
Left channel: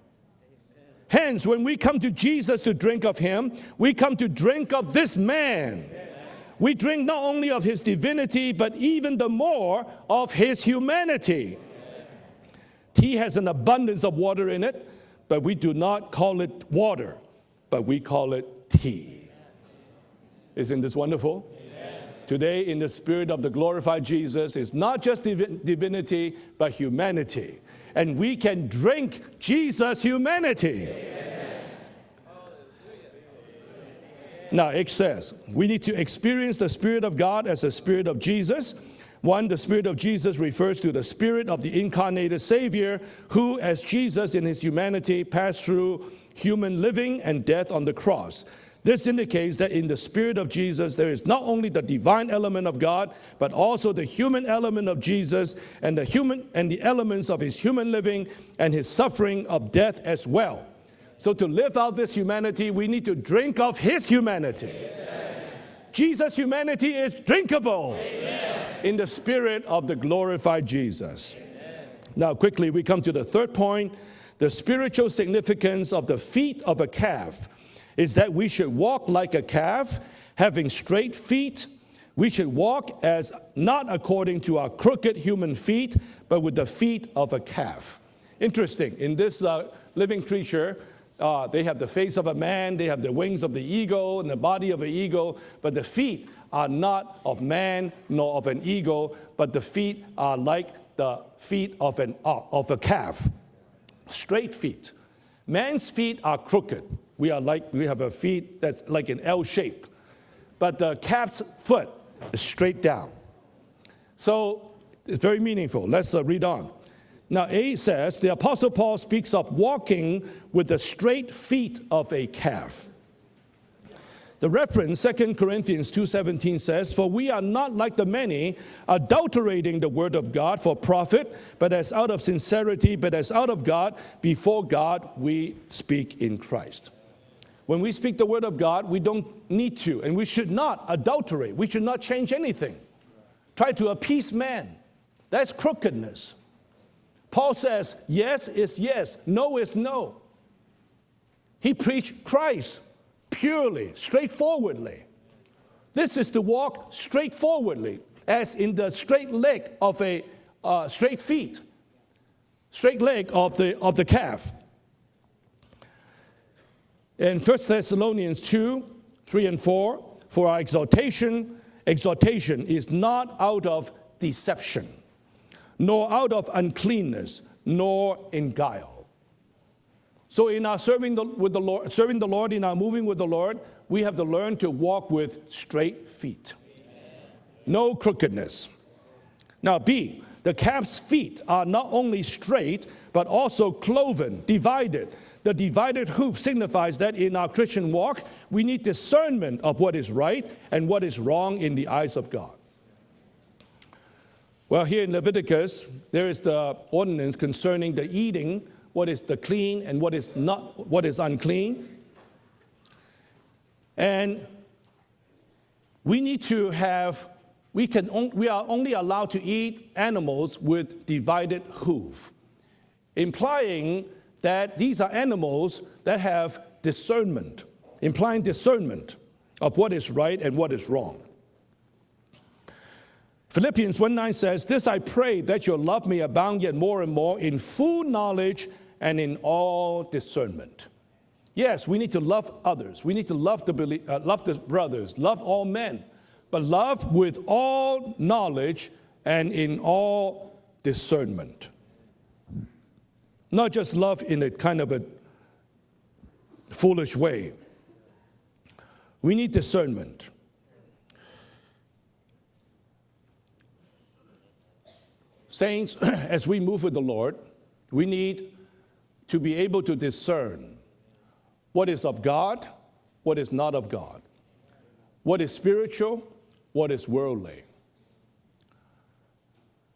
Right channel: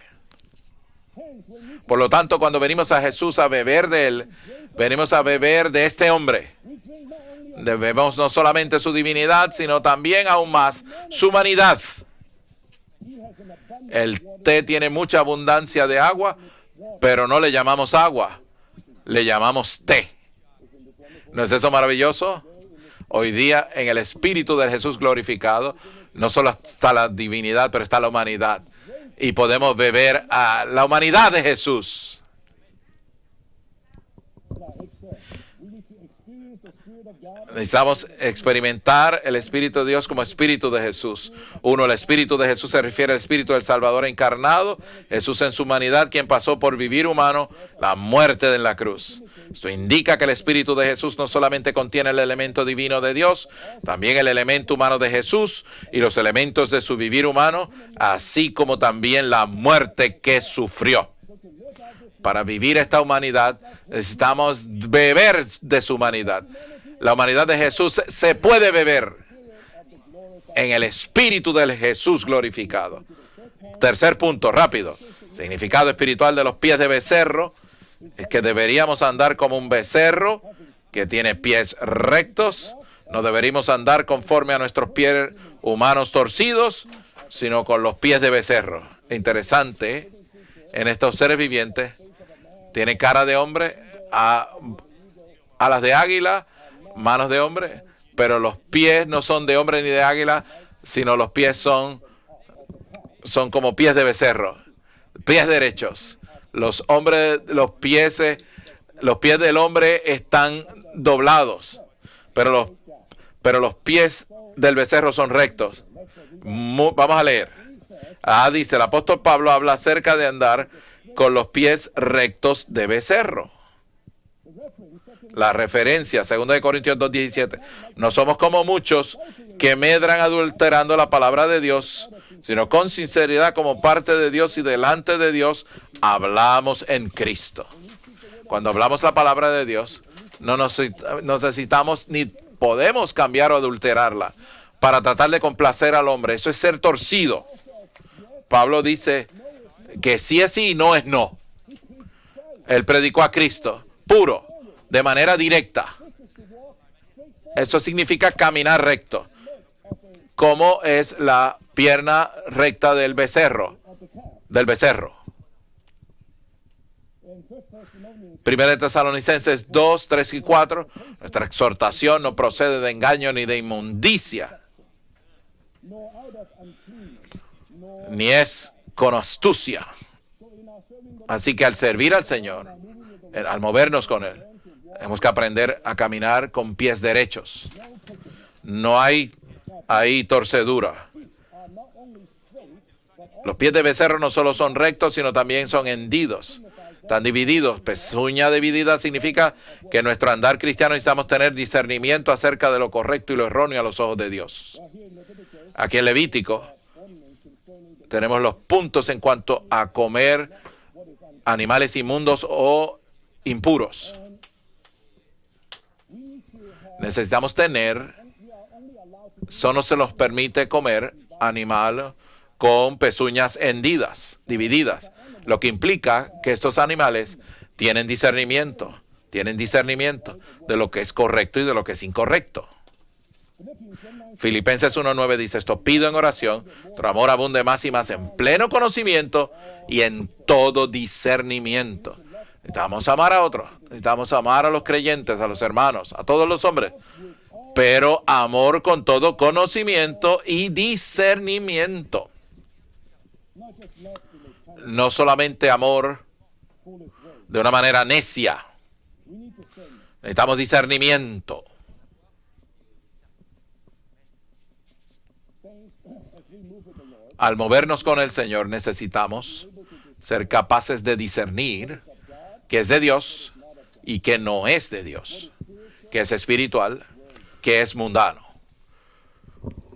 Hence, when we come Por lo to tanto, Jesus cuando to venimos drink a of Jesús him, a beber we de come to él, drink of venimos this a beber man. de este hombre. We drink not only of his Bebemos no divinity, solamente but su even the divinidad, more sino también of aún his más humanity. su humanidad. Tea has an abundance of El water té in it, tiene mucha but we do abundancia de not agua, call it water, pero no le but llamamos we call agua, it tea. le llamamos té. Isn't this wonderful? ¿No es eso maravilloso? Today, in the spirit Hoy of the día, en glorified el Espíritu de Jesus, Jesús not just glorificado, divinity, no solo but está la humanity. divinidad, pero está la And we humanidad. can drink Y podemos Jesus' beber a humanity. la humanidad de Jesús. Now it says we need to experience the Spirit of God as the Necesitamos Spirit of Jesus. experimentar el One, the Espíritu de Spirit Dios of como Jesus Espíritu de refers to the Jesús. Spirit of the Uno, el Espíritu de incarnated Jesús se Savior, refiere al Espíritu who, del as Salvador Jesus in his encarnado, humanity Jesús en passed su through humanidad, quien pasó por human vivir living humano and death on la the cross. muerte en la cruz. This indicates Eso that in indica the que el Spirit of Espíritu de Jesus, Jesús there no is not solamente only the contiene el divine elemento element of divino God, de Dios, but also the también el human elemento element humano of de Jesus Jesús and y the los human- elementos and de the su vivir elements of his humano, human living así como and his también la suffering of muerte death as que well. sufrió. So to live out this Para humanity, vivir we esta need to humanidad, drink of his necesitamos humanity. beber de su humanidad. Jesus' humanity is La humanidad de drinkable Jesús se puede in beber the spirit of the glorified en el Jesus. Espíritu del Jesús Now, quickly, we glorificado. come to the third point. Tercer punto, The rápido. spiritual significance Significado of the espiritual de los feet pies of de the calf becerro is that que we should deberíamos walk andar like a como un calf, becerro having que straight tiene feet. pies We rectos. should walk as No deberíamos not andar according conforme to a our nuestros crooked pies human feet, humanos but with the torcidos, feet of a sino calf. con los pies de becerro. Interesting. In this, Interesante, living creature, en estos seres they have the vivientes, face of a man, they tiene have the cara de wings of hombre, the eagle, a- and the body of an eagle, but alas the de feet águila, are not manos de of hombre, man, nor pero of los an pies eagle, no son but de the hombre ni feet de are águila, like sino the los pies feet son, of a calf. son como pies de becerro. Straight feet. Pies Man's derechos. feet are crooked. Los hombres, We are like- los we have pies, a feet that's like los an pies L del shape. hombre están But the calf's doblados, foot is pero los, straight down. pero los pies So, del becerro son very rectos. meaningful. Let's read on. Vamos a Now, leer. A says, the Dice, el apóstol speaks of Pablo habla walking acerca de andar with the straight con los feet pies of a rectos calf. de becerro. The reference, 2 La Corinthians referencia, 2:17 2 Corintios says, "For we are 2:17, not like the no somos many, como muchos adulterating que the medran word of God for adulterando la profit, palabra de but Dios, as out of sino sincerity, con but as sinceridad out of como God, parte de Dios y before delante God de we Dios, speak in hablamos en Cristo. When we speak the word of Cuando God, hablamos we la palabra de don't Dios, need to, and we should no not adulterate. We necesitamos should ni not change anything. podemos cambiar o Try to adulterarla appease man. para tratar de That's complacer al crookedness. hombre. Eso es ser torcido. Paul says, yes Pablo is yes, dice no is no. Que sí es sí y no es no. He preached Christ. Él predicó a Cristo Purely, puro, straightforwardly. de manera directa, This is to walk straight forward. Eso significa caminar recto, como es la pierna recta del becerro, of the calf. del becerro. In 1 Thessalonians 2, Primera de Tesalonicenses 2, 3 y 4, nuestra exhortación no procede de engaño ni de inmundicia, nor out of uncleanness, nor ni es in guile. con astucia. So in our serving the, Así with que the al Lord, servir al serving the Lord, Señor, in our moving with the Lord, al movernos we have con to Él, learn to walk tenemos with que aprender straight a caminar feet. con pies derechos. No crookedness. No hay Now, B, ahí torcedura. the calf's feet are not only straight, but also Los pies de becerro no solo son divided. rectos, sino también The son divided hoof hendidos. signifies that Están in our divididos. Christian walk, Pezuña we need dividida significa discernment of what que is nuestro right andar and cristiano what is necesitamos tener wrong in the eyes of discernimiento God. acerca de lo correcto y lo erróneo a los ojos de Dios. Well, here in Leviticus, Aquí en there is Levítico, the ordinance concerning the tenemos los eating, puntos what en is cuanto clean a and what is comer not- what is unclean. Animales inmundos o impuros. And we need to have, Necesitamos tener, we are only allowed to eat solo se nos animals permite with comer divided animal hoof. con pezuñas Implying hendidas, that divididas, these are animals lo que that implica have que estos animales discernment. tienen Implying discernimiento, discernment of what is right and what de is lo que es wrong. correcto y de lo que es incorrecto. Philippians 1:9 says, Filipenses "This I 1:9 pray, dice, that esto your pido love en may oración, abound yet more tu and amor more abunde in más y full más en knowledge pleno and conocimiento in all y en discernment." todo Yes, we need discernimiento. to love others. Necesitamos We amar need a to love otros, the believer, necesitamos love amar the a los brothers, creyentes, love a los all hermanos, men, a todos los but hombres, love with all pero amor knowledge con todo and in conocimiento all y discernment. discernimiento. Not just love in a kind of No a solamente amor foolish way. de una manera necia, We need discernment. necesitamos discernimiento. Saints, as we move with the Lord, Al movernos we con el need Señor to necesitamos be able to ser discern capaces de what discernir is of God, qué es de Dios what is not of God, y qué no es de Dios, what is spiritual, qué es what espiritual, is worldly. qué es mundano.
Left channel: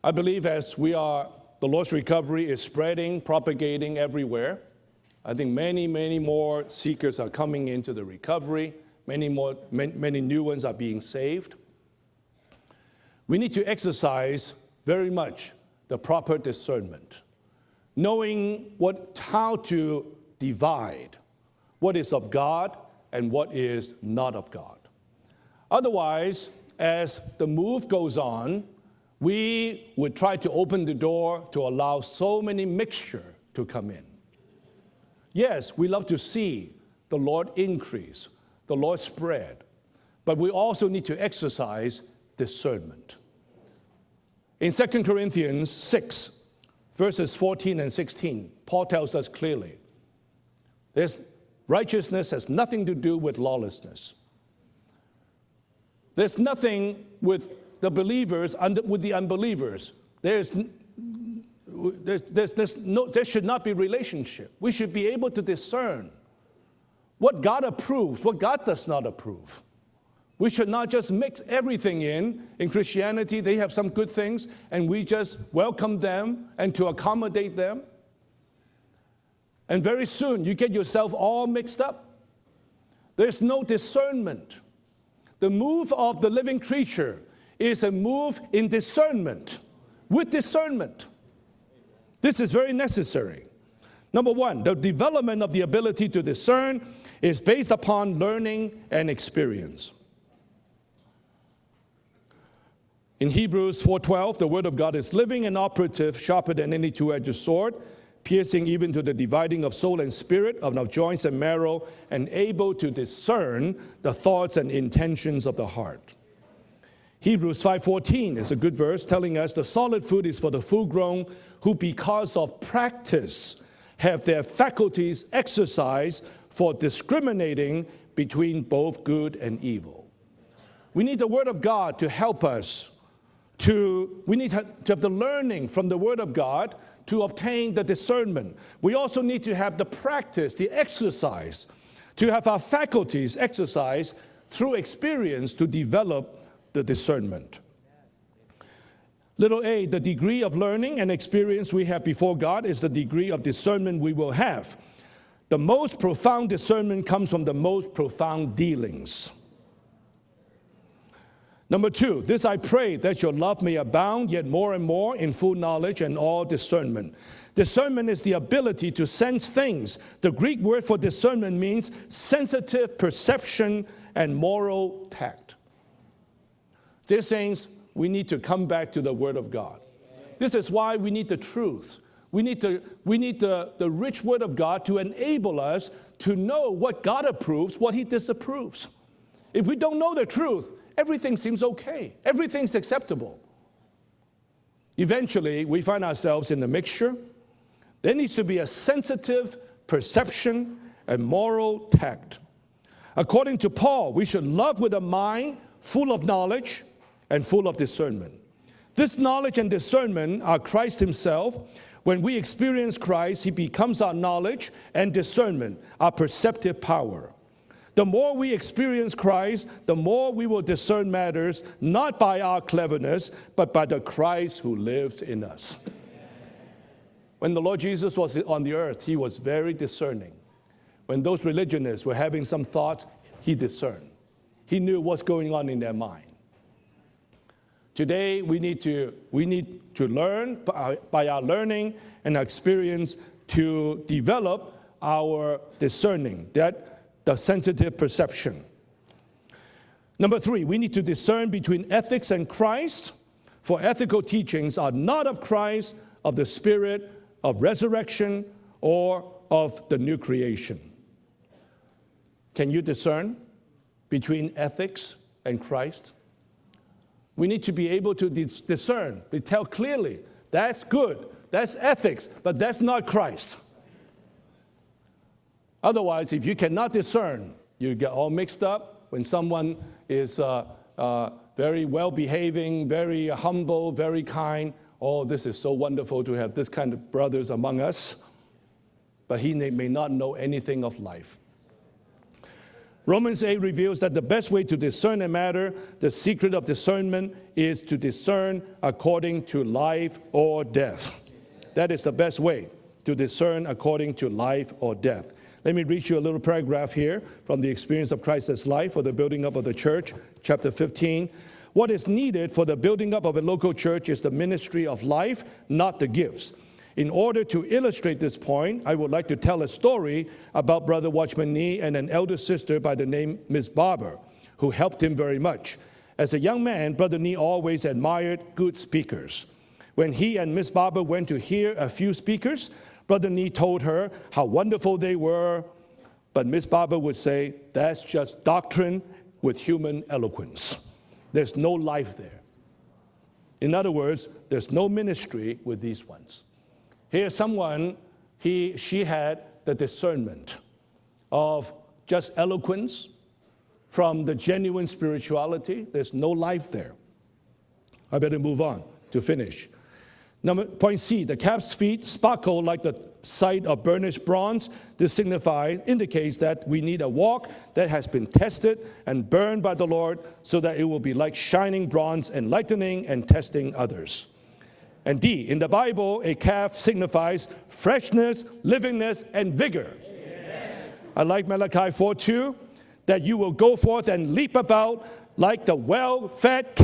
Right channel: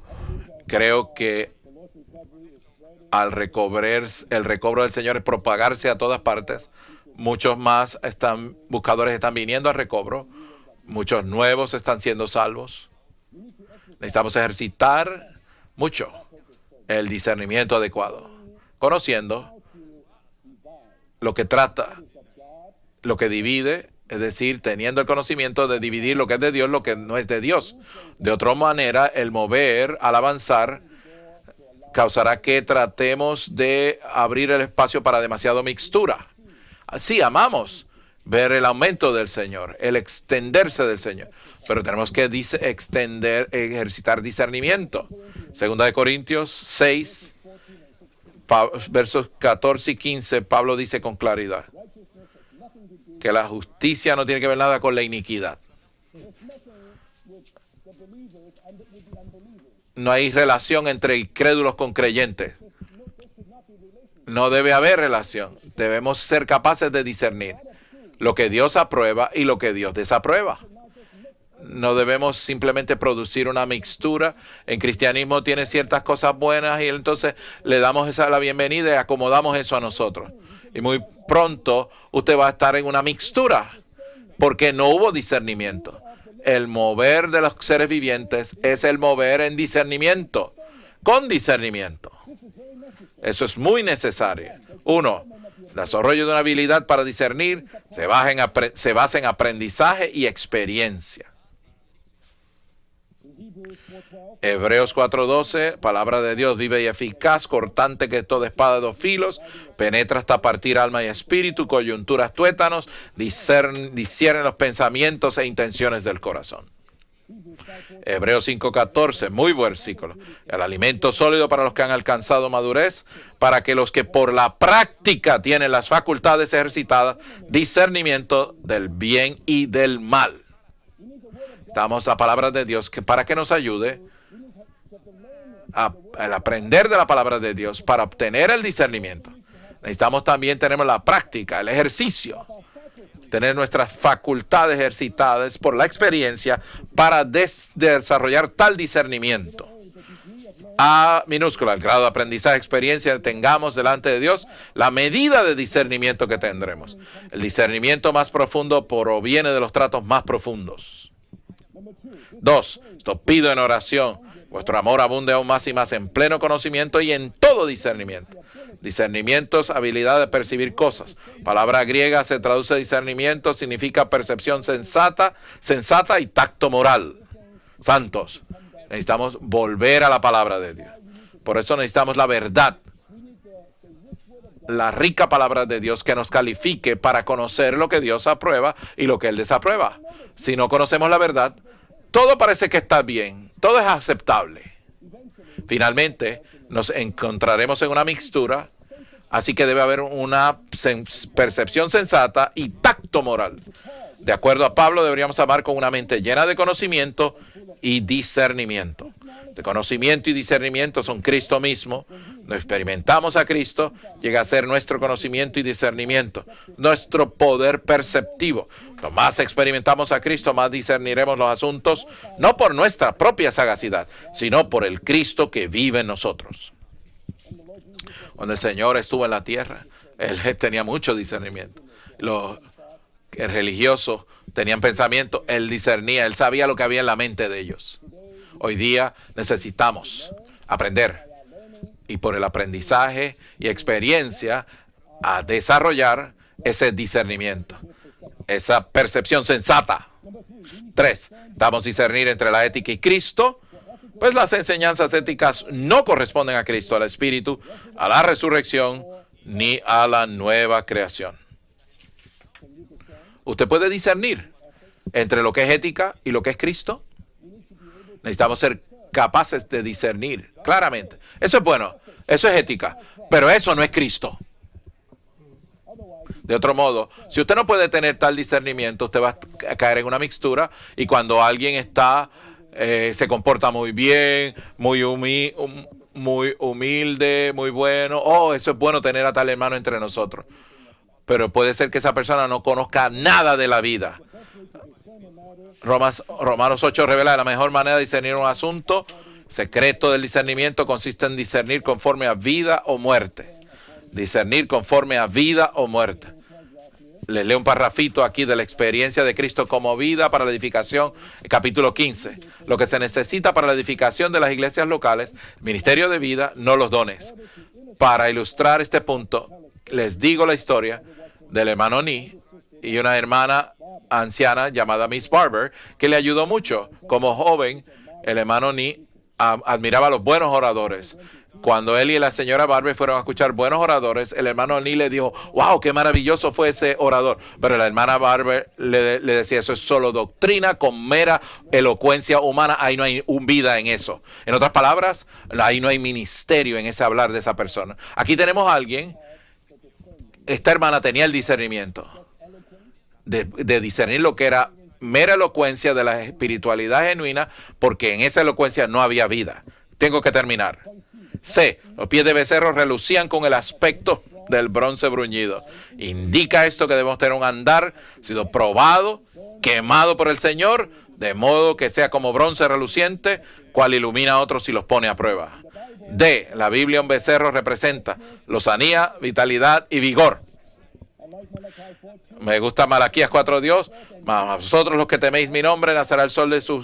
I believe as Creo que the Lord's recovery is spreading, Al propagating el everywhere, recobro del Señor es I think propagarse a many, todas many more partes. seekers are Muchos coming más into the están, recovery, buscadores many están more- viniendo al many recobro. new ones are being Muchos saved. nuevos están siendo salvos. We need to exercise Necesitamos ejercitar very much mucho the proper discernment, el discernimiento adecuado, knowing conociendo how to divide lo que trata, what is of God lo que and what divide, is es not of decir, God. teniendo el conocimiento de dividir lo que es de Dios, lo que Otherwise, no es de as Dios. the move goes De otra on, manera, el we mover will al try to avanzar open the door to allow causará so que many tratemos mixtures to de come in. abrir el espacio para demasiada Yes, we love mixtura. to see Sí, amamos ver el aumento del Señor, el extenderse del Señor, pero tenemos que ejercitar discernimiento. Segunda de Corintios 6, versos 14 y 15, Pablo dice con claridad que la justicia no tiene que ver nada con la iniquidad. No hay relación entre incrédulos con creyentes. No debe haber relación. Debemos ser capaces de discernir lo que Dios aprueba y lo que Dios desaprueba. No debemos simplemente producir una mixtura. En cristianismo tiene ciertas cosas buenas y entonces le damos la bienvenida y acomodamos eso a nosotros. Y muy pronto usted va a estar en una mixtura porque no hubo discernimiento. El mover de los seres vivientes es el mover en discernimiento, con discernimiento. Eso es muy necesario. Uno, el desarrollo de una habilidad para discernir se basa en aprendizaje y experiencia. Hebreos 4:12, palabra de Dios viva y eficaz, cortante que toda espada de dos filos, penetra hasta partir alma y espíritu, coyunturas, tuétanos, discierne los pensamientos e intenciones del corazón. Hebreos 5:14, muy buen versículo. El alimento sólido para los que han alcanzado madurez, para que los que por la práctica tienen las facultades ejercitadas, discernimiento del bien y del mal. Damos la palabra de Dios para que nos ayude al aprender de la palabra de Dios para obtener el discernimiento. Necesitamos también tener la práctica, el ejercicio, tener nuestras facultades ejercitadas por la experiencia para desarrollar tal discernimiento. A minúscula, el grado de aprendizaje, experiencia tengamos delante de Dios, la medida de discernimiento que tendremos. El discernimiento más profundo proviene de los tratos más profundos. Dos, os pido en oración, vuestro amor abunde aún más y más en pleno conocimiento y en todo discernimiento. Discernimiento es habilidad de percibir cosas. Palabra griega se traduce discernimiento, significa percepción sensata y tacto moral. Santos, necesitamos volver a la palabra de Dios. Por eso necesitamos la verdad, la rica palabra de Dios que nos califique para conocer lo que Dios aprueba y lo que Él desaprueba. Si no conocemos la verdad, todo parece que está bien, todo es aceptable. Finalmente nos encontraremos en una mixtura, así que debe haber una percepción sensata y tacto moral. De acuerdo a Pablo, deberíamos amar con una mente llena de conocimiento y discernimiento. Conocimiento y discernimiento son Cristo mismo. Lo experimentamos a Cristo, llega a ser nuestro conocimiento y discernimiento, nuestro poder perceptivo. Lo más experimentamos a Cristo, más discerniremos los asuntos, no por nuestra propia sagacidad, sino por el Cristo que vive en nosotros. Cuando el Señor estuvo en la tierra, Él tenía mucho discernimiento. Los religiosos tenían pensamiento, Él discernía, Él sabía lo que había en la mente de ellos. Hoy día necesitamos aprender y por el aprendizaje y experiencia a desarrollar ese discernimiento, esa percepción sensata. 3. Damos discernir entre la ética y Cristo, pues las enseñanzas éticas no corresponden a Cristo, al Espíritu, a la resurrección, ni a la nueva creación. ¿Usted puede discernir entre lo que es ética y lo que es Cristo? Necesitamos ser capaces de discernir claramente. Eso es bueno, eso es ética, pero eso no es Cristo. De otro modo, si usted no puede tener tal discernimiento, usted va a caer en una mixtura y cuando alguien está, se comporta muy bien, muy humilde, muy bueno, eso es bueno tener a tal hermano entre nosotros. Pero puede ser que esa persona no conozca nada de la vida. Romanos 8 revela la mejor manera de discernir un asunto. Secreto del discernimiento consiste en discernir conforme a vida o muerte. Discernir conforme a vida o muerte. Les leo un parrafito aquí de la experiencia de Cristo como vida para la edificación, capítulo 15. Lo que se necesita para la edificación de las iglesias locales, ministerio de vida, no los dones. Para ilustrar este punto, les digo la historia del hermano Nee y una hermana anciana llamada Miss Barber, que le ayudó mucho. Como joven, el hermano Nee admiraba a los buenos oradores. Cuando él y la señora Barber fueron a escuchar buenos oradores, el hermano Nee le dijo, wow, qué maravilloso But fue Miss ese Barber would orador. say, Pero la "That's hermana just Barber doctrine le decía, with eso es human solo eloquence. doctrina con mera There's no elocuencia humana. Ahí no hay vida In en other eso. words, En otras there's no palabras, ministry ahí in no hay this. ministerio en ese hablar de esa persona. Aquí tenemos a She alguien, had the discernment esta hermana tenía el of discernimiento just eloquence, de discernir lo que era mera elocuencia de la espiritualidad genuina, porque en esa elocuencia no había vida. Tengo que terminar. C. Los pies de becerro relucían con el aspecto del bronce bruñido. Indica esto que debemos tener un andar sido probado, quemado por el Señor, de modo que sea como bronce reluciente, cual ilumina a otros y los pone a prueba. D. La Biblia un becerro representa lozanía, vitalidad y vigor. Me gusta Malaquías 4:2. Vosotros los que teméis mi nombre, nacerá el sol de su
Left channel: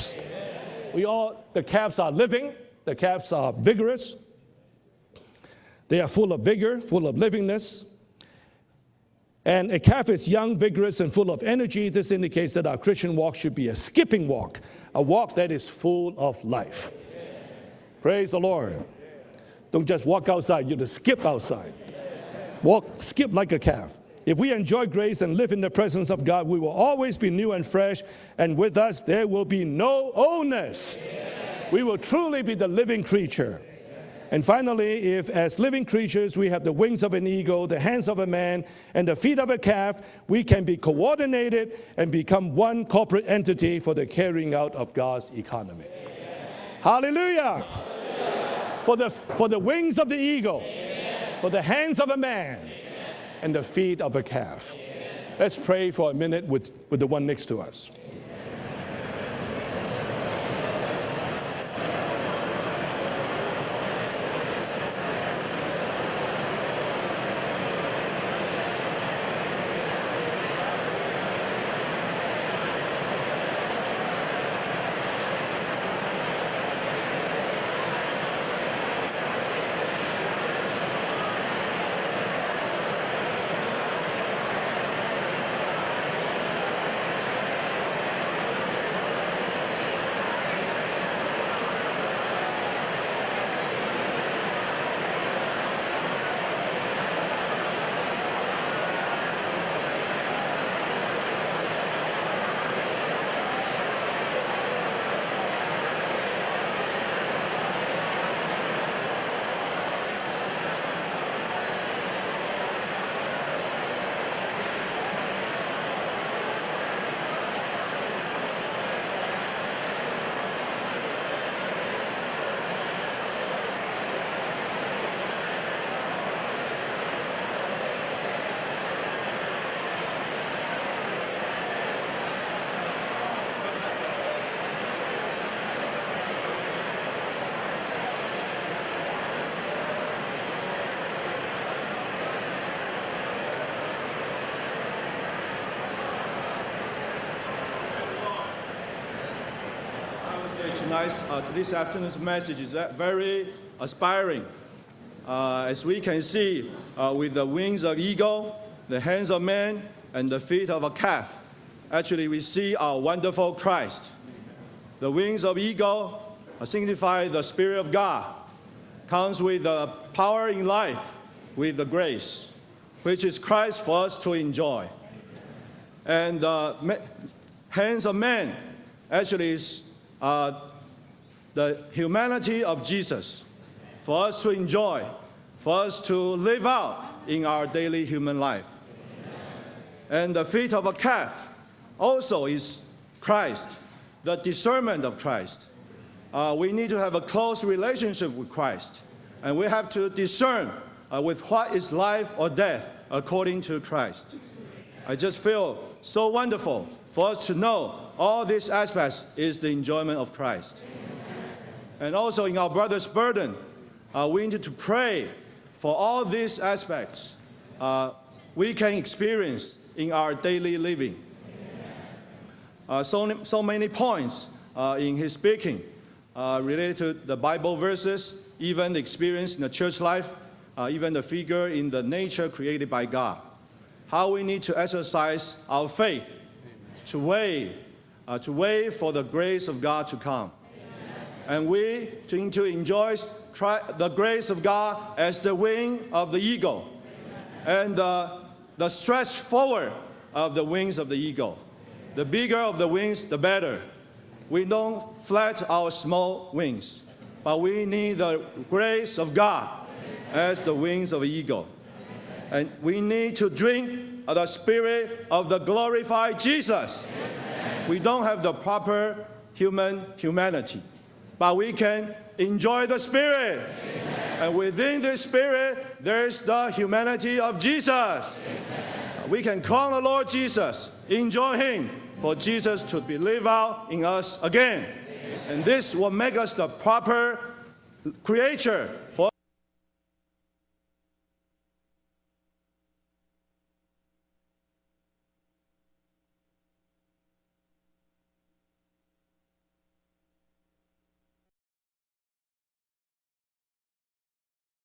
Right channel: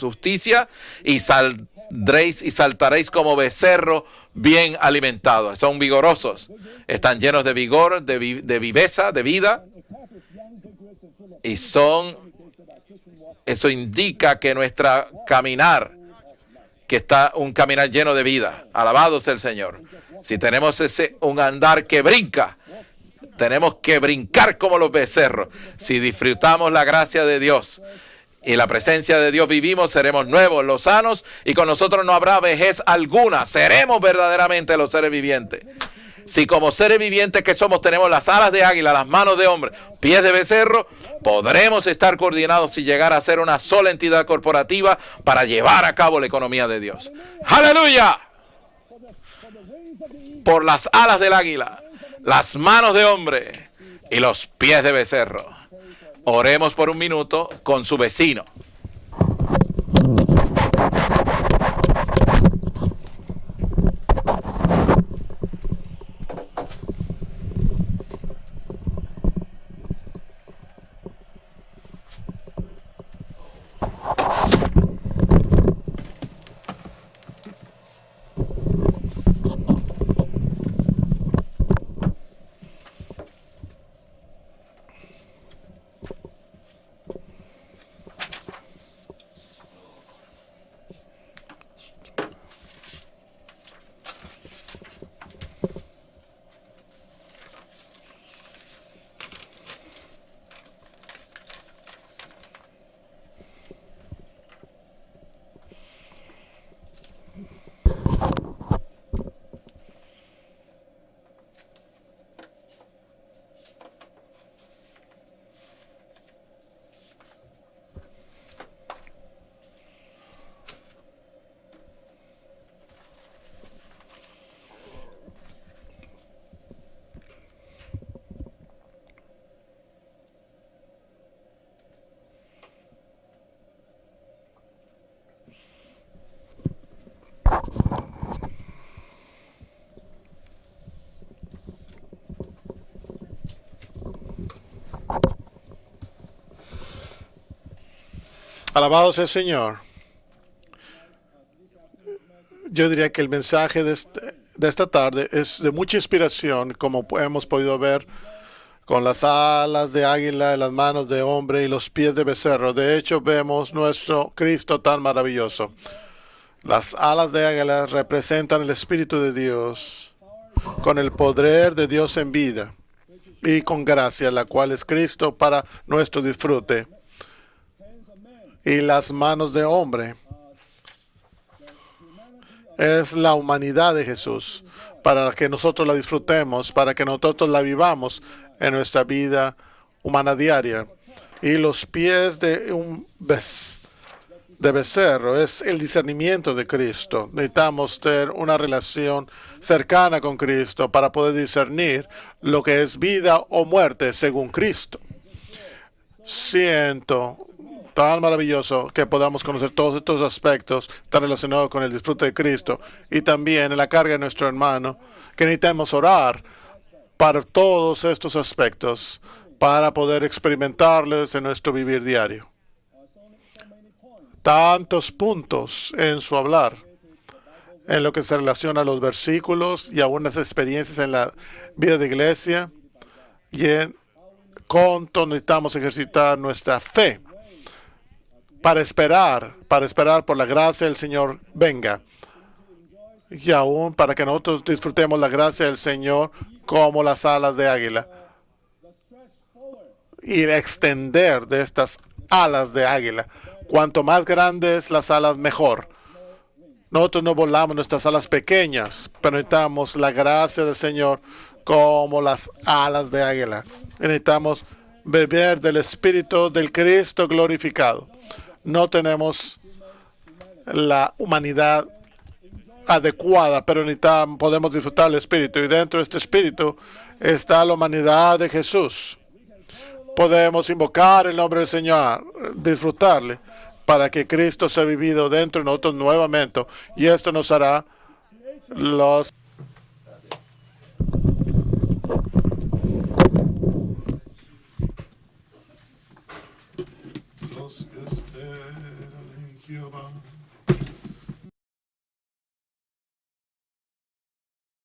justicia y saldréis y saltaréis como becerros bien alimentados. Son vigorosos, están llenos de vigor, de viveza, de vida. Y eso indica que nuestra caminar, que está un caminar lleno de vida. Alabado sea el Señor. Si tenemos un andar que brinca, tenemos que brincar como los becerros. Si disfrutamos la gracia de Dios y la presencia de Dios vivimos, seremos nuevos, lozanos, y con nosotros no habrá vejez alguna. Seremos verdaderamente los seres vivientes. Si como seres vivientes que somos tenemos las alas de águila, las manos de hombre, pies de becerro, podremos estar coordinados y llegar a ser una sola entidad corporativa para llevar a cabo la economía de Dios. ¡Aleluya! Por las alas del águila, las manos de hombre y los pies de becerro. Oremos por un minuto con su vecino. Alabado sea el Señor. Yo diría que el mensaje de esta tarde es de mucha inspiración, como hemos podido ver, con las alas de águila, las manos de hombre y los pies de becerro. De hecho, vemos nuestro Cristo tan maravilloso. Las alas de águila representan el Espíritu de Dios, con el poder de Dios en vida y con gracia, la cual es Cristo para nuestro disfrute. Y las manos de hombre es la humanidad de Jesús, para que nosotros la disfrutemos, para que nosotros la vivamos en nuestra vida humana diaria. Y los pies de becerro es el discernimiento de Cristo. Necesitamos tener una relación cercana con Cristo para poder discernir lo que es vida o muerte según Cristo. Siento tan maravilloso que podamos conocer todos estos aspectos tan relacionados con el disfrute de Cristo, y también en la carga de nuestro hermano, que necesitamos orar para todos estos aspectos para poder experimentarles en nuestro vivir diario. Tantos puntos en su hablar, en lo que se relaciona a los versículos y a unas experiencias en la vida de iglesia, y en cuánto necesitamos ejercitar nuestra fe para esperar por la gracia del Señor venga. Y aún para que nosotros disfrutemos la gracia del Señor como las alas de águila. Y el extender de estas alas de águila. Cuanto más grandes las alas, mejor. Nosotros no volamos nuestras alas pequeñas, pero necesitamos la gracia del Señor como las alas de águila. Necesitamos beber del Espíritu del Cristo glorificado. No tenemos la humanidad adecuada, pero podemos disfrutar del Espíritu, y dentro de este Espíritu está la humanidad de Jesús. Podemos invocar el nombre del Señor, disfrutarle, para que Cristo sea vivido dentro de nosotros nuevamente, y esto nos hará los